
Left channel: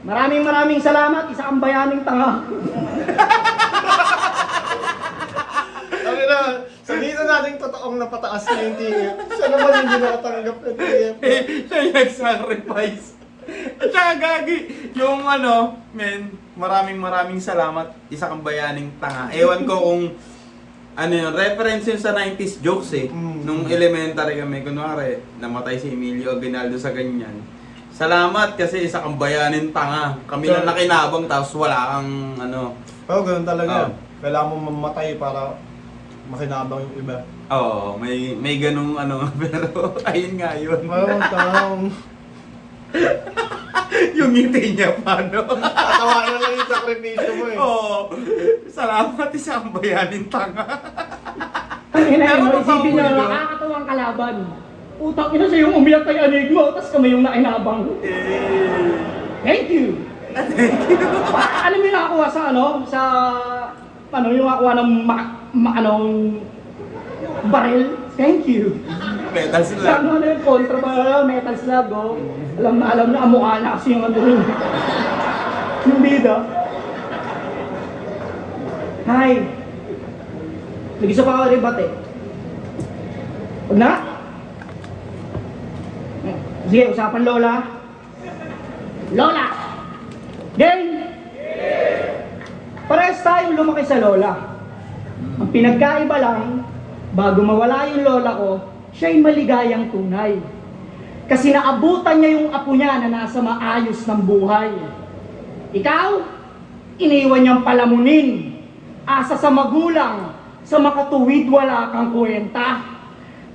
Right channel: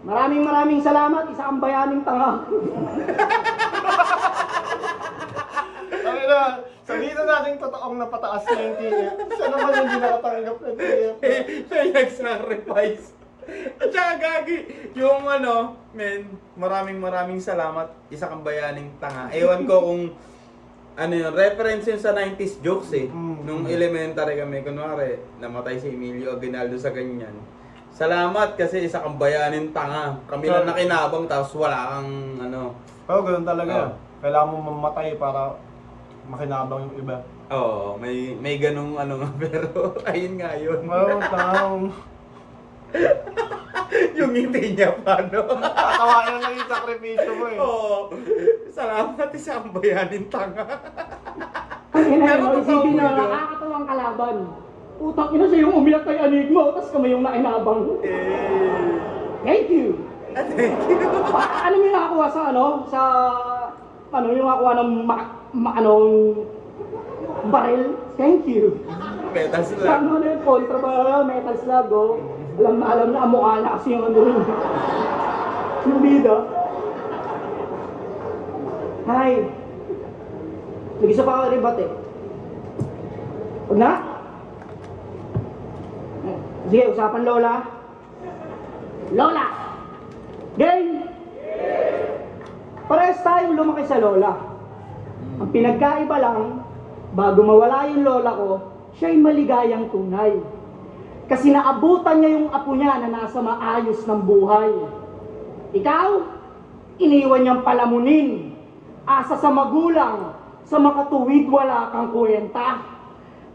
Maraming salamat. Isa kang bayaning tanga. Sabi na, sabihin na natin totoong napataas niya yung ticket. Siya naman hindi nakatanggap ng ticket. Siya yung nag-sacrifice. At saka gagi, yung maraming salamat. Isa kang bayaning tanga. Ewan ko ano yun, reference yun sa 90s jokes eh. Mm. Nung elementary kami, kunwari, namatay si Emilio Aguinaldo sa ganyan. Salamat kasi isa kang bayanin tanga. Kami lang nakinabang tapos wala kang ano. Pero ganoon talaga. Oh. Kailangan mo mamatay para makinabang yung iba. Oo, may ganung ano, pero ayun nga yun. Well, tanong. Yung ngiti niya pa, no? Tatawanan lang yung sakripisyo mo eh. Oo. Salamat isa kang bayanin tanga. Ang ina Pero mo, isipin totoo na yun. nakakatuwang kalaban. Utang ina siya yung umiyak kay anig mo, tapos kami yung nainabang. Thank you! Ano yung nakakuha sa yung nakakuha ng baril? Thank you! Petals Sa lang. ano yung kontra ba, metal slug, oh. Alam na mukha na kasi yung ano yun. Yung bida. Hi! Nag-isa pa ako ribat eh. Huwag na? Sige, usapan Lola. Lola! Game! Parehas tayong lumaki sa Lola. Ang pinagkaiba lang, bago mawala yung Lola ko, siya'y maligayang tunay. Kasi naabutan niya yung apo niya na nasa maayos ng buhay. Ikaw, iniwan niyang palamunin. Asa sa magulang, sa makatuwid wala kang kwenta.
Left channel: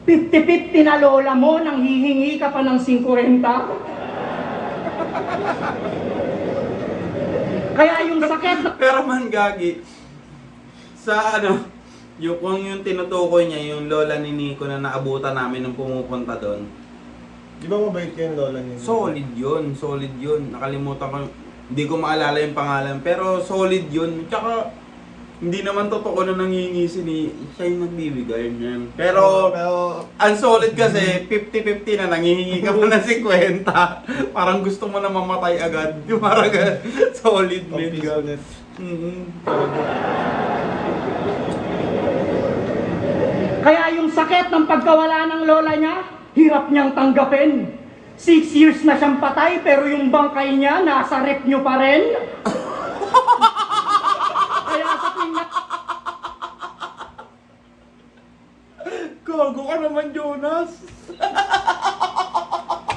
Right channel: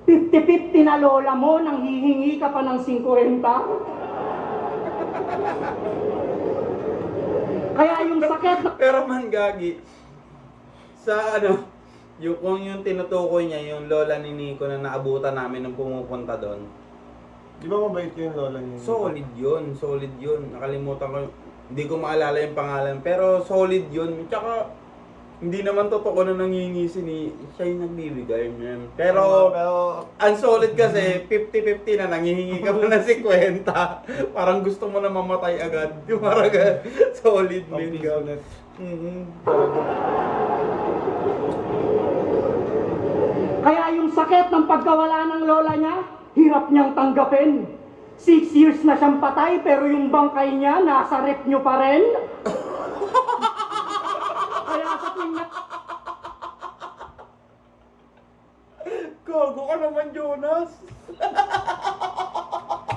50-50 na lola mo nang hihingi ka pa ng 50. Kaya yung sakit na... Pero man gagi, sa ano, kung yung tinutukoy niya, yung lola ni Nico na naabutan namin nung pumupunta doon, Di ba mabait yung lola niya? solid yun. Nakalimutan ko, hindi ko maalala yung pangalan, pero solid yun. Tsaka, hindi naman totoo na nangingi siya yung nagbibigay niyan. Pero, ang solid kasi, 50-50 na nangihingi ka pa ng 50. Parang gusto mo na mamatay agad. Yung parang solid man. ulit. Kaya yung sakit ng pagkawala ng lola niya, hirap niyang tanggapin. 6 years na siyang patay, pero yung bangkay niya, nasa rep niyo pa rin. Kaya sa tuwing Gago ka naman, Jonas.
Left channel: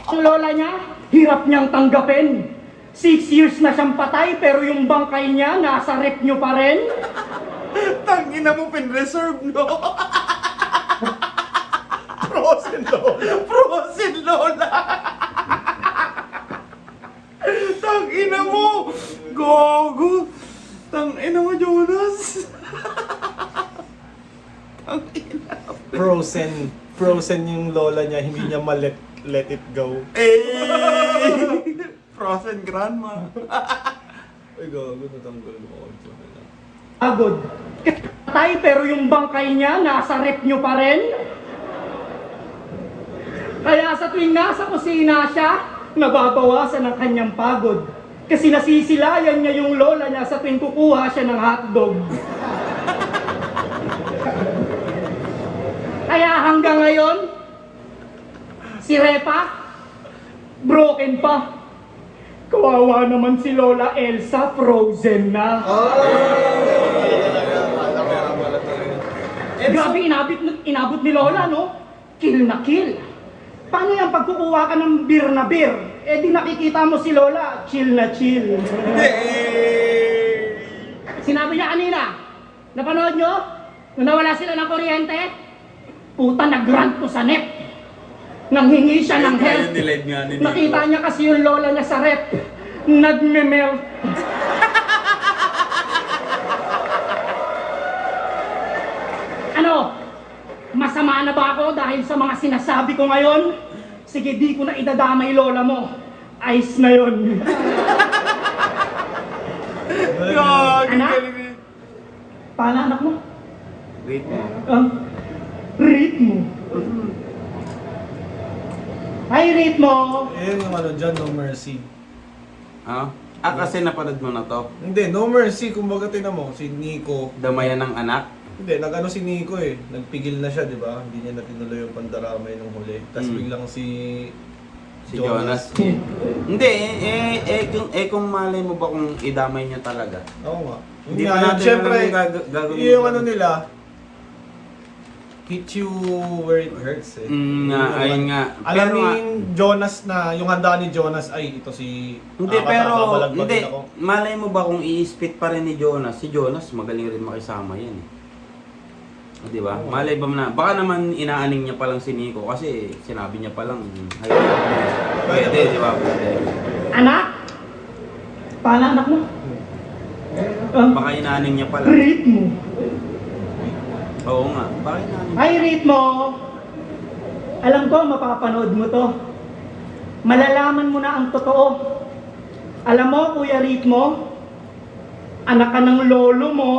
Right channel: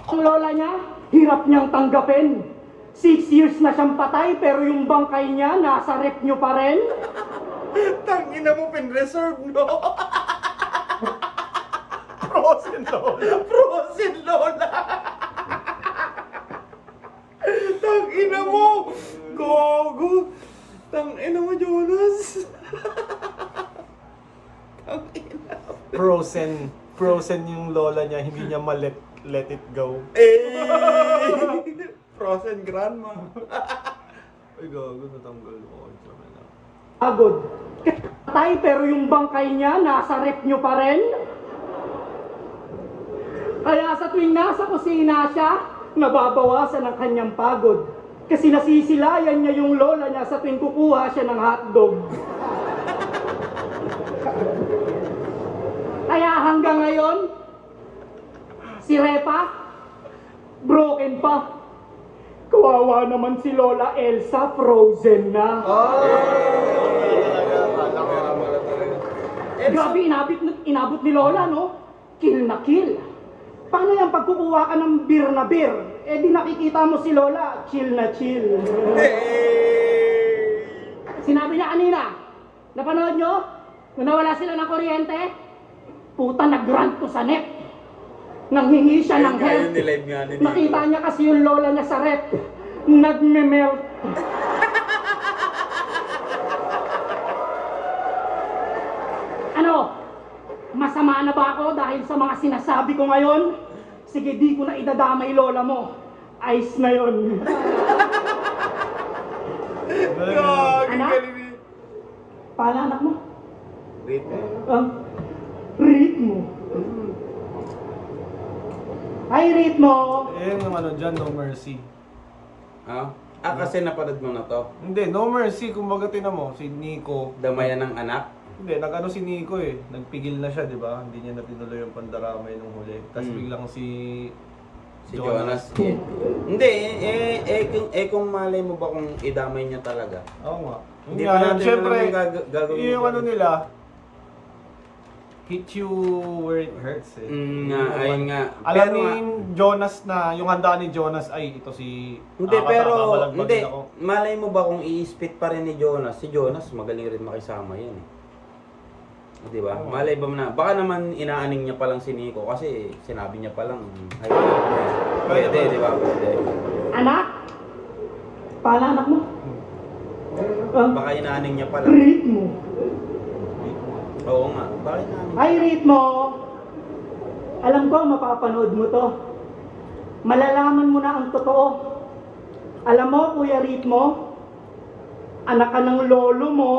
ang lola niya, hirap niyang tanggapin. 6 years na siyang patay, pero yung bangkay niya, nasa rep niyo pa rin. Tangina mo, pin-reserve, no? Frozen lola. Frozen Lola! Tangina mo! Gogo! Tangina mo, Jonas! Tangina. Frozen yung lola niya, hindi niya let it go. Frozen Grandma. Ay gago, natanggal ko. Pagod. Patay, pero yung bangkay niya, nasa rep niyo pa rin. Kaya sa tuwing nasa kusina siya, nababawasan ang kanyang pagod. Kasi nasisilayan niya yung lola niya sa tuwing kukuha siya ng hotdog. Kaya hanggang ngayon, si Repa, broken pa. Kawawa naman si Lola Elsa, frozen na. Grabe, inabot ni Lola, no? Kill na kill. Paano yung pagkukuha ka ng beer na beer? Eh di nakikita mo si Lola, chill na chill. Sinabi niya kanina, napanood nyo? Nung nawala sila ng kuryente, puta nag-rant ko sa net. Nanghingi siya ng help. Nilive nga ni Nico. Nakita niya kasi yung lola niya sa rep. Nagme-melt. Ano? Masama na ba ako dahil sa mga sinasabi ko ngayon? Sige, di ko na idadamay lola mo. Ice na yun. Gagi, Anak? galing. Paano anak mo? Wait mo. Ritmo. Hi, Ritmo. Eh, yung ano dyan, No Mercy. Kasi napanood mo na to. Hindi, No Mercy, kumbaga tinan mo, si Nico. Damayan ng anak. Hindi, nag-ano si Nico eh. Nagpigil na siya, di ba? Hindi niya natinuloy yung pandaramay nung huli. Tapos biglang si Jonas. Hindi, kung malay mo ba kung idamay niya talaga? Oo nga. Hindi Yun pa nga, natin syempre, alam yung gagawin yung nila. ano nila, hit you where it hurts eh. Ayun nga. Alam Pero ni nga, Jonas na, yung handa ni Jonas ay ito si... hindi, Akata, pero, babalagbagin hindi, ako. malay mo ba kung i-spit pa rin ni Jonas, si Jonas magaling rin makisama yan eh. Di ba? Malay ba na, baka naman inaaning niya pa lang si Nico kasi sinabi niya pa lang, ay, pwede, di ba? Pwede. Anak? Paano anak mo? Baka inaaning niya pa lang. Read mo. Oo nga, baka inaaning Ay, read mo. Alam ko, mapapanood mo to. Malalaman mo na ang totoo. Alam mo, Kuya Ritmo, anak ka ng lolo mo.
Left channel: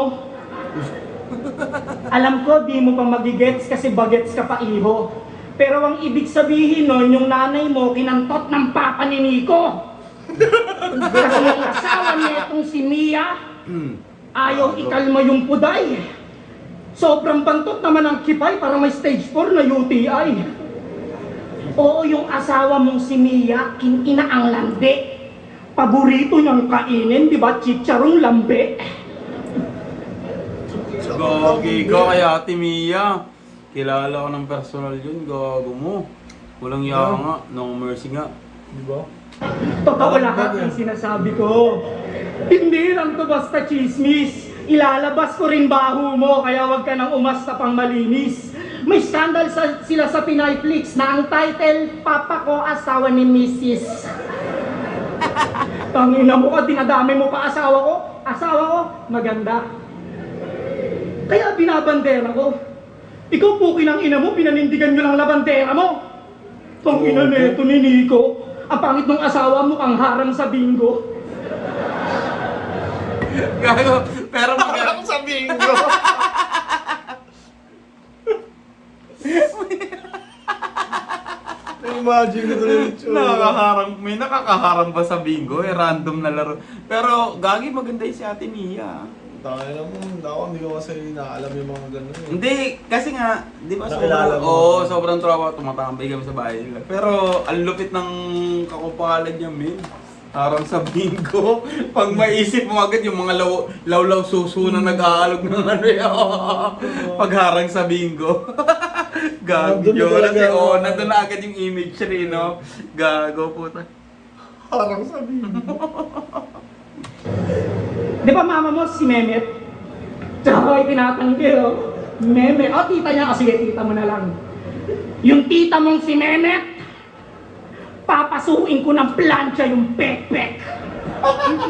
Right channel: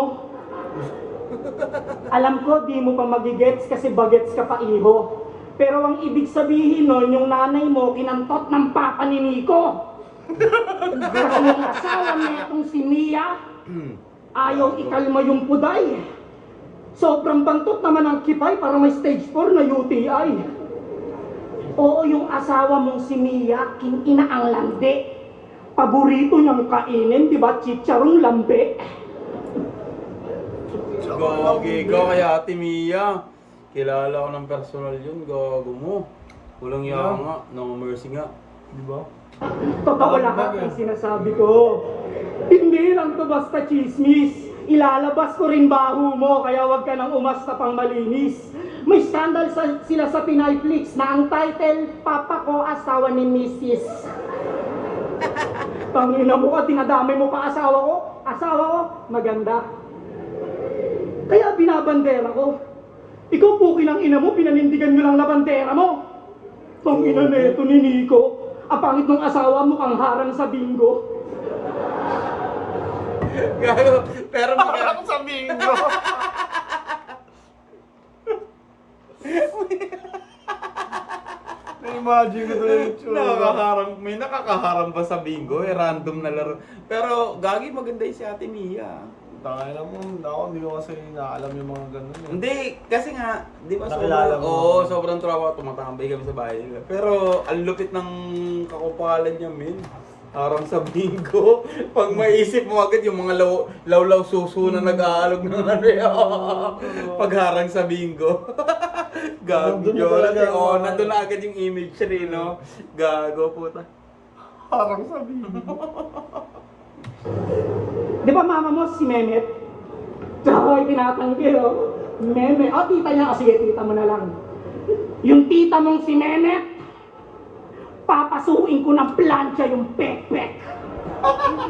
Alam ko, di mo pa magigets kasi bagets ka pa iho. Pero ang ibig sabihin nun, yung nanay mo, kinantot ng papa ni Nico. Kasi yung asawa niya itong si Mia, ayaw ikalma yung puday. Sobrang bantot naman ang kipay para may stage 4 na UTI. Oo, yung asawa mong si Mia, kinina ang landi. Paborito niyang kainin, di ba? Chicharong lambe. Gagi ka kaya Ate Mia. Kilala ko ng personal yun, gago mo. Walang yaka nga, no mercy nga. Di ba? Totoo lahat ng sinasabi ko. Hindi lang to basta chismis. Ilalabas ko rin baho mo, kaya wag ka nang umasta pang malinis. May scandal sila sa Pinayflix na ang title, Papa ko, asawa ni Mrs. Tangina mo ka, dinadami mo pa asawa ko. Asawa ko, maganda. Kaya binabandera ko. Ikaw po kinang ina mo, pinanindigan nyo lang labandera mo. Tangina neto ni Nico. Ang pangit ng asawa mo, kang harang sa bingo. Gago, pero Parang sa bingo! Imagine ito yung itsura. may nakakaharang ba sa bingo? Eh, random na laro. Pero, gagi maganda yung si Ate Mia. Tangina mo, hindi ko kasi naalam yung mga ganun eh. Hindi, kasi nga, di ba Nakilala mo. sobrang tropa, tumatambay kami sa bahay nila. Pero, ang lupit ng kakupalan niya, men. Parang sa bingo, pag maisip mo agad yung mga lawlaw suso na nag-aalog ng ano pagharang sa bingo. Gago Nandun na yun. talaga Kasi, ako. nandun na agad yung image rin, no? Gago, puta. Parang sa bingo. Di ba mama mo si Mehmet? Tsaka itinatanggi, oh. Mehmet. O, tita niya. Sige, tita mo na lang. Yung tita mong si Mehmet, papasukin ko ng plancha yung pek-pek.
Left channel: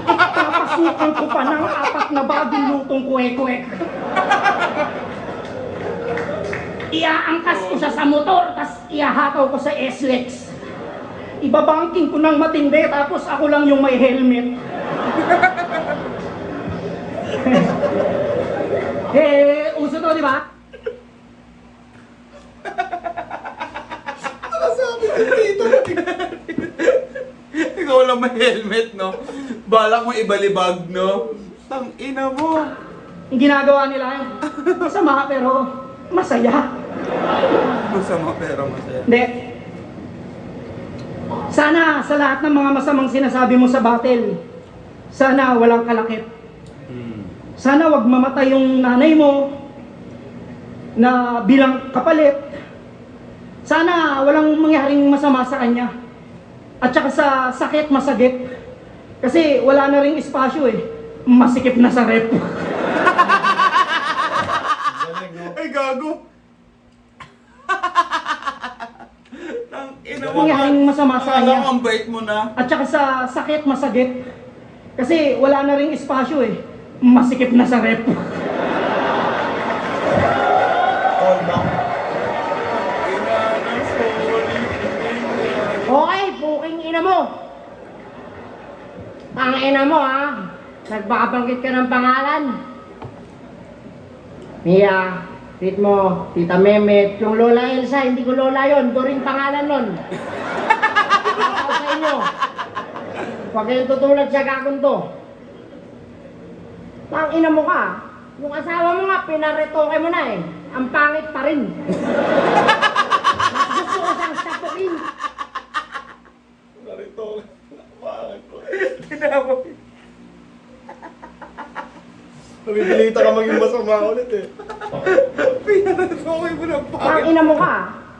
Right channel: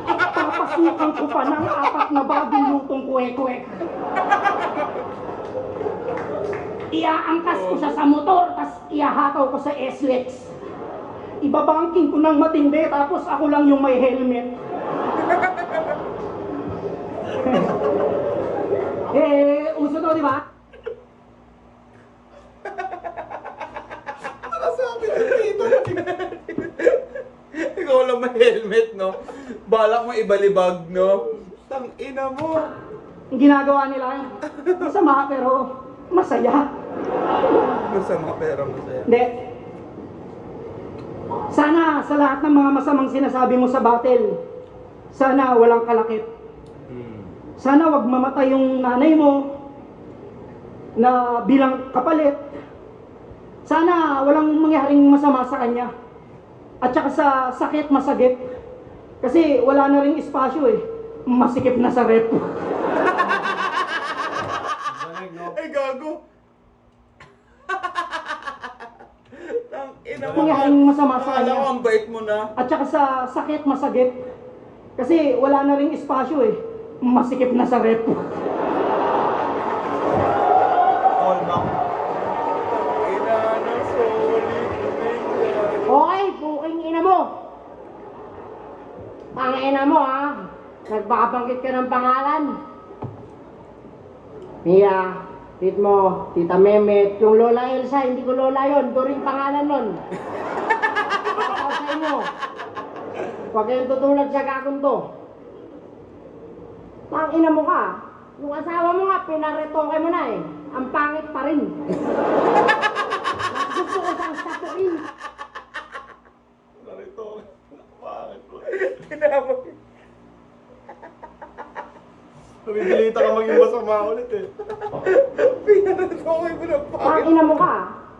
Papasukin ko pa ng 4 na bagong lutong kwek-kwek. Iaangkas ko siya sa motor, tas iahakaw ko sa SLEX. Ibabangking ko ng matindi, tapos ako lang yung may helmet. Uso to, di ba? Ikaw lang may helmet, no? Balak mo ibalibag, no? Tang ina mo. Yung ginagawa nila yun. Masama pero masaya. Masama pero masaya. Hindi. Sana sa lahat ng mga masamang sinasabi mo sa battle, sana walang kalakip. Sana wag mamatay yung nanay mo na bilang kapalit. Sana walang mangyaring masama sa kanya. At saka sa sakit, masagip. Kasi wala na ring espasyo eh. Masikip na sa rep. Ay, gago! Tang ina mo. Mangyaring masama sa Alam kanya. ang bait mo na. At saka sa sakit, masagip. Kasi wala na ring espasyo eh. Masikip na sa rep. Call back. Okay, puking ina mo. Ang ina mo ha. Nagbabanggit ka ng pangalan. Mia, Ritmo, Tita Mehmet, yung Lola Elsa, hindi ko Lola yon, doon rin pangalan nun. Ako sa inyo. Huwag kayong tutulad sa gagong to. Tang ina mo ka. Yung asawa mo nga, pinaretoke mo na eh. Ang pangit pa rin. Mas gusto ko siyang sapuin. Narito. Bakit ko? Nabibili ka maging masama ulit eh. Pinaretoke mo ng Ang pangit. ina mo ka.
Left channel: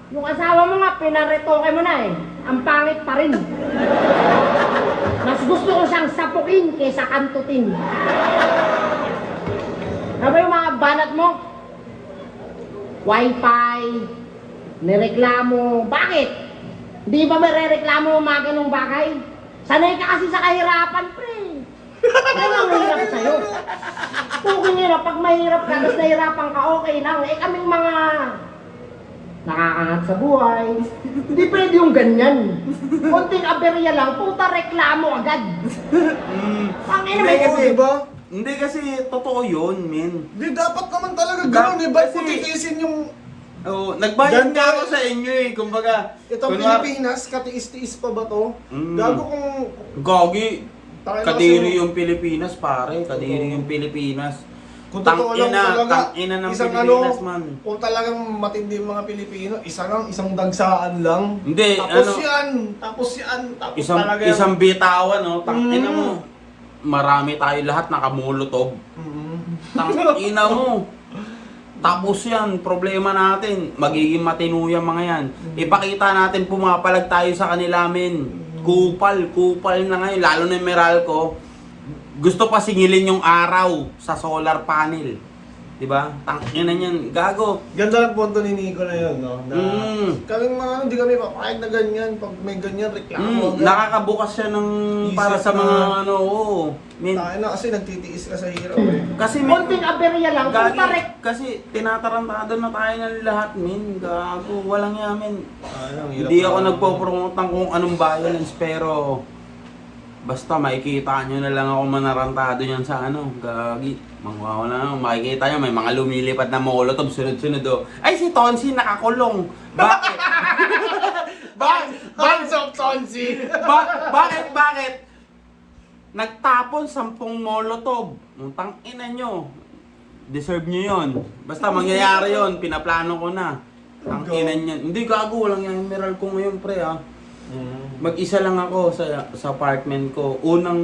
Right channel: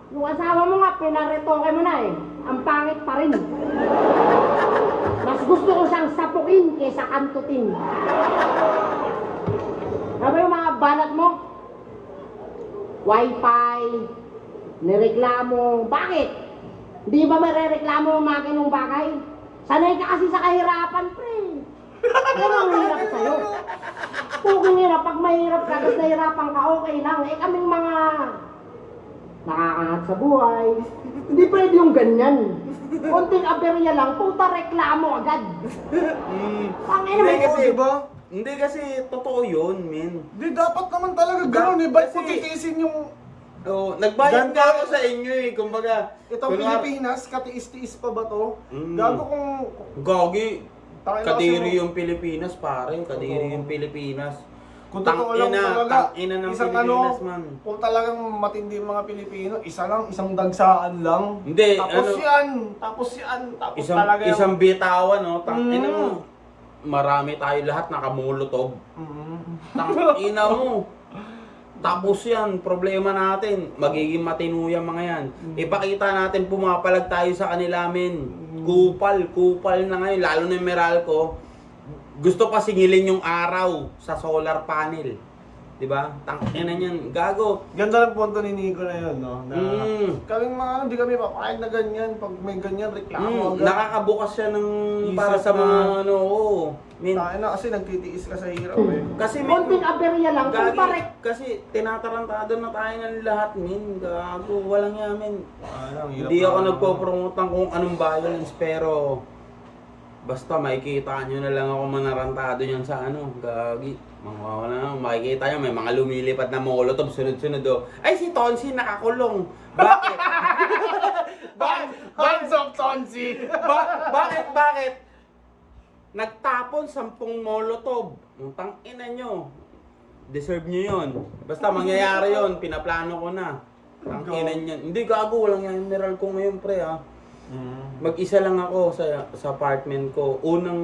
Yung asawa mo nga, pinaretoke mo na eh. Ang pangit pa rin. Mas gusto ko siyang sapukin kaysa kantutin. Ano ba yung mga banat mo? Wi-Fi, nireklamo. Bakit? Di ba marereklamo mo mga ganong bagay? Sanay ka kasi sa kahirapan, pre. Ano ang mahirap sa'yo? Kung hirap, pag mahirap ka, tapos nahirapan ka, okay lang. Eh kaming mga nakakangat sa buhay. Hindi pwede yung ganyan. Konting aberya lang, puta reklamo agad. Ang ina Hindi mo, kasi, diba? hindi kasi totoo yun, men. Di dapat naman talaga ganun eh. Ba't mo Kasi- titiisin yung Oh, nagbayad Ganda. nga ako sa inyo eh, kumbaga. itong kunwari- Pilipinas, katiis-tiis pa ba to? Mm. Gago kung Gogi, Tayo na kadiri kasi- yung Pilipinas, pare. Kadiri yung Pilipinas. kung totoo lang talaga, Tangina ng isang Pilipinas, ano, man. kung talagang matindi yung mga Pilipino, isa lang, isang dagsaan lang. Hindi, Tapos ano, yan, tapos isang, talaga yung- isang bitawan, no? Tangina Mm. mo. Marami tayo lahat nakamulotog. Mm. Tangina mo. Tapos yan, problema natin, magiging matino yung mga yan. Ipakita natin pumapalag tayo sa kanila, men. Kupal na ngayon, lalo na yung Meralco. Gusto pa singilin yung araw sa solar panel. Diba? Tangina niyan, gago. Ganda ng punto ni Nico na yun, no? Na kaming mga, hindi kami papayag na ganyan. Pag may ganyan, reklamo. Nakakabukas siya ng para Isip sa na- mga ano, oo. Men, Tayo na kasi nagtitiis ka sa hirap eh. kasi men, konting aberya lang, gagi, puta rek. kasi tinatarantado na tayo ng lahat, men. Gago, walang yamin. Ang hirap Hindi na- ako nagpo-promote ng kung anong violence, pero basta makikita nyo na lang ako manarantado yan sa ano, gagi. Makikita nyo, may mga lumilipad na molotov, sunod-sunod oh. Ay, si Tonsi nakakulong. Bakit? Hands up, Tonsi! Bakit? Nagtapon 10 molotov. Utang ina nyo. Deserve nyo yon. Basta mangyayari yon, pinaplano ko na. Ang ina nyo. Hindi gago, walang yung emerald ko ngayon, pre ah. Mag-isa lang ako sa apartment ko. Unang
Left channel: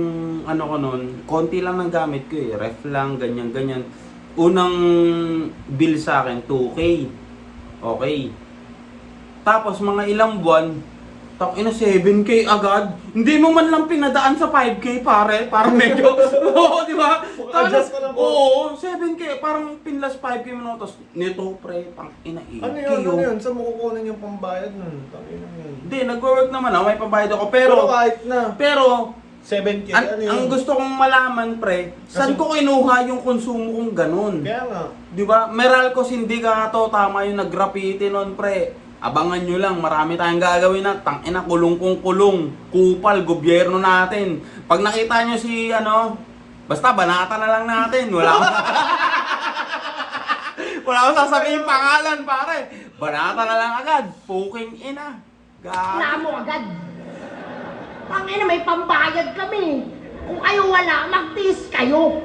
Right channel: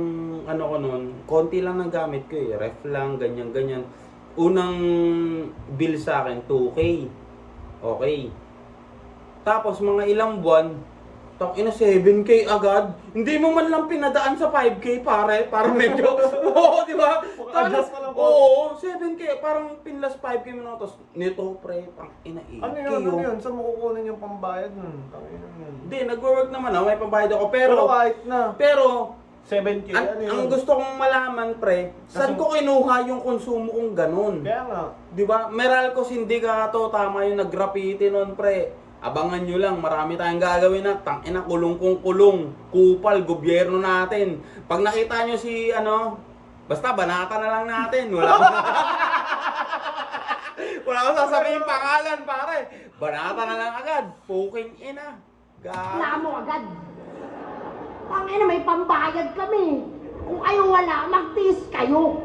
ano ko noon, konti lang ng gamit ko eh. Ref lang, ganyan. Unang bill sa akin, 2K. Okay. Tapos mga ilang buwan, ina 7K agad. Hindi mo man lang pinadaan sa 5K, pare. Parang medyo, oo, di ba? Adjust mo lang po. Oo, 7K. Parang pinlas 5K mo na. Tapos nito, pre, ina 8K. Ano yun? Saan mo kukunin yung pambayad nun? Tangina yun. Hindi, nag-work naman ako. May pambayad ako. Pero Pero, kahit na, pero 7K, ano yun? ang gusto kong malaman, pre, saan ko kinuha yung konsumo kong ganun? Kaya nga. Di ba? Meralco Sindicato, tama yung nag-graffiti nun, pre. Abangan nyo lang, marami tayong gagawin na tangina, kulong kung kulong, kupal, gobyerno natin. Pag nakita nyo si basta banata na lang natin. Wala akong sasabihin pangalan, pare. Banata na lang agad. Puking ina. Reklamo agad. Ang ina, may pambayad kami. Kung kayo wala, magtiis kayo.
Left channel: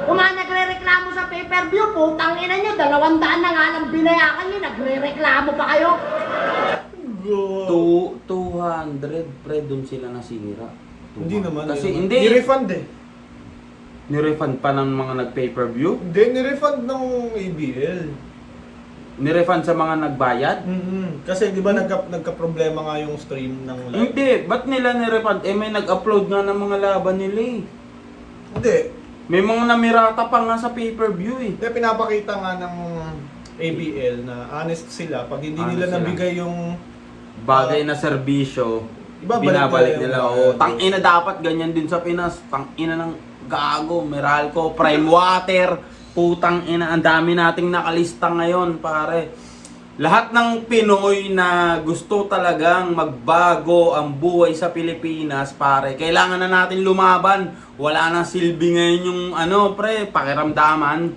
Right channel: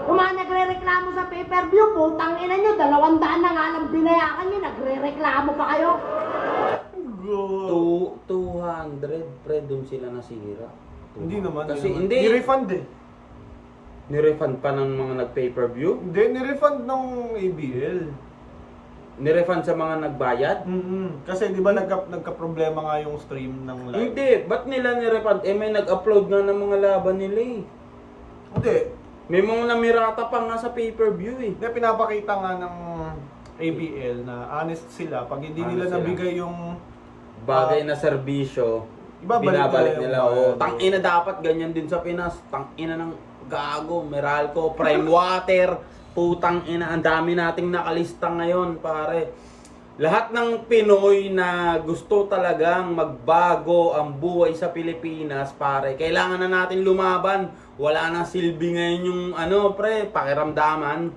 Kung mga nagre-reklamo sa pay-per-view, putang ina nyo, 200 na nga lang binayakan nyo, nagre-reklamo pa kayo. 200, pre, dun sila nasira. Hindi naman. Kasi yun. hindi. Ni-refund eh. Nirefund pa ng mga nag-pay-per-view? Hindi, ni-refund ng ABL. Nirefund sa mga nagbayad? Kasi di ba nagka-problema nga yung stream ng live? Hindi, ba't nila nirefund? Eh may nag-upload nga ng mga laban nila eh. Hindi. May mga namirata pa nga sa pay-per-view eh. Kaya pinapakita nga ng ABL na honest sila. Pag hindi Honest nila sila. nabigay yung Bagay na serbisyo, Ibabalik binabalik nila nila. yung Oh, bayad. tangina dapat ganyan din sa Pinas. Tangina ng gago, Meralco, Prime Water. Putang ina, ang dami nating nakalista ngayon, pare. Lahat ng Pinoy na gusto talagang magbago ang buhay sa Pilipinas, pare, kailangan na natin lumaban. Wala nang silbi ngayon yung pre, pakiramdaman.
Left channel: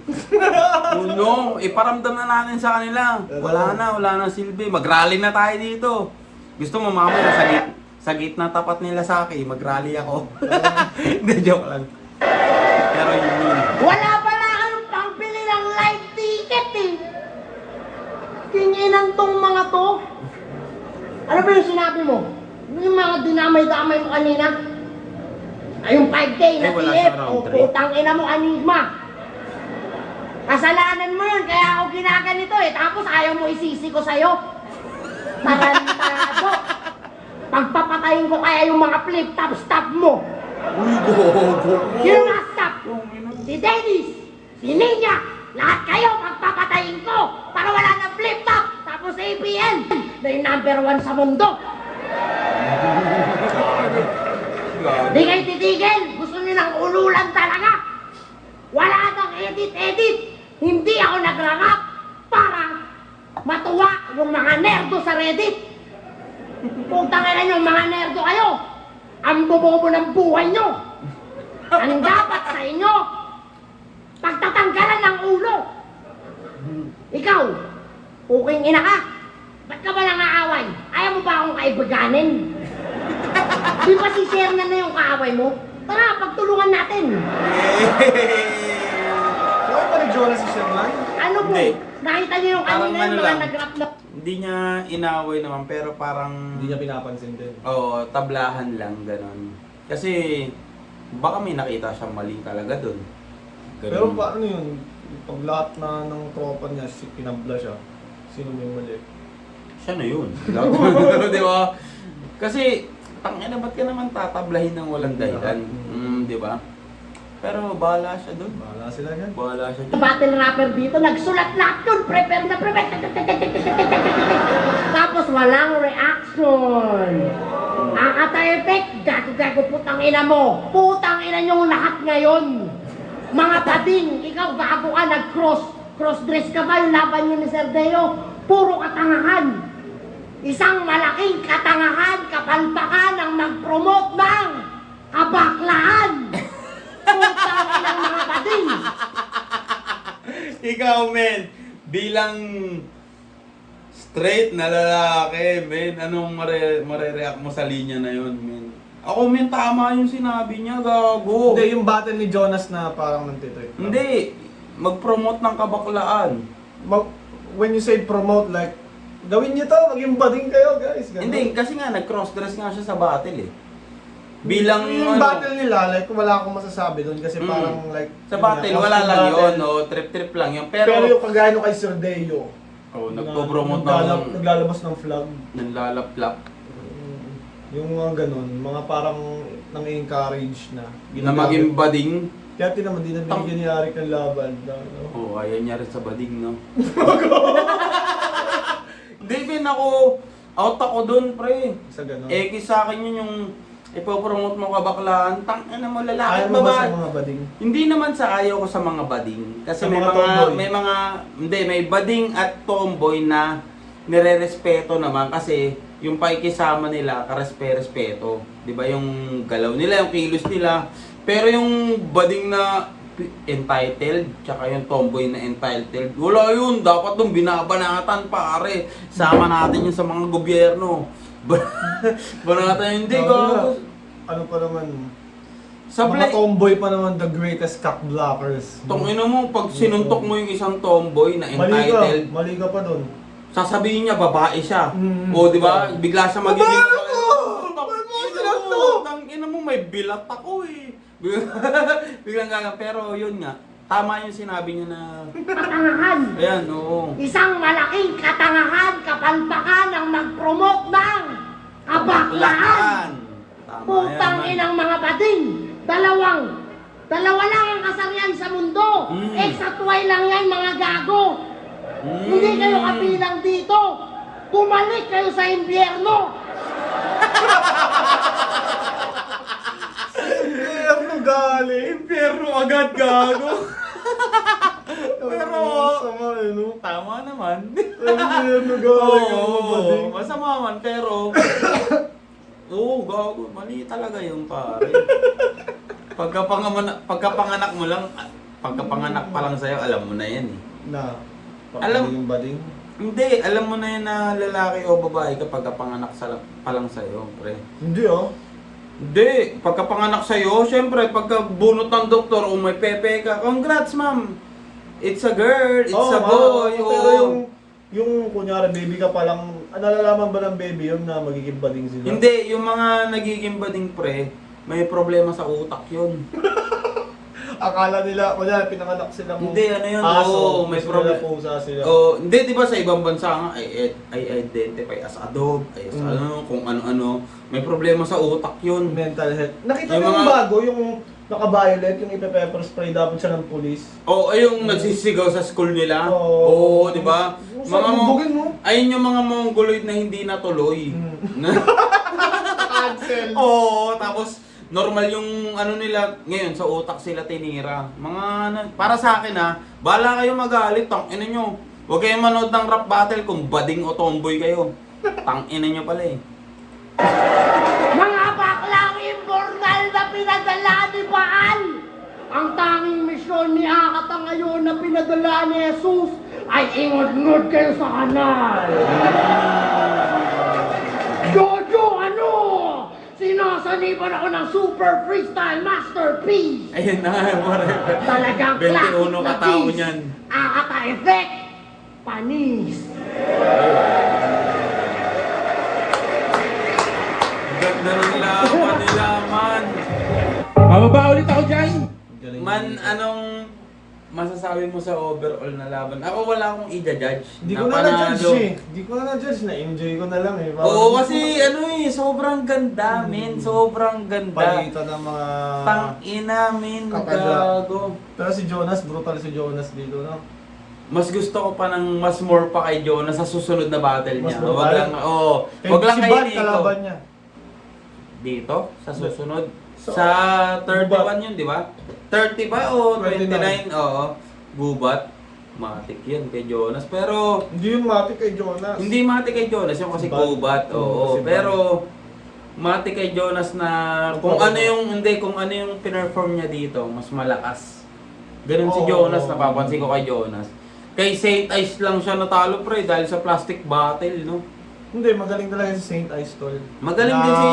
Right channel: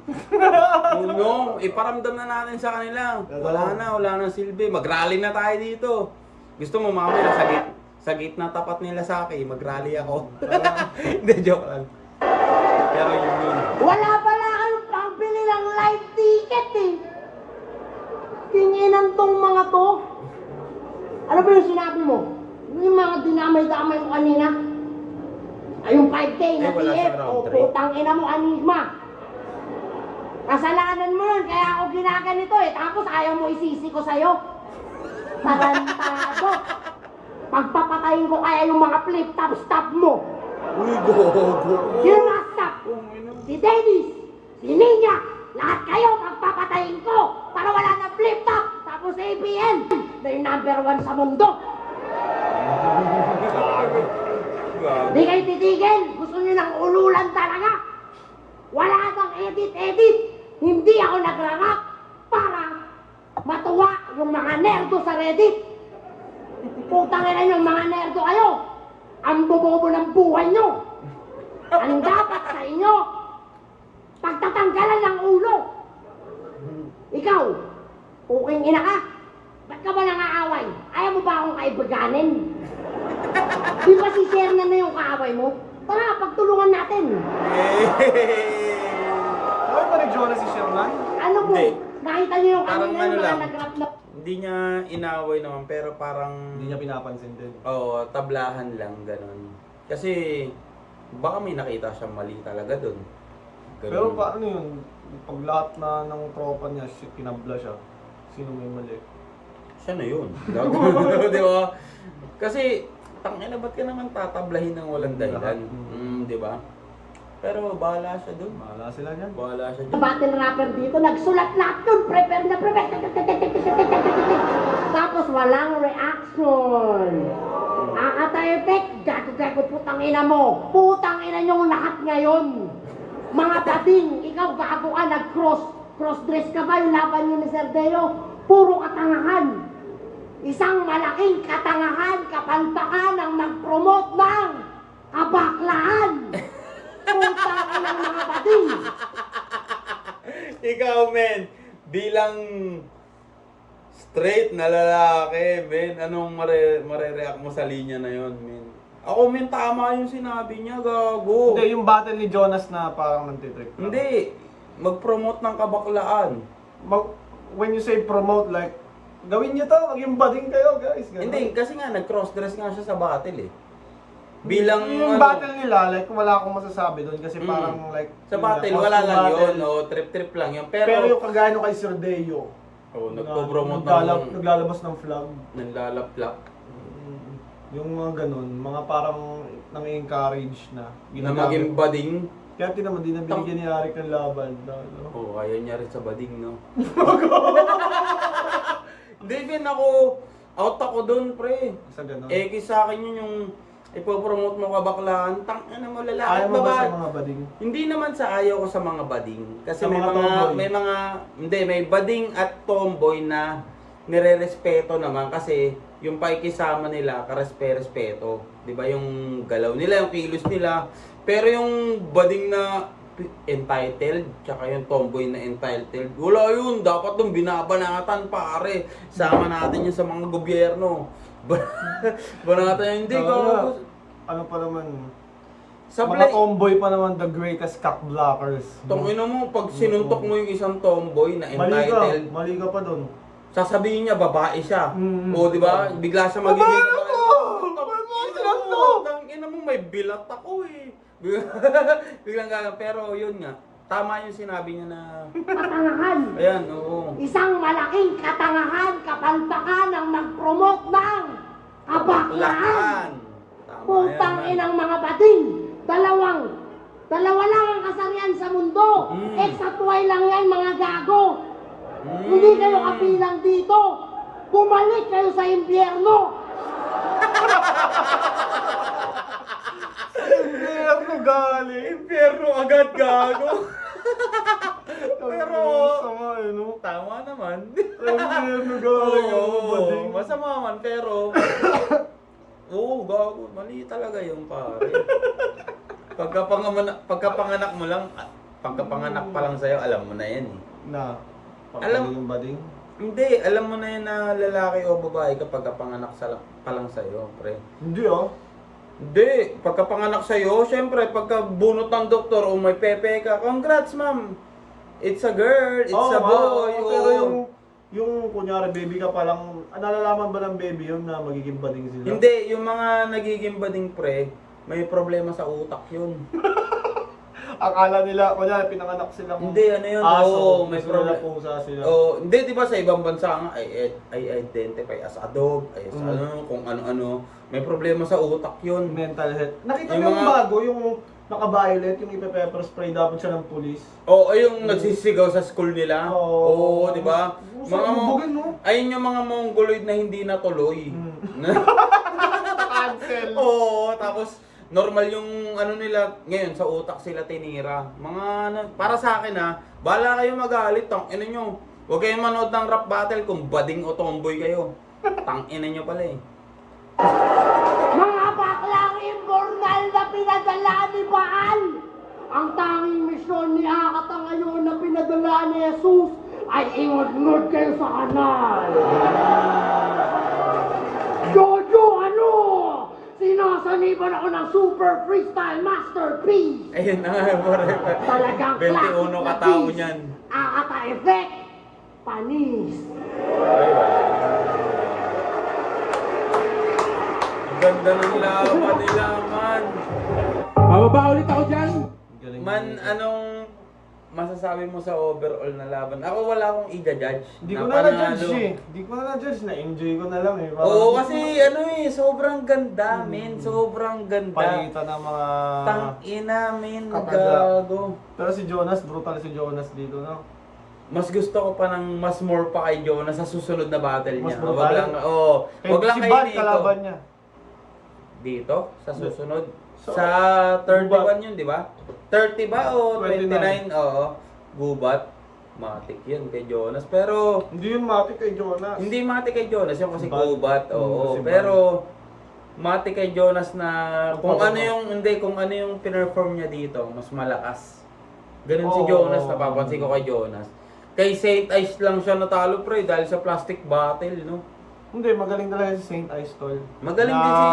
Iparamdam na natin sa kanila. Wala na silbi. Mag-rally na tayo dito. Gusto mo mamaya sa gitna tapat nila sa akin, mag-rally ako. Hindi, joke lang. Pero yun. Wala pala kayong pambili ng live ticket eh. Kinginan tong mga to. Ano ba yung sinabi mo? Yung mga dinamay-damay mo kanina? Ay, yung 5K na Ay, wala ticket. siya round O, trip. putang ina mo, Anigma. Kasalanan mo yun, kaya ako ginaganito eh. Tapos ayaw mo isisi ko sa'yo. Tarantado. Pagpapatayin ko kaya yung mga flip-top stop mo. Uy, gogo. Sino na stop? Si Dennis, si Ninya, lahat kayo pagpapatayin ko para wala ng flip-top. Tapos sa ABN, na yung number 1 sa mundo. Di kayo titigil. Gusto nyo ng ululan talaga. Wala nang edit-edit. Hindi ako nagrarap para matuwa yung mga nerdo sa Reddit. Kung tanginan yung mga nerdo kayo, ang bobobo ng buhay nyo. Ang dapat sa inyo, pagtatanggalan ng ulo. Ikaw, puking ina ka. Ba't ka ba nangaaway? Ayaw mo ba akong kaibiganin? Di ba si-share na yung kaaway mo? Tara, pagtulungan natin. Okay pa ni Jonas si Sherman? Ano po? Hindi. Nakita niyo yung Parang kanina ano yung lang. mga nag-rap na... Hindi niya inaway naman, pero parang... Hindi niya pinapansin din. Oo, tablahan lang, ganon. Kasi, baka may nakita siyang mali talaga dun. Ganun. Pero paano yun? Pag lahat na ng tropa niya, pinabla siya. Sino may mali? Siya na yun. Di ba? Kasi, tangina, ba't ka naman tatablahin ng walang dahilan? Di ba? Pero bahala siya dun. Bahala sila yan. Bahala siya dun. Battle rapper dito, nagsulat lahat yun, prepare na prepare. Tapos walang reaction. Ang ata-effect, gago-gago putang ina mo. Putang ina nyong lahat ngayon. Mga bading, ikaw gago ka, cross-dress ka ba yung laban nyo ni Sir Deo? Puro katangahan. Isang malaking katangahan, kapalpakan ang mag-promote ng kabaklaan. Putang ina ng mga bading. Ikaw, men, bilang straight na lalaki, men, anong mare-react mo sa linya na yun, men? Ako, men, tama yung sinabi niya, gago. Hindi, yung battle ni Jonas na parang nantitrip. Hindi, mag-promote ng kabaklaan. When you say promote, like, gawin niyo to, maging bading kayo, guys. Ganun. Hindi, kasi nga, nag-cross-dress nga siya sa battle, eh. Bilang, yung ano, battle nila, like, wala akong masasabi doon kasi parang, like, sa yun battle, nga, wala costume lang battle. yun, no? Trip-trip lang yun. Pero, Pero, yung kagaya nung kay Sir Deo, nagpo-promote naglalabas ng flag. nanlalaplak. Yung mga ganun, mga parang nang-encourage na. Na maging bading. Kaya naman, di na binigyan ni Arik ng laban. No? Oo, ayaw niya rin sa bading, no? Hindi, bin ako, out ako dun, pre. Sa ganun. Sa akin yun yung ipopromote mo kabaklaan, tangina mo lalaki Ayaw at mo ba babae. sa mga bading? Hindi naman sa ayaw ko sa mga bading. Kasi Sa may mga mga, tomboy? may bading at tomboy na nire-respeto naman kasi yung paikisama nila, karespe-respeto. Di ba yung galaw nila, yung kilos nila. Pero yung bading na entitled, tsaka yung tomboy na entitled, wala yun. Dapat nung binabanatan, pare. Sama natin yun sa mga gobyerno. Banatan hindi ko. Ano pa naman, Sa mga tomboy pa naman the greatest cock blockers. Tongina mo, pag sinuntok mo yung isang tomboy na entitled, Mali ka pa doon. sasabihin niya babae siya. Mm. O, di ba? Bigla siya magiging... Babae ako! Tangina mo, may bilat ako eh. Biglang galang. Pero yun nga, tama yung sinabi niya na... Katangahan. Ayan, oo. Isang malaking katangahan, kapalpakan ang mag-promote ng kabaklaan. Tama Putang yan. inang mga bading. Dalawa lang ang kasarian sa mundo. Exatway lang yan, mga gago. Hindi kayo kabilang dito. Bumalik kayo sa impyerno. Ano galing? Impyerno agad, gago. Pero, sama eh, no? Tama naman. Ano galing? Oo, masama man, pero... Oo, gago. Mali talaga yung pare. Pagkapanganak mo lang, pagkapanganak pa lang sa'yo, alam mo na yan eh. Na, Alam- yung bading. Hindi, alam mo na yan na lalaki o babae kapag kapanganak pa lang sa'yo, pre. Hindi oh. Hindi, pagkapanganak sa'yo, syempre, pagka bunot ng doktor o may pepe ka, congrats ma'am! It's a girl, it's a boy, Pero oo. yung kunyari baby ka pa lang, nalalaman ba ng baby yun na magiging bading sila? Hindi, yung mga nagiging bading pre, may problema sa utak yun. Akala nila, wala, pinanganak silang Hindi, ano yun? aso. Oo, may Gusto problem. nila pusa sila. Oh, hindi, di ba sa ibang bansa nga, ay identify as a dog, ay as ano, kung ano-ano. May problema sa utak yun. Mental health. Nakita Yung mo yung mga- bago, yung naka-violet, yung ipe-pepper spray dapat siya ng pulis. Oo, ay yung nagsisigaw sa school nila. Oo, di ba? Mga Bugin mo. ayun yung mga mongoloid na hindi natuloy. Cancel. Oo, tapos normal yung ano nila, ngayon sa utak sila tinira. Mga ano, para sa akin ha, bahala kayo magalit, tangina nyo. Huwag kayong manood ng rap battle kung bading o tomboy kayo. Tangina nyo pala eh. Mga baklang informal na pinadala ni Baal! Ang tanging misyon ni Akata ngayon na pinadala ni Jesus ay ingod-ngod kayo sa kanal! Jojo, ano? Sinasaniban ako ng super freestyle masterpiece! Ayun na nga, whatever. Talagang 21 katao niyan. Akata effect! Panis! Ganda ng laban nila, man. Bababa ulit ako dyan. Man, anong masasabi mo sa overall na laban? Ako wala akong i-judge. Hindi ko na na-judge eh. Hindi ko na na-judge. Na-enjoy ko na lang eh. Oo, kasi ano eh, sobrang ganda, men. Sobrang ganda. Palitan ng mga... Tangina, men. Kapala. Gago. Pero si Jonas, brutal si Jonas dito, no? Mas gusto ko pa ng mas more pa kay Jonas sa susunod na battle Mas niya. brutal? Wag lang, oo. Eh, Wag lang si kay Bad, Nico. kalaban niya. Dito, sa susunod. Sa- Sa 31 yun, di ba? 30 ba o 29? 29? Oo. Gubat. Matik yan kay Jonas. Pero, Hindi yung mati kay Jonas. hindi matik kay Jonas. Yung kasi Si Bad. gubat. Oo. Si Bad. Pero, matik kay Jonas na kung Oo. ano yung, hindi, kung ano yung pinerform niya dito, mas malakas. Ganun si Oo. Jonas, napapansin ko kay Jonas. Kay Saint Ice lang siya natalo pre dahil sa plastic bottle, no? Hindi, magaling talaga si Saint Ice Tol. Magaling din si...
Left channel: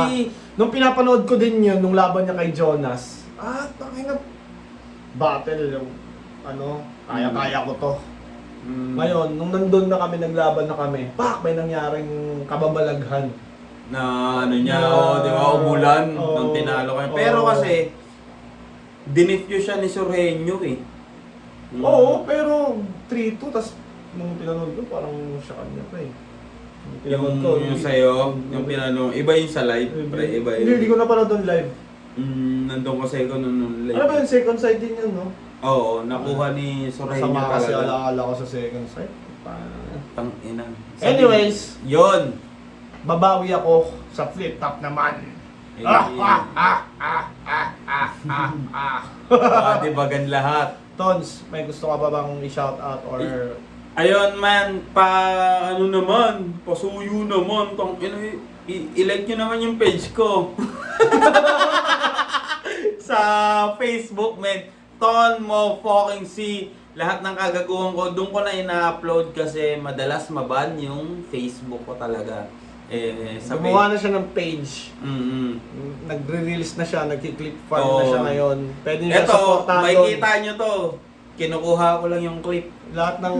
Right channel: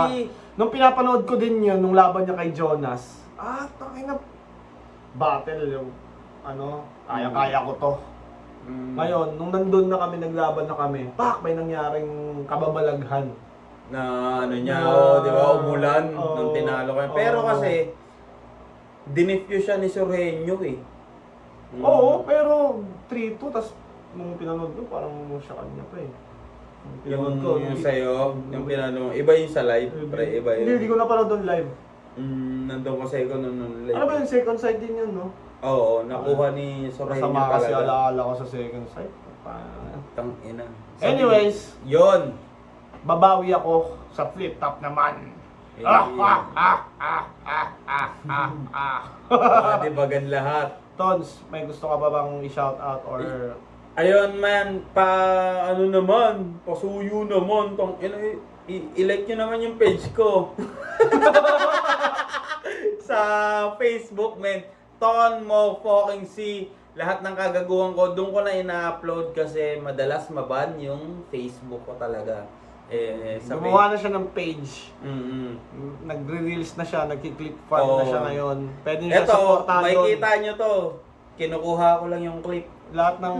Nung pinapanood ko din yun, nung laban niya kay Jonas, tangina, battle yung, ano, kaya-kaya ko to. Ngayon, nung nandun na kami, naglaban na kami, may nangyaring kababalaghan. Na ano niya, Na- di ba, umulan Oo. nung tinalo kayo. Pero Oo. kasi, dinifyo siya ni Sorhenyo eh. Oo, pero 3-2, tas nung pinanood ko, parang siya kanya pa eh. Nung pinanood ko, Yung sa'yo, yung pinano, iba yung sa live, pre, iba yun. Hindi ko napanood doon live. Nandun kasi ako nung live. Ano ba yung second side din yun, no? Oo, nakuha ni Sorhenyo Masama kasi talaga. alaala ko sa second side. Tangina. Anyways, Yon. babawi ako sa flip top naman. Dibagan lahat. Tons, may gusto ka ba bang i-shout out or Ayun man, ano naman, pasuyo naman, i-like nyo naman yung page ko. Sa Facebook, man, Ton Mo Fucking C. Lahat ng kagaguhan ko, doon ko na ina-upload kasi madalas maban yung Facebook ko talaga. Sa gumawa na siya ng page? Mm-hmm. Nagre-release na siya, nagki-click farm na Oo. siya ngayon. Pwede niyo siya Ito, supportahan doon. makikita nyo to. Kinukuha ko lang yung clip. Lahat ng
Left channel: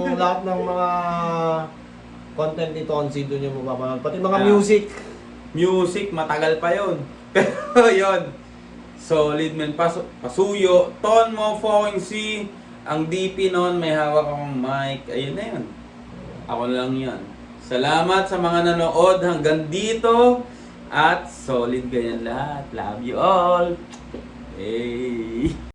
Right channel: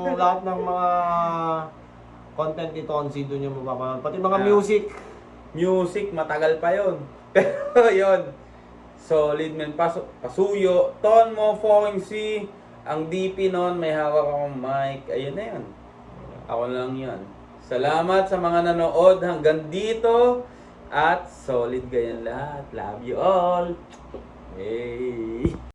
mga content ni Tonzi doon yung mapapanood. Pati mga Ah. music. Music, matagal pa yon. Pero yun, solid man, pasuyo, Ton Mo Fucking C, ang DP noon, may hawak akong mic, ayun na yun. Ako lang yan. Salamat sa mga nanood hanggang dito, at solid ganyan lahat. Love you all. Hey!